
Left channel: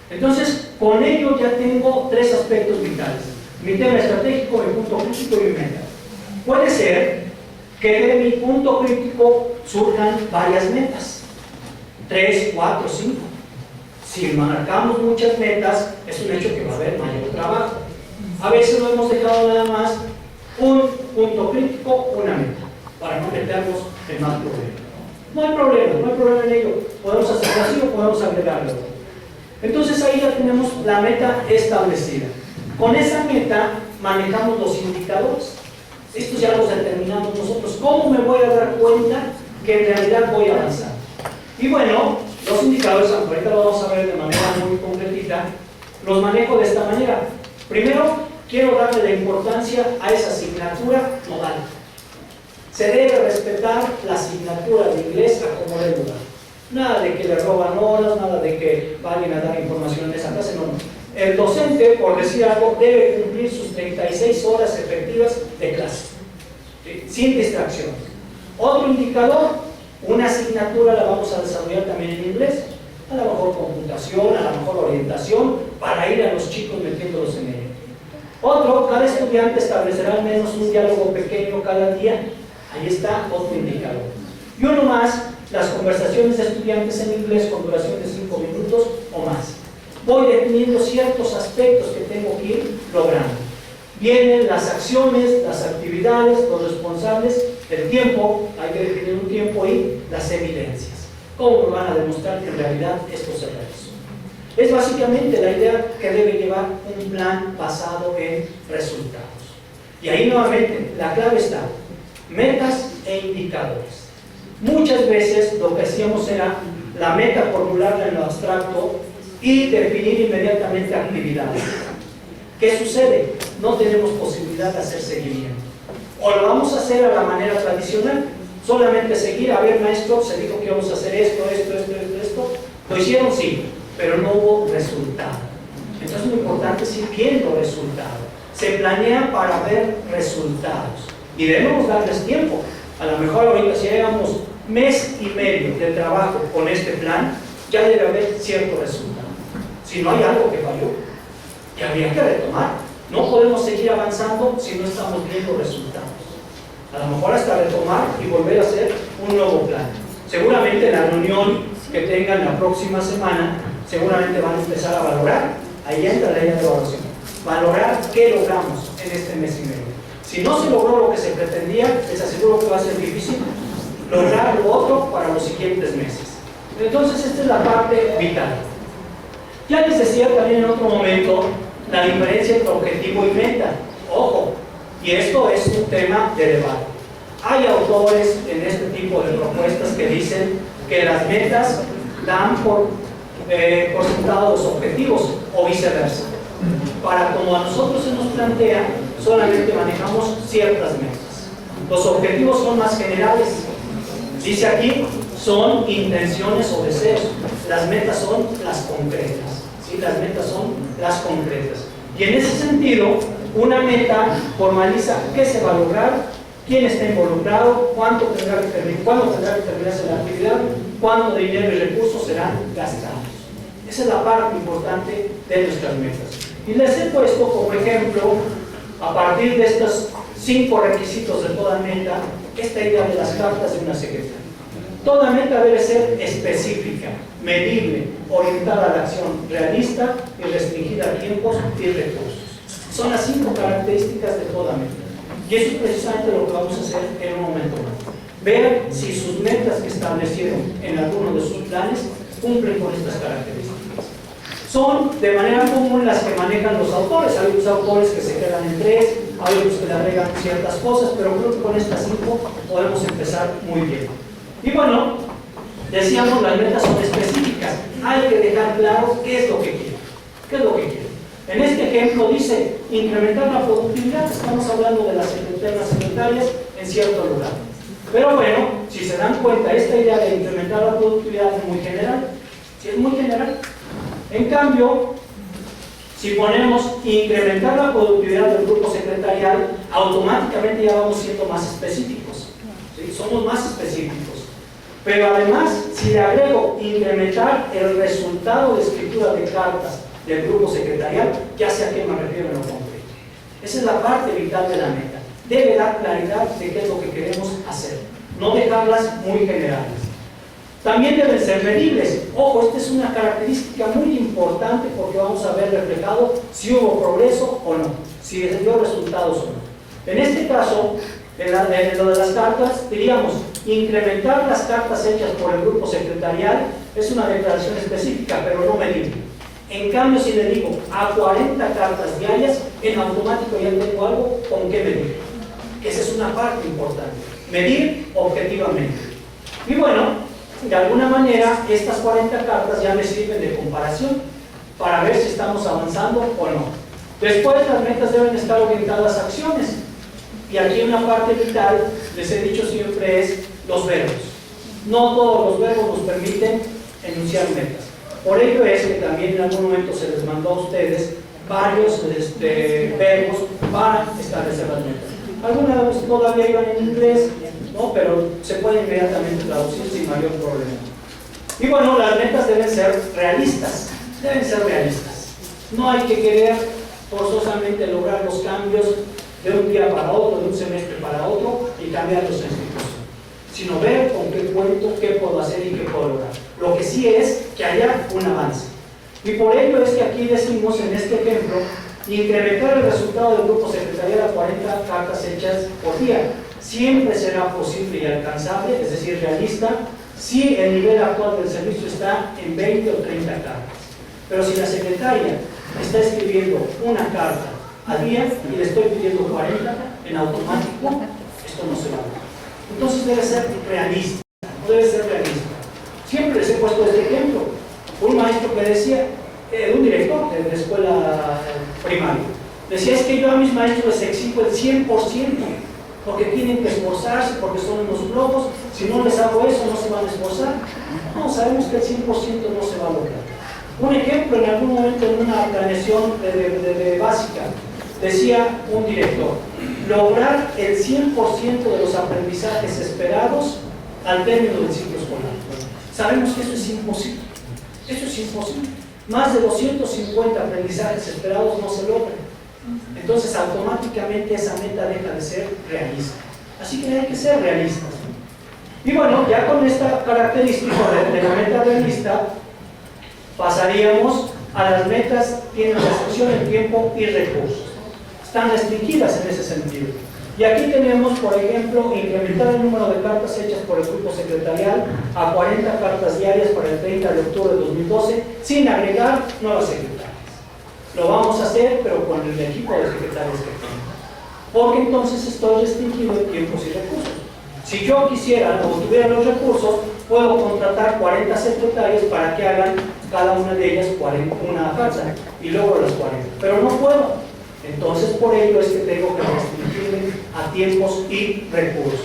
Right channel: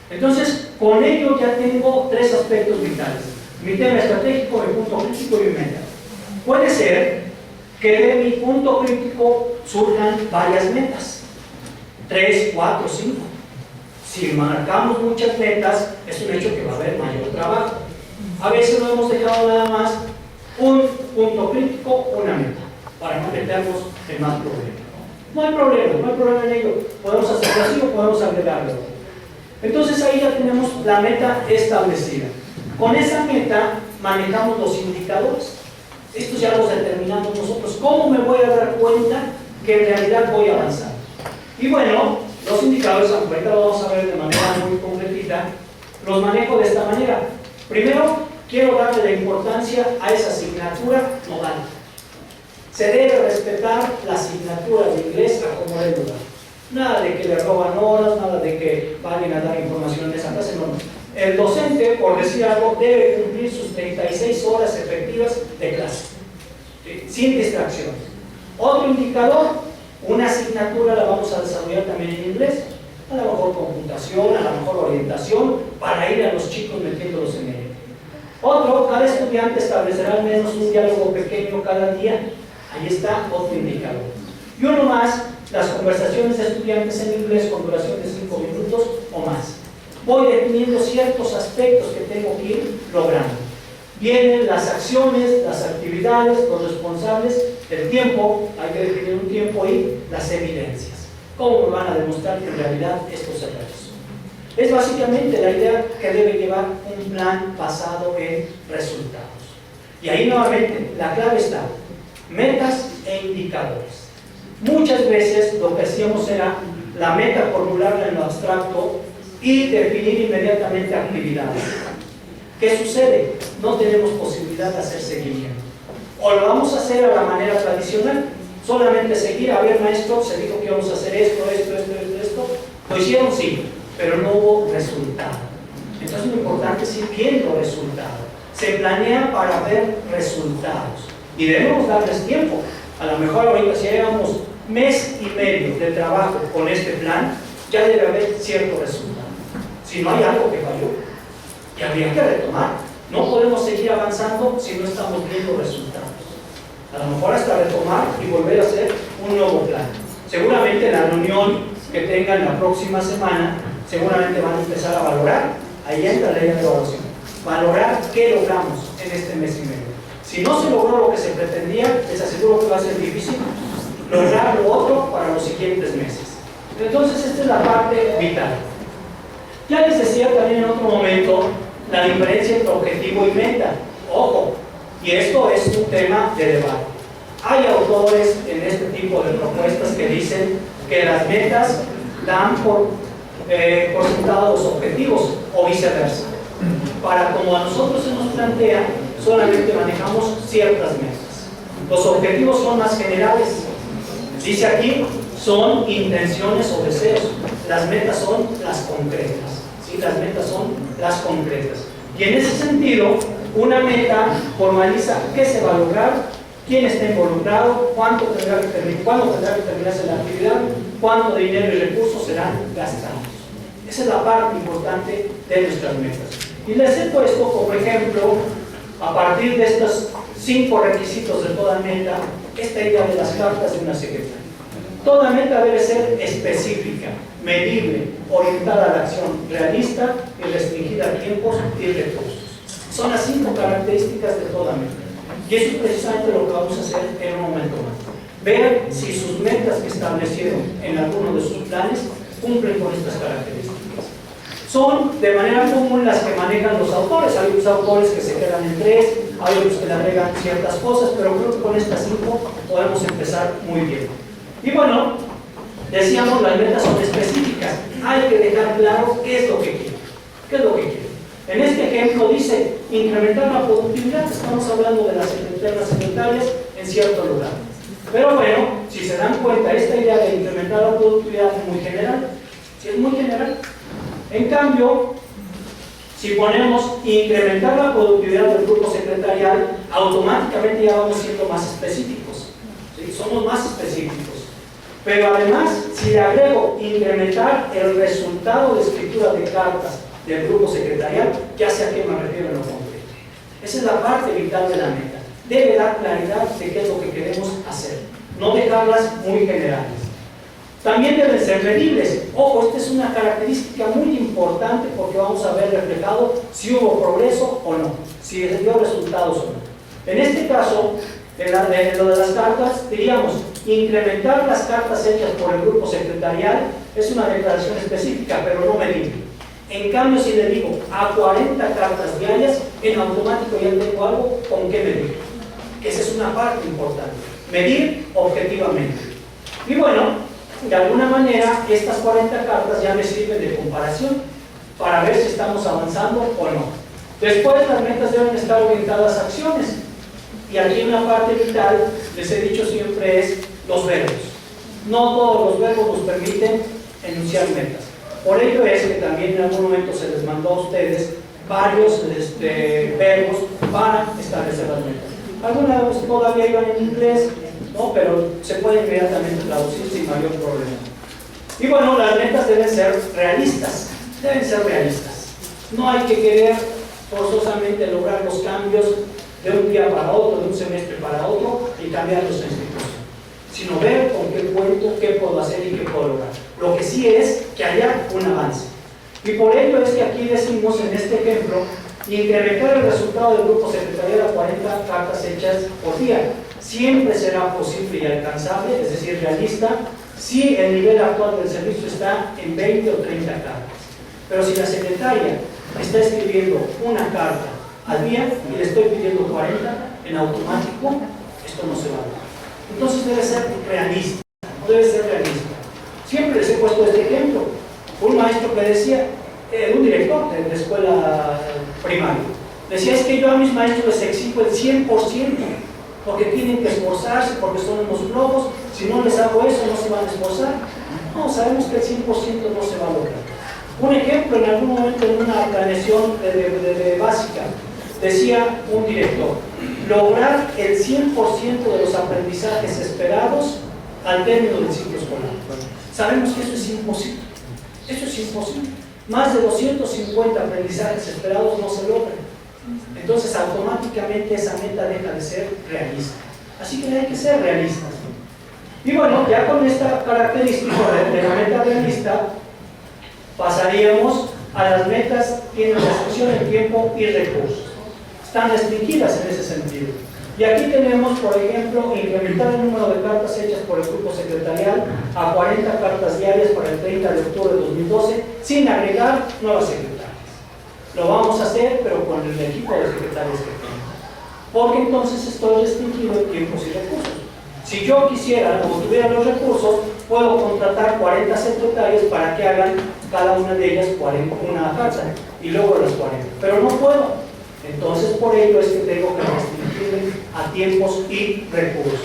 Entonces, con ello ya tengo 3 aspectos vitales: mi tema estratégico, mi punto crítico y mi meta. Puede ser que de mi punto crítico surjan varias metas, 3, 4, 5. Si marcamos muchas metas, es un hecho que va a haber mayor trabajo. A veces lo hemos dejado nada más un punto crítico, una meta, para no meternos en más problemas. No hay problema en ello. Podemos hacerlo así o podemos agregarlo. Entonces ahí ya tenemos la meta establecida. Con esa meta manejamos los indicadores. Estos ya los determinamos nosotros. ¿Cómo me voy a dar cuenta que en realidad voy a avanzar? Y bueno, los indicadores, ahorita lo vamos a ver de manera muy completita, los manejo de esta manera. Primero, quiero darle la importancia a esa asignatura modal. Se debe respetar la asignatura de inglés a como dé lugar. Nada de que le roban horas, nada de que vayan a dar información en esa clase, no. El docente, por decir algo, debe cumplir sus 36 horas efectivas de clase, ¿sí? Sin distracciones. Otro indicador: una asignatura la vamos a desarrollar también en inglés, a lo mejor computación, a lo mejor orientación, para ir a los chicos metiéndolos en ello. Otro: cada estudiante establecerá al menos un diálogo pequeño cada día. Ahí está otro indicador. Y uno más: las conversaciones de estudiantes en inglés con duración de 5 minutos o más. Voy definiendo ciertos aspectos que tengo que ir logrando. Vienen las acciones, las actividades, los responsables, el tiempo, hay que definir un tiempo, y las evidencias. ¿Cómo me van a demostrar que en realidad esto se realizó? Es básicamente la idea que debe llevar un plan basado en resultados. Y ahí nuevamente la clave está: metas e indicadores. Muchas veces lo que hacíamos era la meta formularla en lo abstracto y definir inmediatamente actividades. ¿Qué sucede? No tenemos posibilidad de hacer seguimiento. O lo vamos a hacer a la manera tradicional, solamente seguir: a ver, maestro, se dijo que íbamos a hacer esto. Lo hicieron, sí, pero no hubo resultado. Entonces lo importante es ir viendo resultados. Se planea para ver resultados y debemos darles tiempo. A lo mejor ahorita, si llevamos mes y medio de trabajo con este plan, ya debe haber cierto resultado. Si no hay algo que falló, que habría que retomar. No podemos seguir avanzando si no estamos viendo resultados. A lo mejor hasta retomar y volver a hacer un nuevo plan. Seguramente en la reunión que tengan la próxima semana, seguramente van a empezar a valorar. Ahí entra la ley de evaluación. Valorar qué logramos en este mes y medio. Si no se logró lo que se pretendía, les aseguro que va a ser difícil lograr lo otro para los siguientes meses. Entonces, esta es la parte vital. Ya les decía también en otro momento la diferencia entre objetivo y meta. Ojo, y esto es un tema de debate. Hay autores en este tipo de propuestas que dicen que las metas dan por sentado los objetivos o viceversa. Para como a nosotros se nos plantea, solamente manejamos ciertas metas. Los objetivos son más generales. Dice aquí, son intenciones o deseos. Las metas son las concretas. ¿Sí? Las metas son las concretas. Y en ese sentido, una meta formaliza qué se va a lograr, quién está involucrado, cuándo tendrá que terminarse la actividad, cuánto dinero y recursos serán gastados. Esa es la parte importante de nuestras metas. Y les he puesto como ejemplo, a partir de estos 5 requisitos de toda meta, esta idea de las cartas de una secretaria. Toda meta debe ser específica, medible, orientada a la acción, realista y restringida a tiempos y recursos. Son las 5 características de toda meta. Y eso es precisamente lo que vamos a hacer en un momento más. Vean si sus metas que establecieron en alguno de sus planes cumplen con estas características. Son de manera común las que manejan los autores. Hay otros autores que se quedan en 3, hay otros que le agregan ciertas cosas, pero creo que con estas 5 podemos empezar muy bien. Y bueno, decíamos, las metas son específicas. Hay que dejar claro qué es lo que quieren. ¿Qué es lo que quieren? En este ejemplo dice, incrementar la productividad. Estamos hablando de las secretarias en cierto lugar. Pero bueno, si se dan cuenta, esta idea de incrementar la productividad es muy general. ¿Sí es muy general? En cambio, si ponemos incrementar la productividad del grupo secretarial, automáticamente ya vamos siendo más específicos. ¿Sí? Somos más específicos. Pero además, si le agrego incrementar el resultado de escritura de cartas del grupo secretarial, ya sé a qué me refiero en lo concreto. Esa es la parte vital de la meta. Debe dar claridad de qué es lo que queremos hacer, no dejarlas muy generales. También deben ser medibles. Ojo, esta es una característica muy importante porque vamos a ver reflejado si hubo progreso o no, si dio resultados o no. En este caso, en lo de las cartas, diríamos, incrementar las cartas hechas por el grupo secretarial es una declaración específica, pero no medible. En cambio, si le digo a 40 cartas diarias, en automático ya tengo algo con qué medir. Esa es una parte importante. Medir objetivamente. Y bueno, de alguna manera, estas 40 cartas ya me sirven de comparación para ver si estamos avanzando o no. Después, las metas deben estar orientadas a acciones. Y aquí una parte vital, les he dicho siempre, es los verbos. No todos los verbos nos permiten enunciar metas. Por ello es que también en algún momento se les mandó a ustedes varios verbos para establecer las metas. Algunas todavía iban en inglés, ¿no? Pero se puede inmediatamente traducir sin mayor problema. Y bueno, las metas deben ser realistas. Deben ser realistas. No hay que querer forzosamente lograr los cambios de un día para otro, de un semestre para otro y cambiar nuestra institución, sino ver con qué cuento, qué puedo hacer y qué puedo lograr. Lo que sí es que haya un avance. Y por ello es que aquí decimos en este ejemplo, incrementar el resultado del grupo secretarial a 40 cartas hechas por día. Siempre será posible y alcanzable, es decir, realista, si el nivel actual del servicio está en 20 o 30 cartas. Pero si la secretaria está escribiendo una carta al día y le estoy pidiendo 40, en automático, esto no se va a dar. Entonces debe ser realista, no debe ser realista. Siempre les he puesto este ejemplo. Un maestro que decía, un director de escuela primaria, decía, es que yo a mis maestros les exijo el 100%, porque tienen que esforzarse, porque son unos flojos, si no les hago eso no se van a esforzar. No, sabemos que el 100% no se va a lograr. Un ejemplo, en algún momento en una planeación de básica, decía un director, lograr el 100% de los aprendizajes esperados al término del ciclo escolar. Sabemos que eso es imposible. Eso es imposible. Más de 250 aprendizajes esperados no se logran. Entonces, automáticamente esa meta deja de ser realista. Así que hay que ser realistas. Y bueno, ya con esta característica de la meta realista, pasaríamos a las metas que tienen restricción en tiempo y recursos. Están restringidas en ese sentido. Y aquí tenemos, por ejemplo, incrementar el número de cartas hechas por el grupo secretarial a 40 cartas diarias para el 30 de octubre de 2012, sin agregar nuevas secretarias. Lo vamos a hacer, pero con el equipo de secretarios que tengo. Porque entonces estoy restringido en tiempos y recursos. Si yo quisiera o tuviera los recursos, puedo contratar 40 secretarios para que hagan cada una de ellas una carta y luego las 40. Pero no puedo. Entonces, por ello es que tengo que restringirme a tiempos y recursos.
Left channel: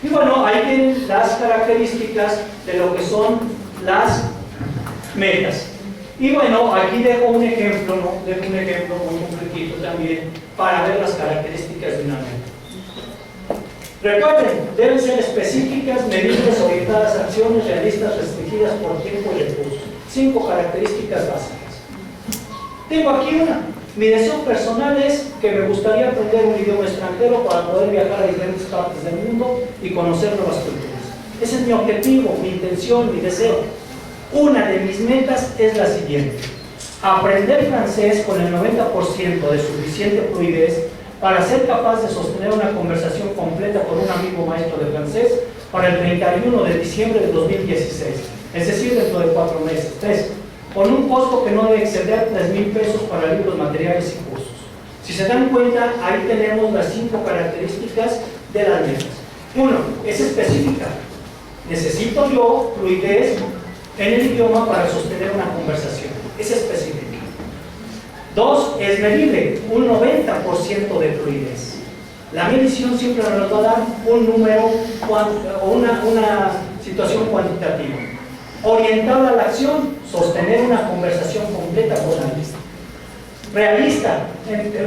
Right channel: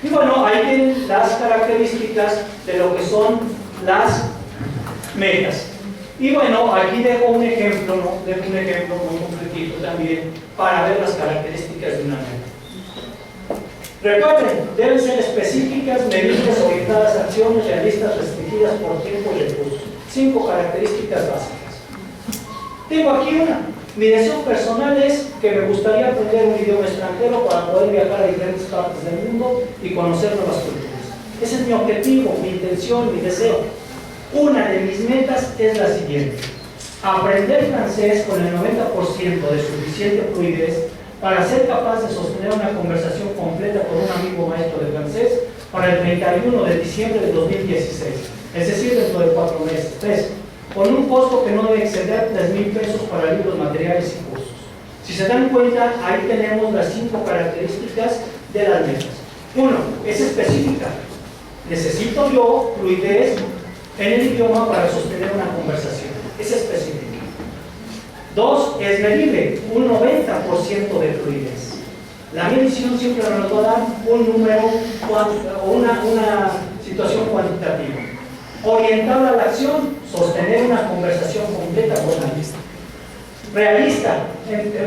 Y bueno, ahí tienen las características de lo que son las metas. Y bueno, aquí dejo un ejemplo, ¿no? Dejo un ejemplo muy concretito también para ver las características de una meta. Recuerden, deben ser específicas, medibles, orientadas a acciones realistas, restringidas por tiempo y recursos. 5 características básicas. Tengo aquí una. Mi deseo personal es que me gustaría aprender un idioma extranjero para poder viajar a diferentes partes del mundo y conocer nuevas culturas. Ese es mi objetivo, mi intención, mi deseo. Una de mis metas es la siguiente: aprender francés con el 90% de suficiente fluidez para ser capaz de sostener una conversación completa con un amigo maestro de francés para el 31 de diciembre de 2016, es decir, dentro de 4 meses. 3. Con un costo que no debe exceder 3,000 pesos para libros, materiales y cursos. Si se dan cuenta, ahí tenemos las 5 características de las metas. 1. Es específica. Necesito yo fluidez en el idioma para sostener una conversación. Es específica. 2. Es medible. Un 90% de fluidez. La medición siempre nos va a dar un número o una situación cuantitativa. Orientada a la acción, sostener una conversación completa con la lista. Realista,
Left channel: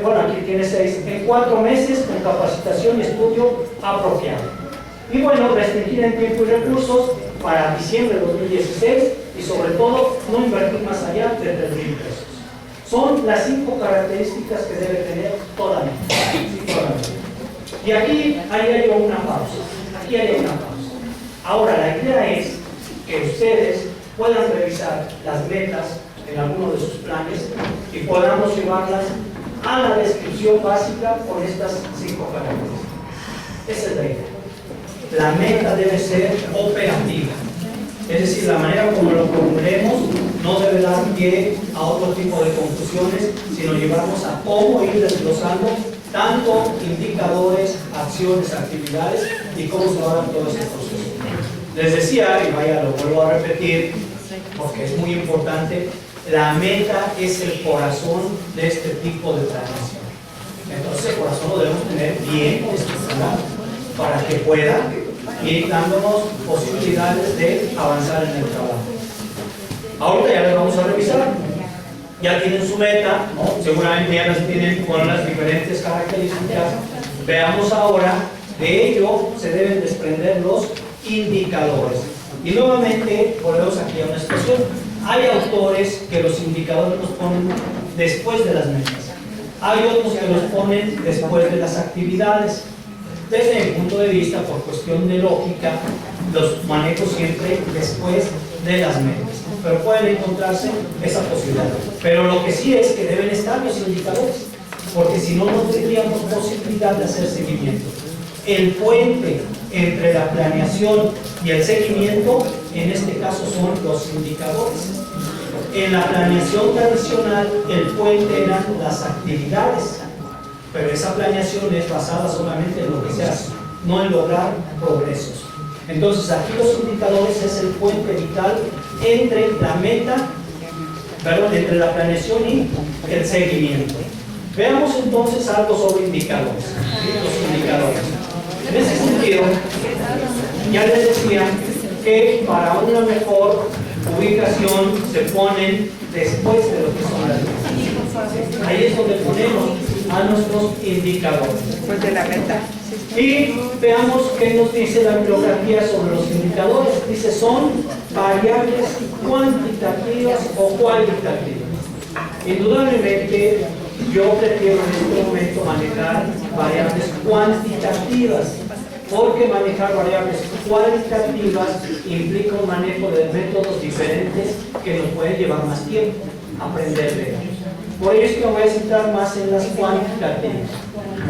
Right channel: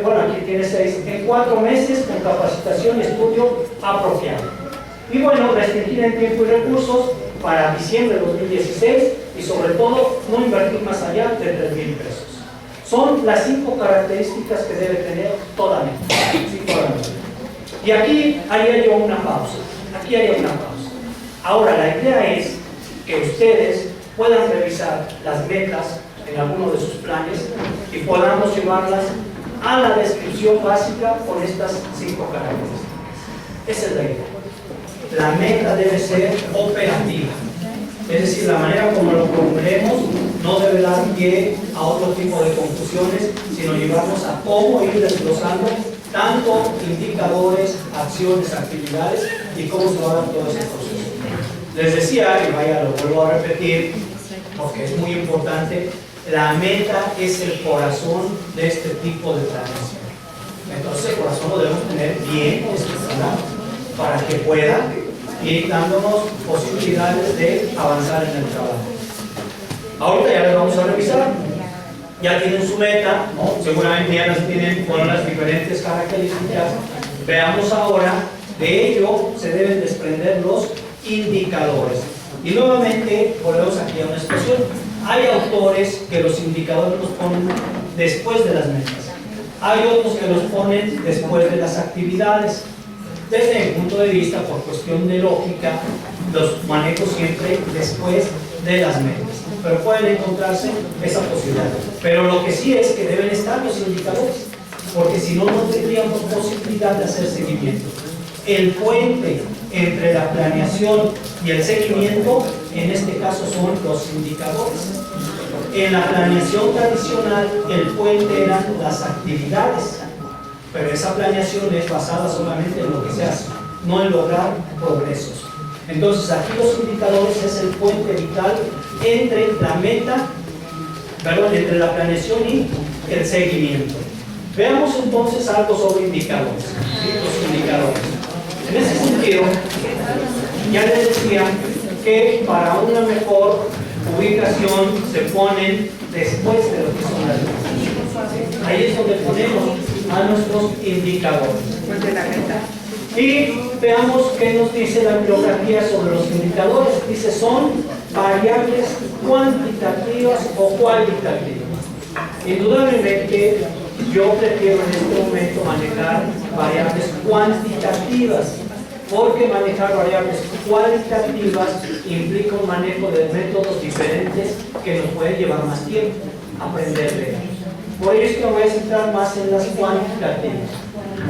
bueno, aquí tiene 6, en 4 meses con capacitación y estudio apropiado. Y bueno, restringir en tiempo y recursos para diciembre de 2016 y sobre todo no invertir más allá de 3,000 pesos. Son las 5 características que debe tener toda meta. Y aquí haría yo una pausa. Aquí haría una pausa. Ahora, la idea es que ustedes puedan revisar las metas en alguno de sus planes y podamos llevarlas a la descripción básica con estas 5 características. Esa es la idea. La meta debe ser operativa, es decir, la manera como lo formulemos no debe dar pie a otro tipo de confusiones, sino llevarnos a cómo ir desglosando tanto indicadores, acciones, actividades y cómo se va a dar todo ese proceso. Les decía, y vaya, lo vuelvo a repetir porque es muy importante, la meta es el corazón de este tipo de planeación. Entonces el corazón lo debemos tener bien estructurado para que pueda ir dándonos posibilidades de avanzar en el trabajo. Ahorita ya les vamos a revisar. Ya tienen su meta, ¿no? Seguramente ya las tienen con las diferentes características. Veamos ahora, de ello se deben desprender los indicadores. Y nuevamente volvemos aquí a una expresión. Hay autores que los indicadores los ponen después de las metas. Hay otros que los ponen después de las actividades. Desde mi punto de vista, por cuestión de lógica, los manejo siempre después de las metas. Pero pueden encontrarse esa posibilidad. Pero lo que sí es que deben estar los indicadores, porque si no, no tendríamos posibilidad de hacer seguimiento. El puente entre la planeación y el seguimiento, en este caso, son los indicadores. En la planeación tradicional, el puente eran las actividades, pero esa planeación es basada solamente en lo que se hace, no en lograr progresos. Entonces, aquí los indicadores es el puente vital entre la meta, entre la planeación y el seguimiento. Veamos entonces algo sobre indicadores. ¿Sí? Los indicadores. En ese sentido, ya les decía que para una mejor ubicación se ponen después de lo que son las metas. Ahí es donde ponemos a nuestros indicadores. Después de la meta. Y veamos qué nos dice la bibliografía sobre los indicadores. Dice, son variables cuantitativas o cualitativas. Indudablemente, yo prefiero en este momento manejar variables cuantitativas, porque manejar variables cualitativas implica un manejo de métodos diferentes que nos pueden llevar más tiempo aprender de ellos. Por ello es que me voy a centrar más en las cuantitativas.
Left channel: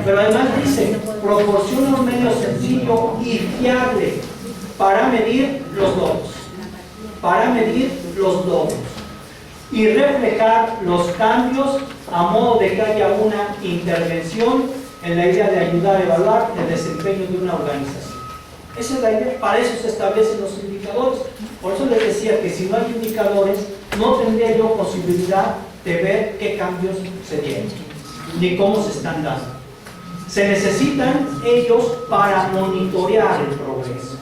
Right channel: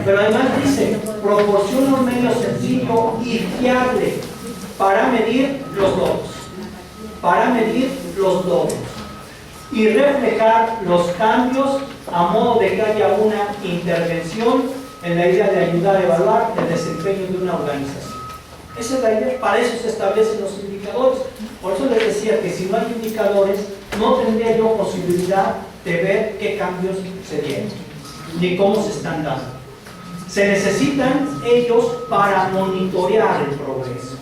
Pero además dice, proporciona un medio sencillo y fiable para medir los logros. Para medir los logros. Y reflejar los cambios a modo de que haya una intervención en la idea de ayudar a evaluar el desempeño de una organización. Esa es la idea, para eso se establecen los indicadores. Por eso les decía que si no hay indicadores, no tendría yo posibilidad de ver qué cambios se dieron, ni cómo se están dando. Se necesitan ellos para monitorear el progreso.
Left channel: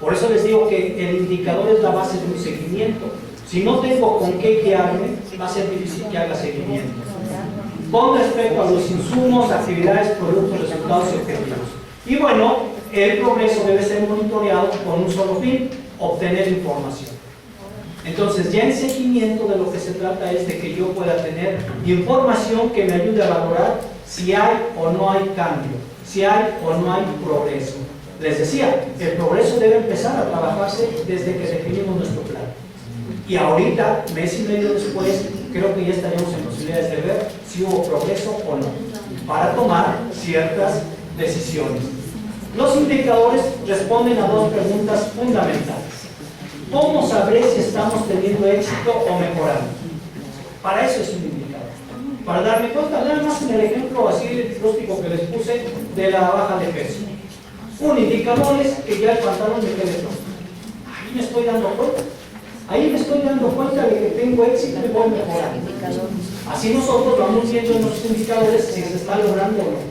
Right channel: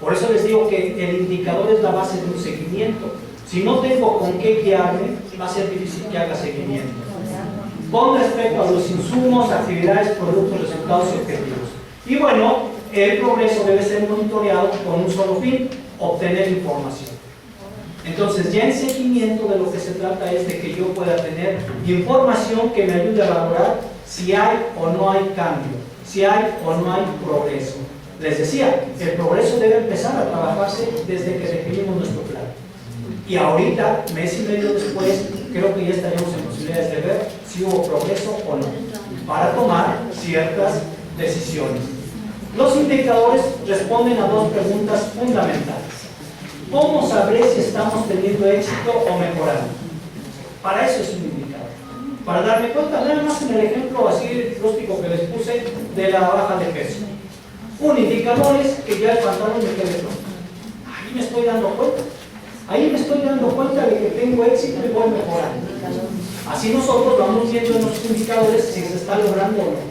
Por eso les digo que el indicador es la base de un seguimiento. Si no tengo con qué guiarme, va a ser difícil que haga seguimiento. Con respecto a los insumos, actividades, productos, resultados y objetivos. Y bueno, el progreso debe ser monitoreado con un solo fin, obtener información. Entonces, ya en seguimiento de lo que se trata es de que yo pueda tener información que me ayude a valorar si hay o no hay cambio, si hay o no hay progreso. Les decía, el progreso debe empezar a trabajarse desde que definimos nuestro plan. Y ahorita, mes y medio después, creo que ya estaríamos en posibilidades de ver si hubo progreso o no, para tomar ciertas decisiones. Los indicadores responden a dos preguntas fundamentales. ¿Cómo sabré si estamos teniendo éxito o mejorando? Para eso es un indicador. Para darme cuenta, nada más en el ejemplo así rústico que les puse de la baja de peso. Un indicador es que ya el pantalón me quede flojo. Ahí me estoy dando cuenta. Ahí me estoy dando cuenta de que tengo éxito y voy mejorando. Así nosotros vamos viendo en los indicadores si se está logrando o no.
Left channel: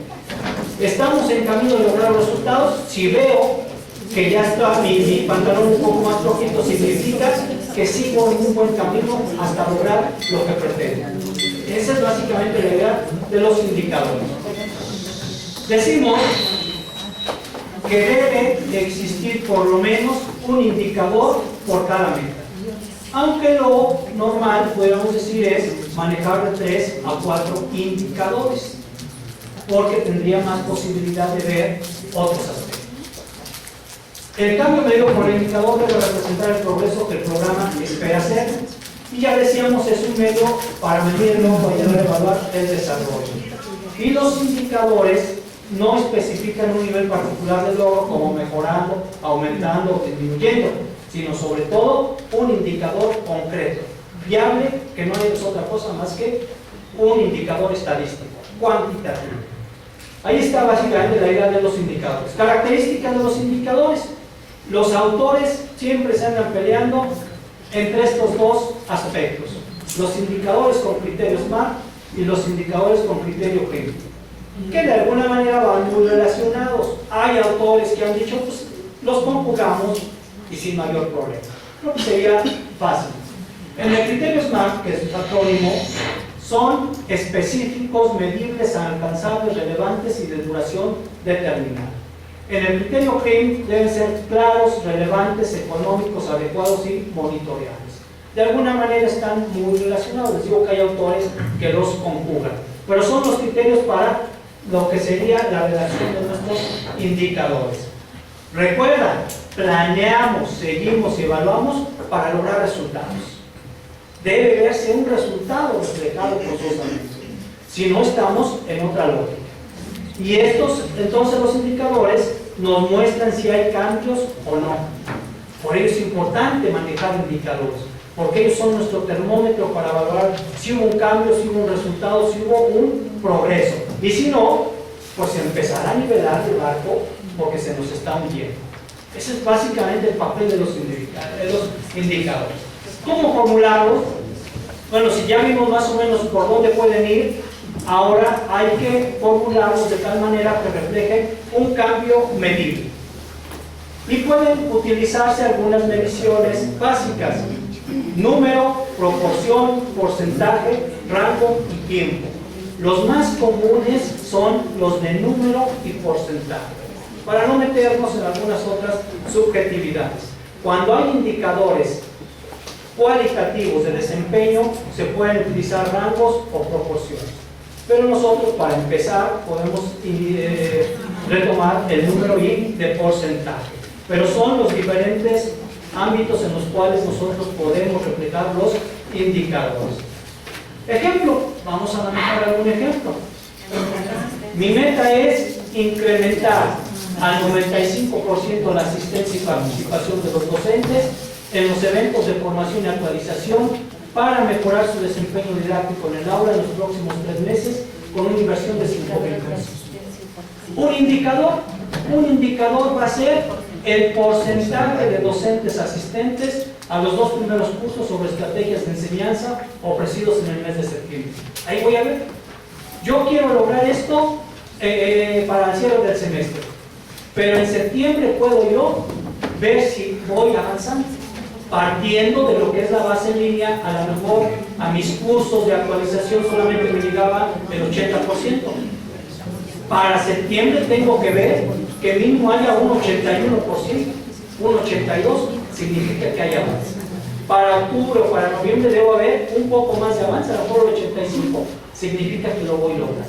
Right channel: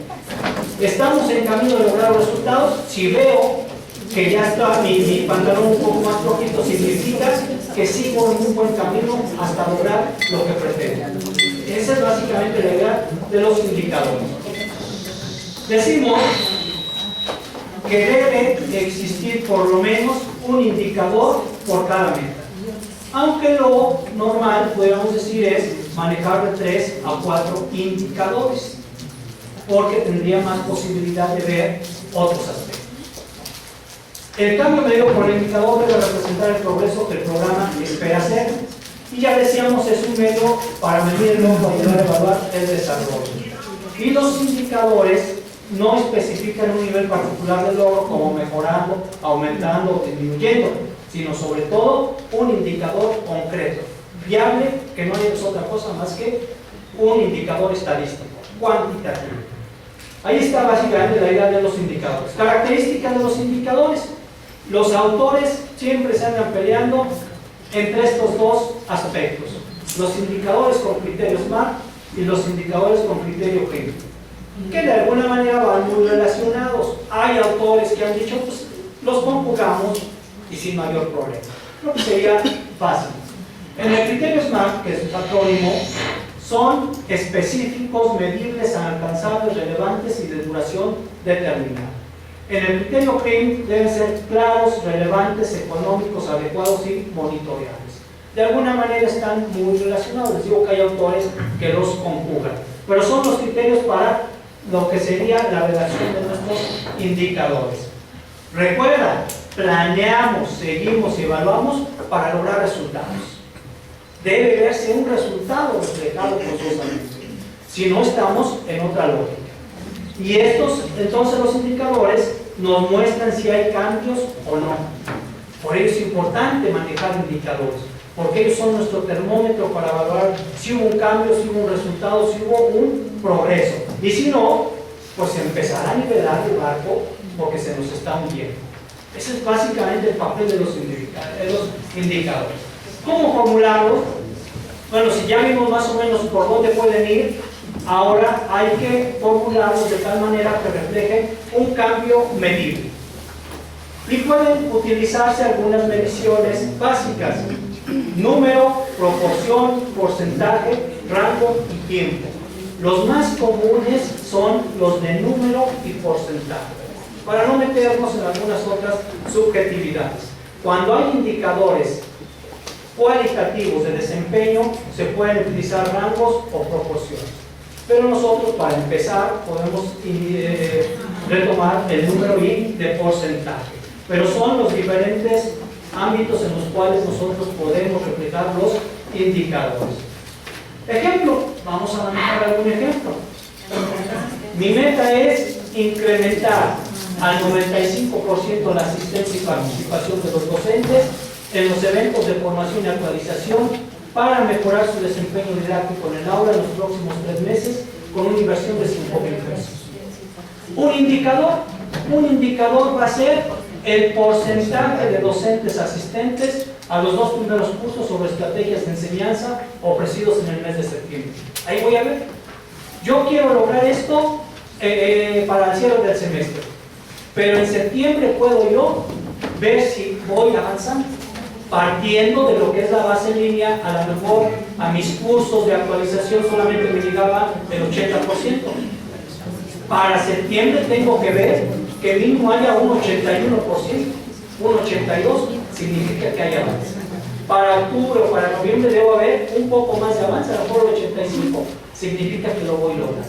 Estamos en camino de lograr los resultados. Si veo que ya está mi pantalón un poco más flojito, significa que sigo en un buen camino hasta lograr lo que pretendo. Esa es básicamente la idea de los indicadores. Decimos que debe de existir por lo menos un indicador por cada meta. Aunque lo normal, podríamos decir, es manejar de 3 a 4 indicadores, porque tendría más posibilidad de ver otros aspectos. El cambio medido por el indicador debe representar el progreso que el programa espera hacer. Y ya decíamos, es un medio para medirlo, para ayudar a evaluar el desarrollo. Y los indicadores no especifican un nivel particular de logro como mejorando, aumentando o disminuyendo, sino sobre todo un indicador concreto, viable, que no es otra cosa más que un indicador estadístico, cuantitativo. Ahí está básicamente la idea de los indicadores. Características de los indicadores. Los autores siempre se andan peleando entre estos dos aspectos: los indicadores con criterio SMART y los indicadores con criterio CRIM, que de alguna manera van muy relacionados. Hay autores que han dicho, pues los conjugamos y sin mayor problema. Creo que sería fácil. En el criterio SMART, que es un acrónimo, son específicos, medibles, alcanzables, relevantes y de duración determinada. En el criterio CRIM deben ser claros, relevantes, económicos, adecuados y monitoreables. De alguna manera están muy relacionados. Les digo que hay autores que los conjugan, pero son los criterios para lo que sería la redacción de nuestros indicadores. Recuerda, planeamos, seguimos y evaluamos para lograr resultados. Debe verse un resultado reflejado forzosamente, si no estamos en otra lógica. Y estos, entonces, los indicadores nos muestran si hay cambios o no. Por ello es importante manejar indicadores, porque ellos son nuestro termómetro para evaluar si hubo un cambio, si hubo un resultado, si hubo un progreso. Y si no, pues se empezará a nivelar el barco porque se nos está hundiendo. Ese es básicamente el papel de los indicadores. ¿Cómo formularlos? Bueno, si ya vimos más o menos por dónde pueden ir, ahora hay que formularlos de tal manera que reflejen un cambio medible. Y pueden utilizarse algunas mediciones básicas: número, proporción, porcentaje, rango y tiempo. Los más comunes son los de número y porcentaje, para no meternos en algunas otras subjetividades. Cuando hay indicadores cualitativos de desempeño, se pueden utilizar rangos o proporciones. Pero nosotros, para empezar, podemos retomar el número y de porcentaje. Pero son los diferentes ámbitos en los cuales nosotros podemos reflejar los indicadores. Ejemplo, vamos a manejar algún ejemplo. Mi meta es incrementar al 95% la asistencia y participación de los docentes en los eventos de formación y actualización para mejorar su desempeño didáctico en el aula en los próximos 3 meses con una inversión de 5,000 pesos. Un indicador va a ser el porcentaje de docentes asistentes a los 2 primeros cursos sobre estrategias de enseñanza ofrecidos en el mes de septiembre. Ahí voy a ver. Yo quiero lograr esto para el cierre del semestre, pero en septiembre puedo yo ver si voy avanzando, partiendo de lo que es la base en línea. A lo mejor a mis cursos de actualización solamente me llegaba el 80%. Para septiembre tengo que ver que mínimo haya un 81%, un 82%, significa que hay avance. Para octubre o para noviembre debo haber un poco más de avance, a lo mejor el 85%, significa que lo voy logrando.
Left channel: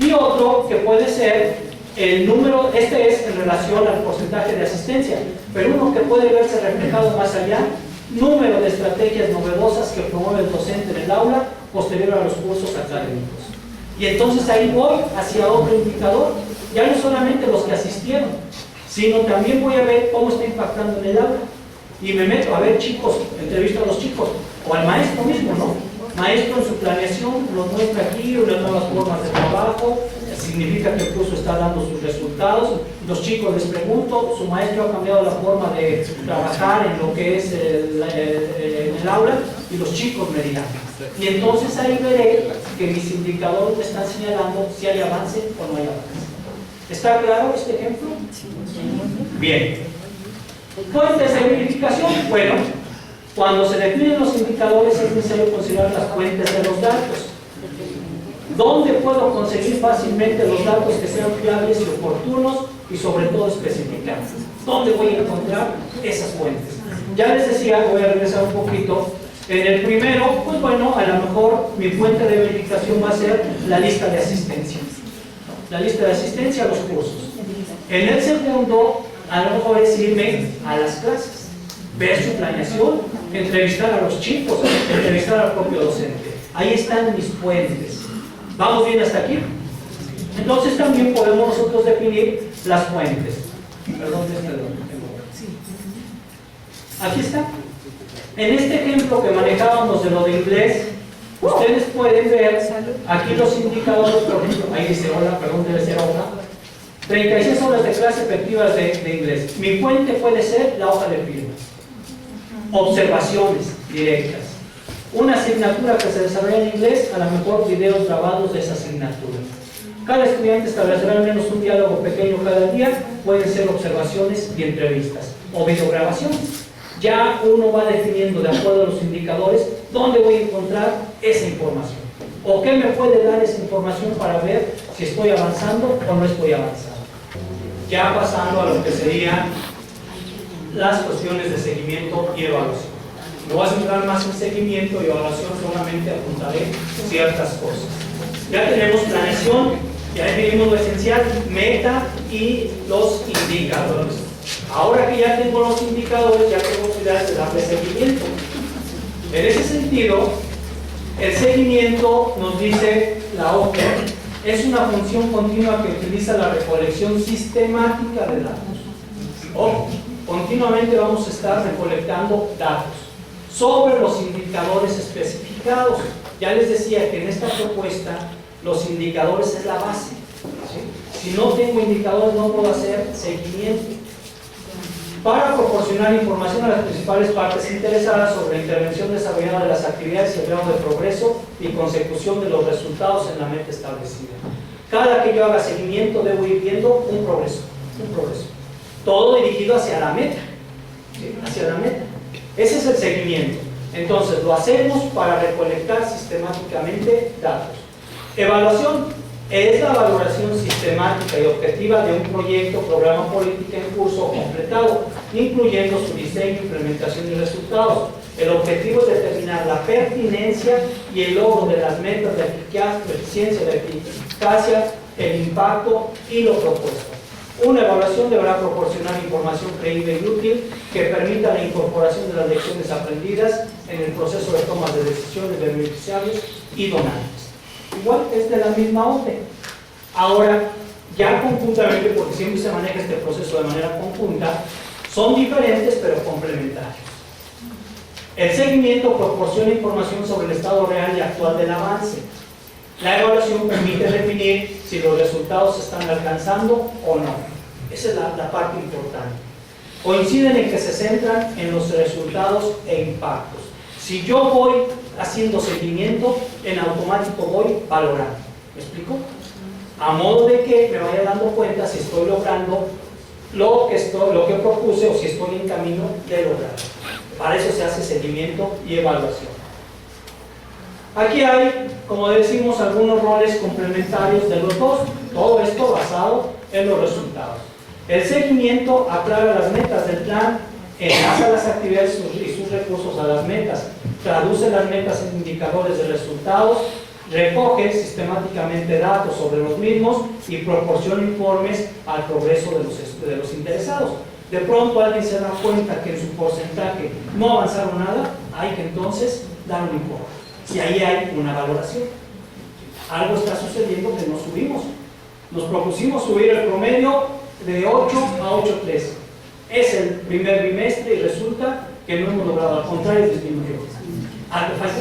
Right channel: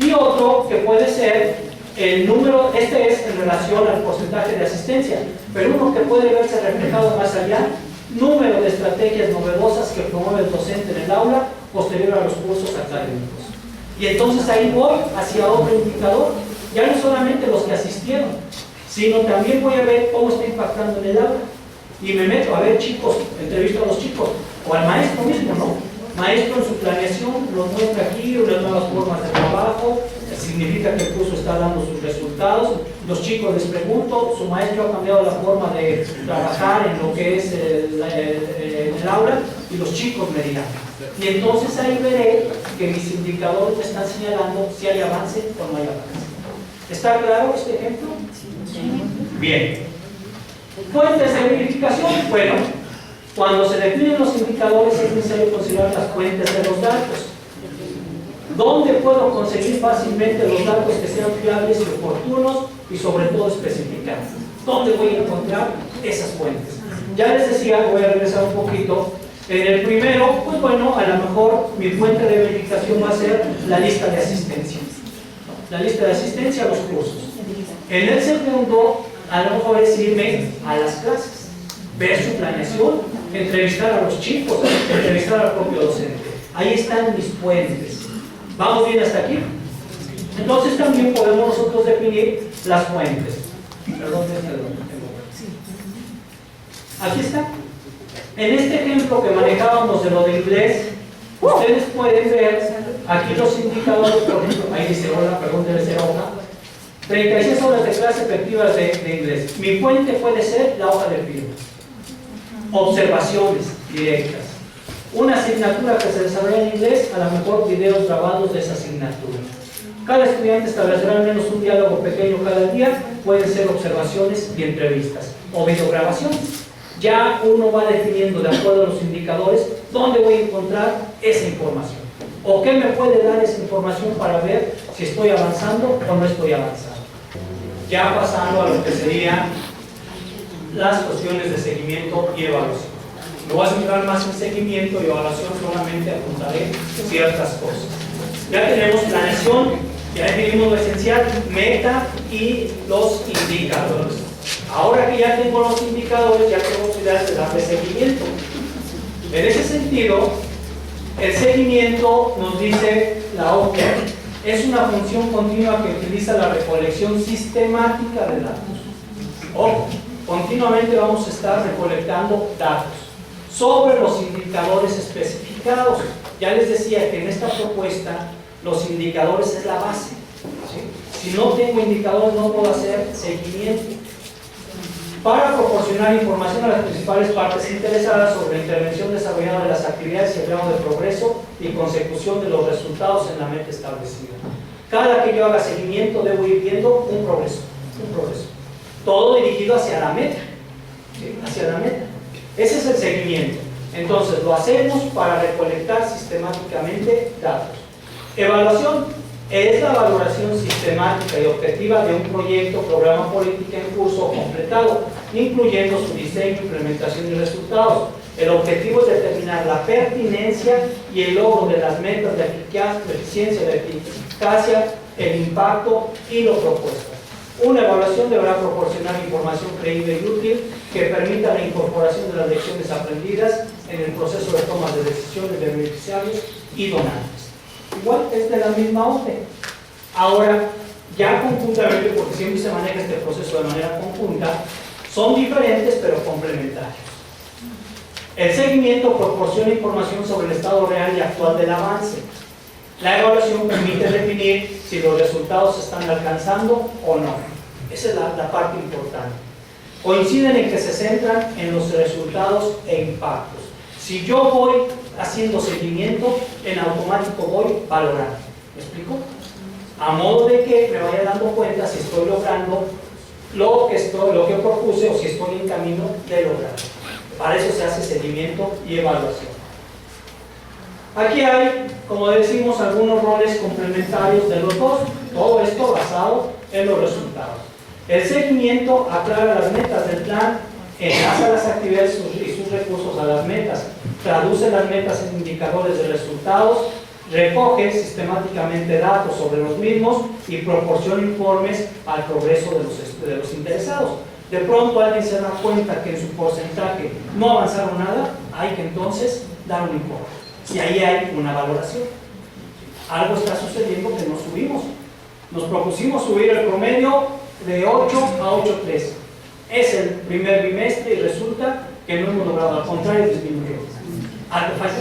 Y otro que puede ser el número, este es en relación al porcentaje de asistencia, pero uno que puede verse reflejado más allá, número de estrategias novedosas que promueve el docente en el aula posterior a los cursos académicos. Y entonces ahí voy hacia otro indicador, ya no solamente los que asistieron, sino también voy a ver cómo está impactando en el aula. Y me meto a ver chicos, entrevisto a los chicos, o al maestro mismo, ¿no? Maestro en su planeación nos muestra aquí unas nuevas formas de trabajo, significa que el curso está dando sus resultados. Los chicos les pregunto, su maestro ha cambiado la forma de trabajar en lo que es el aula, y los chicos me dirán. Y entonces ahí veré que mis indicadores me están señalando si hay avance o no hay avance. ¿Está claro este ejemplo? Bien. Fuentes de verificación. Bueno, cuando se definen los indicadores es necesario considerar las fuentes de los datos. ¿Dónde puedo conseguir fácilmente los datos que sean fiables y oportunos y sobre todo especificados? ¿Dónde voy a encontrar esas fuentes? Ya les decía, voy a regresar un poquito. En el primero, pues bueno, a lo mejor mi fuente de verificación va a ser la lista de asistencia. La lista de asistencia a los cursos. En el segundo, a lo mejor es irme a las clases, ver su planeación, entrevistar a los chicos, entrevistar al propio docente. Ahí están mis fuentes. ¿Vamos bien hasta aquí? Entonces también podemos nosotros definir las fuentes. Perdón. Aquí está. En este ejemplo que manejábamos de lo de inglés, ustedes pueden ver aquí los indicadores. Por ejemplo, ahí dice hola, perdón, debe ser hoja. 36 horas de clase efectivas de inglés. Mi fuente puede ser la hoja de firma. Observaciones directas. Una asignatura que se desarrolla en inglés, a lo mejor videos grabados de esa asignatura. Cada estudiante establecerá al menos un diálogo pequeño cada día, pueden ser observaciones y entrevistas, o videograbaciones. Ya uno va definiendo de acuerdo a los indicadores dónde voy a encontrar esa información, o qué me puede dar esa información para ver si estoy avanzando o no estoy avanzando. Ya pasando a lo que serían las cuestiones de seguimiento y evaluación. Me voy a centrar más en seguimiento y evaluación, solamente apuntaré ciertas cosas. Ya tenemos planeación, ya definimos lo esencial, meta y los indicadores. Ahora que ya tengo los indicadores, ya tengo posibilidades de darle seguimiento. En ese sentido, el seguimiento, nos dice la OCDE, es una función continua que utiliza la recolección sistemática de datos. Ojo, continuamente vamos a estar recolectando datos sobre los indicadores especificados. Ya les decía que en esta propuesta los indicadores es la base, ¿sí? Si no tengo indicadores no puedo hacer seguimiento. Para proporcionar información a las principales partes interesadas sobre la intervención desarrollada de las actividades y el grado de progreso y consecución de los resultados en la meta establecida. Cada que yo haga seguimiento debo ir viendo un progreso. Todo dirigido hacia la meta, ¿sí? Hacia la meta. Ese es el seguimiento. Entonces lo hacemos para recolectar sistemáticamente datos. Evaluación es la valoración sistemática y objetiva de un proyecto, programa, política en curso o completado, incluyendo su diseño, implementación y resultados. El objetivo es determinar la pertinencia y el logro de las metas de eficiencia, de eficacia, el impacto y lo propuesto. Una evaluación deberá proporcionar información creíble y útil que permita la incorporación de las lecciones aprendidas en el proceso de toma de decisiones de beneficiarios y donantes. Igual es de la misma orden. Ahora, ya conjuntamente, porque siempre se maneja este proceso de manera conjunta, son diferentes pero complementarios. El seguimiento proporciona información sobre el estado real y actual del avance. La evaluación permite definir si los resultados se están alcanzando o no. Esa es la parte importante. Coinciden en que se centran en los resultados e impactos. Si yo voy haciendo seguimiento, en automático voy valorando. ¿Me explico? A modo de que me vaya dando cuenta si estoy logrando lo que propuse o si estoy en camino de lograrlo. Para eso se hace seguimiento y evaluación. Aquí hay, como decimos, algunos roles complementarios de los dos. Todo esto basado en los resultados. El seguimiento aclara las metas del plan, enlaza las actividades y sus recursos a las metas, traduce las metas en indicadores de resultados, recoge sistemáticamente datos sobre los mismos y proporciona informes al progreso de los interesados. De pronto alguien se da cuenta que en su porcentaje no avanzaron nada, hay que entonces dar un informe. Y ahí hay una valoración. Algo está sucediendo que no subimos. Nos propusimos subir el promedio de 8 a 8.3. Es el primer bimestre y resulta que no hemos logrado, al contrario, disminuyó. Algo falla,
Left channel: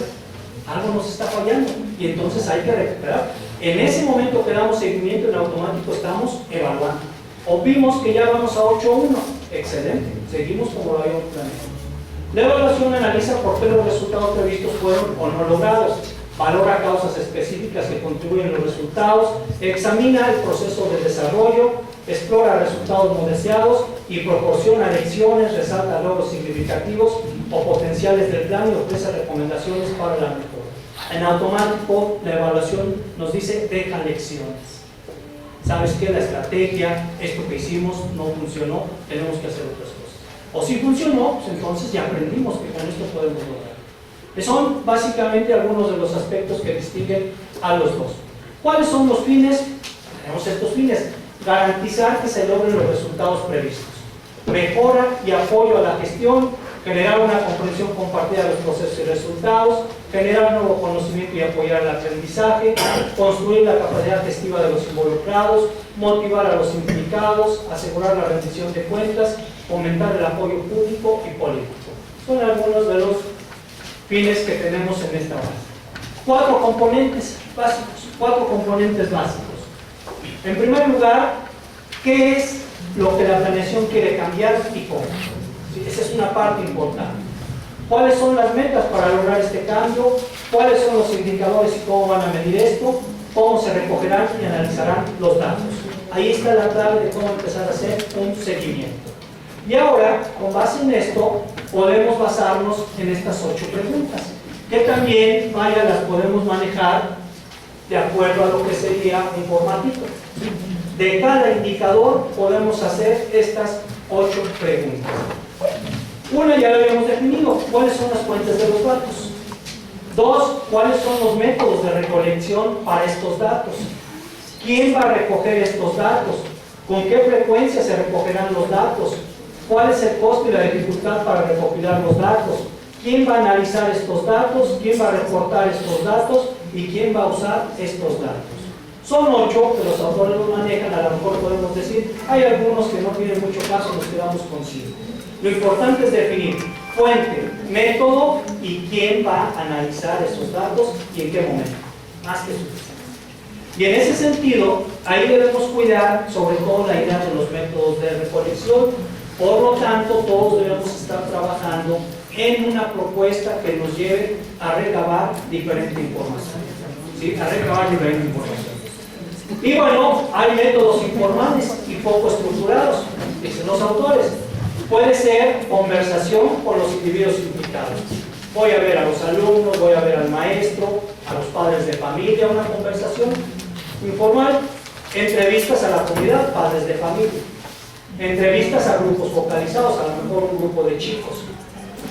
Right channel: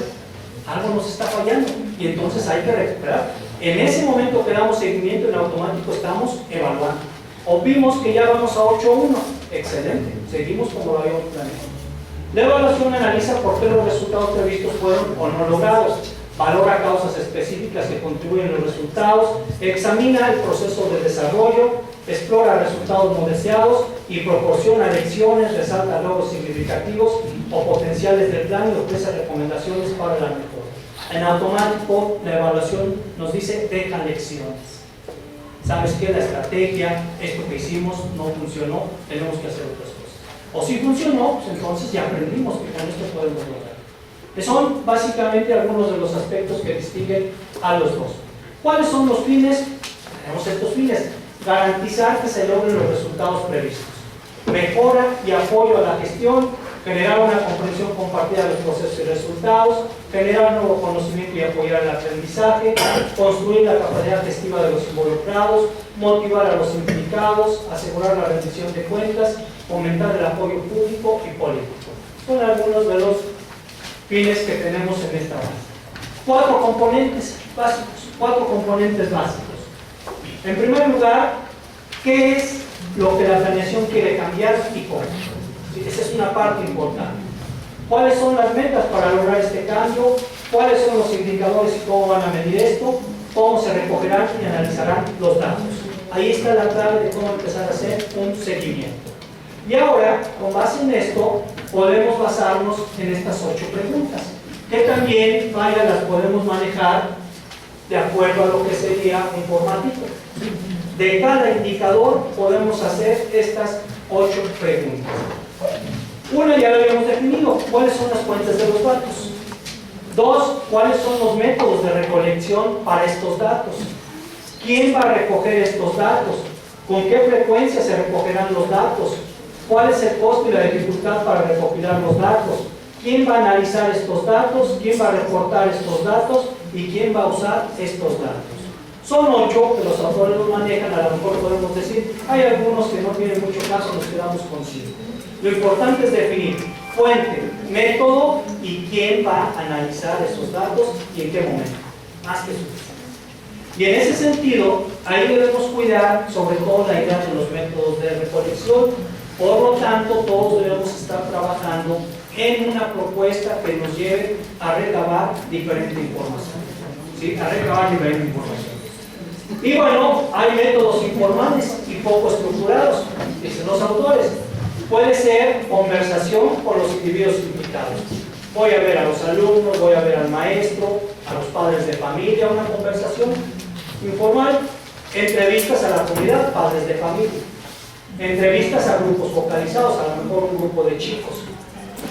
algo nos está fallando y entonces hay que recuperar. En ese momento que damos seguimiento, en automático estamos evaluando. O vimos que ya vamos a 8.1, excelente, seguimos como lo habíamos planeado. La evaluación analiza por qué los resultados previstos fueron o no logrados, valora causas específicas que contribuyen a los resultados, examina el proceso de desarrollo, explora resultados no deseados y proporciona lecciones, resalta logros significativos o potenciales del plan y ofrece recomendaciones para la mejora. En automático, la evaluación nos dice, deja lecciones. ¿Sabes qué? La estrategia, esto que hicimos, no funcionó, tenemos que hacer otras cosas. O si funcionó, pues entonces ya aprendimos que con esto podemos lograr. Son básicamente algunos de los aspectos que distinguen a los dos. ¿Cuáles son los fines? Tenemos estos fines. Garantizar que se logren los resultados previstos. Mejora y apoyo a la gestión, generar una comprensión compartida de los procesos y resultados, generar nuevo conocimiento y apoyar el aprendizaje, construir la capacidad gestiva de los involucrados, motivar a los implicados, asegurar la rendición de cuentas, fomentar el apoyo público y político. Son algunos de los fines que tenemos en esta base. 4 componentes básicos. En primer lugar, ¿qué es lo que la planeación quiere cambiar y cómo? Sí, esa es una parte importante. ¿Cuáles son las metas para lograr este cambio? ¿Cuáles son los indicadores y cómo van a medir esto? ¿Cómo se recogerán y analizarán los datos? Ahí está la clave de cómo empezar a hacer un seguimiento. Y ahora, con base en esto, podemos basarnos en estas 8 preguntas, que también, las podemos manejar de acuerdo a lo que sería un formatito. De cada indicador podemos hacer estas 8 preguntas. Una ya la habíamos definido, ¿cuáles son las fuentes de los datos? 2, ¿cuáles son los métodos de recolección para estos datos? ¿Quién va a recoger estos datos? ¿Con qué frecuencia se recogerán los datos? ¿Cuál es el costo y la dificultad para recopilar los datos? ¿Quién va a analizar estos datos? ¿Quién va a reportar estos datos? ¿Y quién va a usar estos datos? Son 8 que los autores los manejan, a lo mejor podemos decir, hay algunos que no tienen mucho caso, nos quedamos con 5. Lo importante es definir fuente, método y quién va a analizar esos datos y en qué momento. Más que suficiente. Y en ese sentido, ahí debemos cuidar sobre todo la idea de los métodos de recolección. Por lo tanto, todos debemos estar trabajando en una propuesta que nos lleve a recabar diferente información. ¿Sí? A recabar diferente información. Y bueno, hay métodos informales y poco estructurados, dicen los autores. Puede ser conversación con los individuos implicados. Voy a ver a los alumnos, voy a ver al maestro, a los padres de familia, una conversación informal. Entrevistas a la comunidad, padres de familia. Entrevistas a grupos focalizados, a lo mejor un grupo de chicos.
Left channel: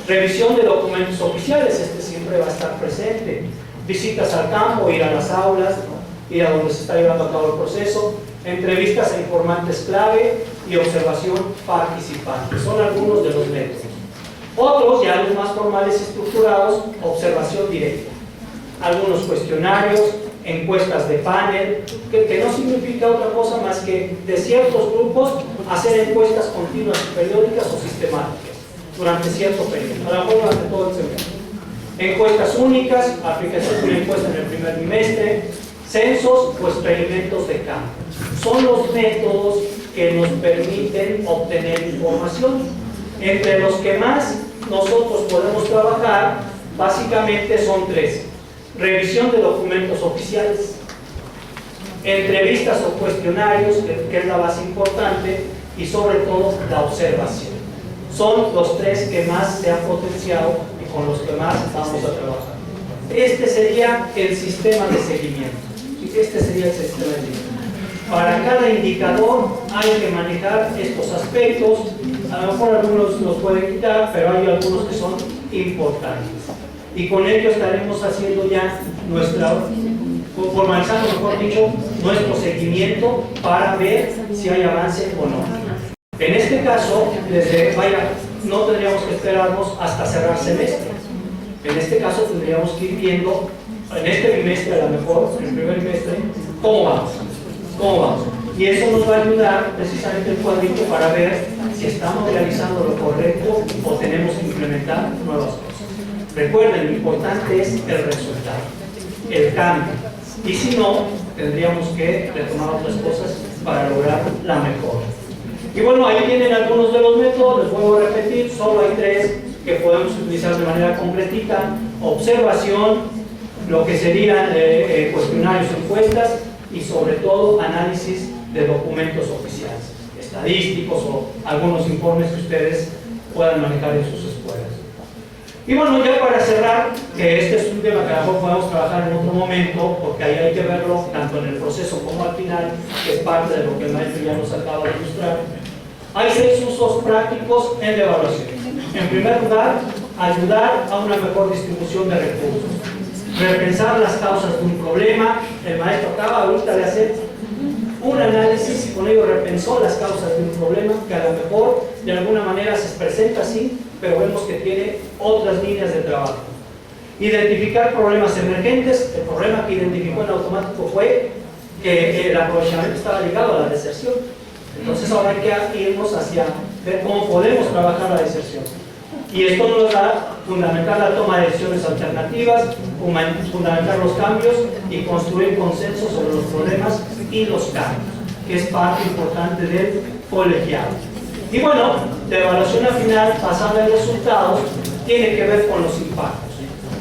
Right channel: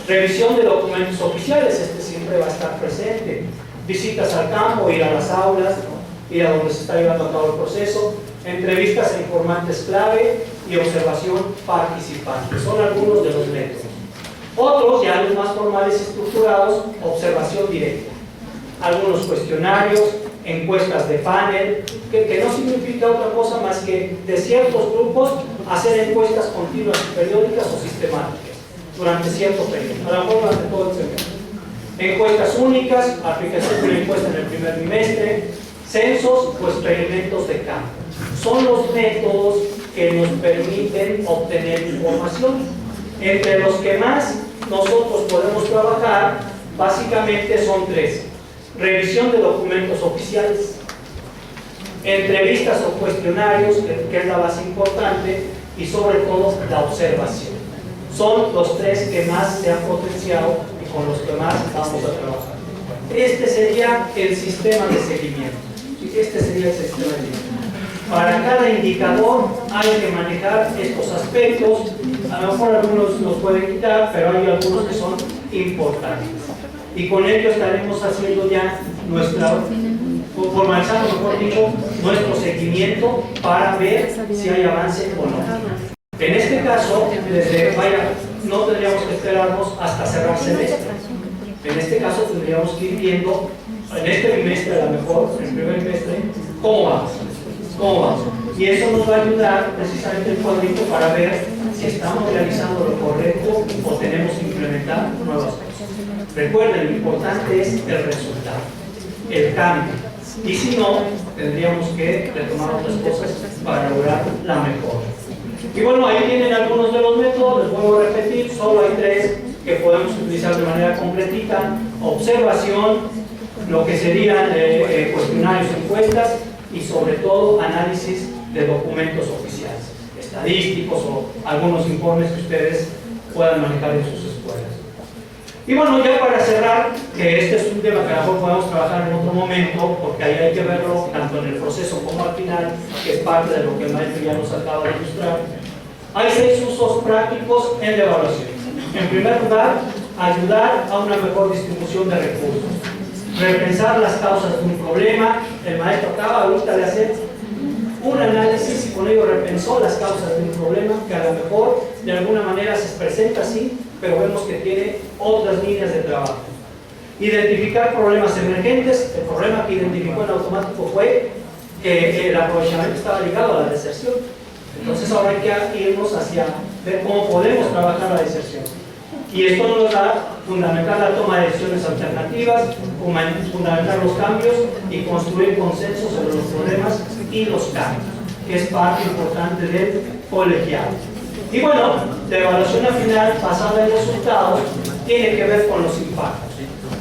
Revisión de documentos oficiales, este siempre va a estar presente. Visitas al campo, ir a las aulas, ir a donde se está llevando a cabo el proceso. Entrevistas a informantes clave y observación participante. Son algunos de los métodos. Otros, ya los más formales y estructurados, observación directa. Algunos cuestionarios, encuestas de panel, que no significa otra cosa más que de ciertos grupos hacer encuestas continuas, periódicas o sistemáticas durante cierto periodo, a lo mejor durante todo el semestre. Encuestas únicas, aplicación de una encuesta en el primer trimestre, censos o experimentos de campo. Son los métodos que nos permiten obtener información. Entre los que más nosotros podemos trabajar, básicamente son tres. Revisión de documentos oficiales, entrevistas o cuestionarios, que es la base importante, y sobre todo la observación. Son los tres que más se han potenciado y con los que más vamos a trabajar. Este sería el sistema de seguimiento. Este sería el sistema de seguimiento. Para cada indicador hay que manejar estos aspectos. A lo mejor algunos los pueden quitar, pero hay algunos que son importantes. Y con ello estaremos haciendo ya formalizando, mejor dicho, nuestro seguimiento para ver si hay avance o no. En este caso, no tendríamos que esperarnos hasta cerrar semestre. En este caso tendríamos que ir viendo, en este trimestre a lo mejor, en el primer trimestre, cómo vamos. Y eso nos va a ayudar precisamente el cuadrito para ver si estamos realizando lo correcto o tenemos que implementar nuevas cosas. Recuerden, lo importante es el resultado, el cambio. Y si no, tendríamos que retomar otras cosas para lograr la mejora. Y bueno, ahí tienen algunos de los métodos, les vuelvo a repetir, solo hay tres que podemos utilizar de manera completita: observación, lo que serían cuestionarios, encuestas, y sobre todo análisis de documentos oficiales, estadísticos o algunos informes que ustedes puedan manejar en sus escuelas. Y bueno, ya para cerrar, que este es un tema que a lo mejor podemos trabajar en otro momento, porque ahí hay que verlo tanto en el proceso como al final, que es parte de lo que el maestro ya nos acaba de ilustrar. Hay 6 usos prácticos en la evaluación. En primer lugar, ayudar a una mejor distribución de recursos. Repensar las causas de un problema. El maestro acaba ahorita de hacer un análisis y con ello repensó las causas de un problema que a lo mejor de alguna manera se presenta así, pero vemos que tiene otras líneas de trabajo. Identificar problemas emergentes. El problema que identificó en automático fue que el aprovechamiento estaba ligado a la deserción. Entonces ahora hay que irnos hacia ver cómo podemos trabajar la deserción. Y esto nos va a fundamentar la toma de decisiones alternativas, fundamentar los cambios y construir consenso sobre los problemas y los cambios, que es parte importante del colegiado. Y bueno, la evaluación al final, basada en resultados, tiene que ver con los impactos.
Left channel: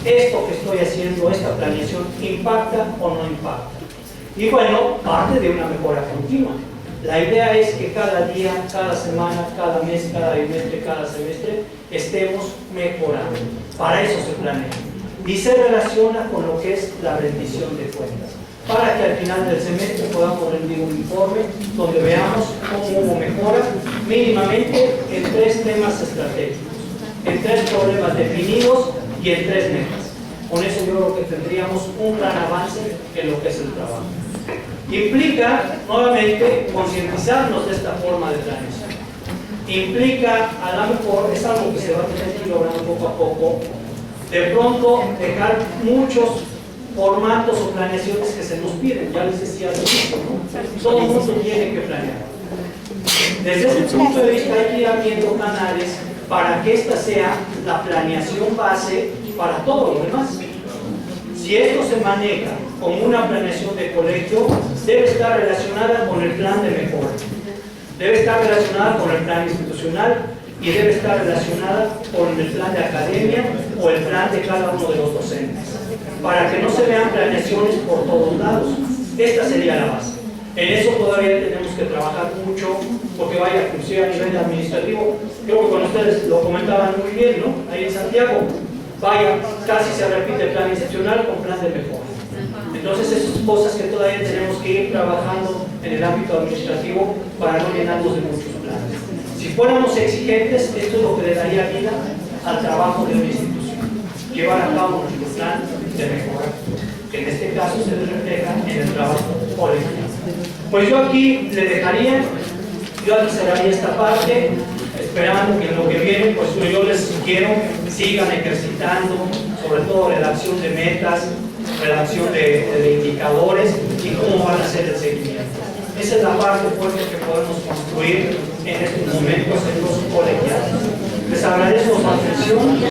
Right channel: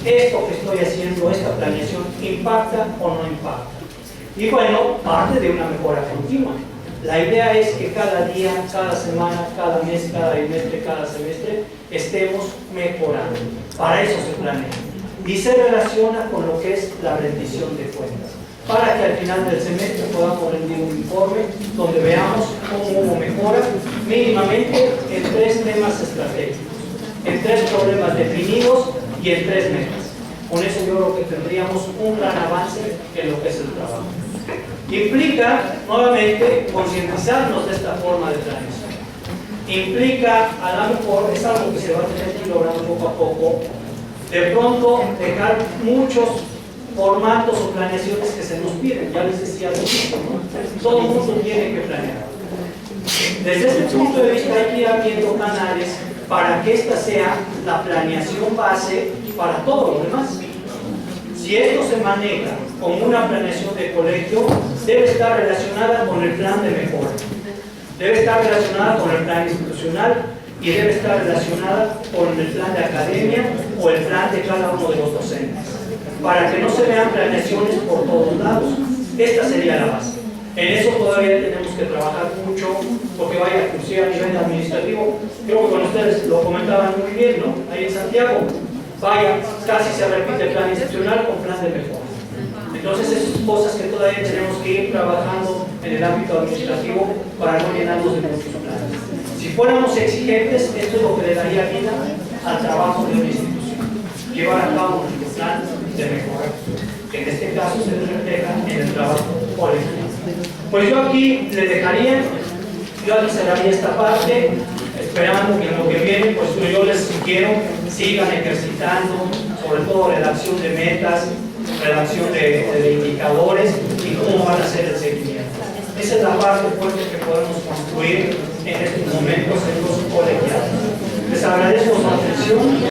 Esto que estoy haciendo, esta planeación, ¿impacta o no impacta? Y bueno, parte de una mejora continua. La idea es que cada día, cada semana, cada mes, cada bimestre, cada semestre estemos mejorando. Para eso se planea. Y se relaciona con lo que es la rendición de cuentas. Para que al final del semestre podamos rendir un informe donde veamos cómo hubo mejora mínimamente en 3 temas estratégicos, en 3 problemas definidos y en 3 metas. Con eso yo creo que tendríamos un gran avance en lo que es el trabajo. Implica, nuevamente, concientizarnos de esta forma de planeación. Implica, a lo mejor, es algo que se va a tener que ir logrando poco a poco, de pronto dejar muchos formatos o planeaciones que se nos piden. Ya les decía al inicio, ¿no? Todo el mundo tiene que planear. Desde ese punto de vista hay que ir abriendo canales para que esta sea la planeación base para todo lo demás. Si esto se maneja como una planeación de colegio, debe estar relacionada con el plan de mejora, debe estar relacionada con el plan institucional y debe estar relacionada con el plan de academia o el plan de cada uno de los docentes, para que no se vean planeaciones por todos lados. Esta sería la base. En eso todavía tenemos que trabajar mucho, porque vaya, inclusive a nivel administrativo, creo que con ustedes lo comentaban muy bien, ¿no? Ahí en Santiago, vaya, casi se repite el plan institucional con plan de mejora. Entonces, esas son cosas que todavía tenemos que ir trabajando en el ámbito administrativo para no llenarnos de muchos planes. Si fuéramos exigentes, esto es lo que le daría vida al trabajo de una institución. Llevar a cabo nuestro plan de mejora, que en este caso se refleja en el trabajo colegial. Pues yo aquí le dejaría, yo aquí cerraría esta parte, esperando que en lo que viene, pues yo les sugiero sigan ejercitando, sobre todo redacción de metas, redacción de indicadores y cómo van a ser el seguimiento. Esa es la parte fuerte que podemos construir en estos momentos en los colegiados. Les agradezco su atención.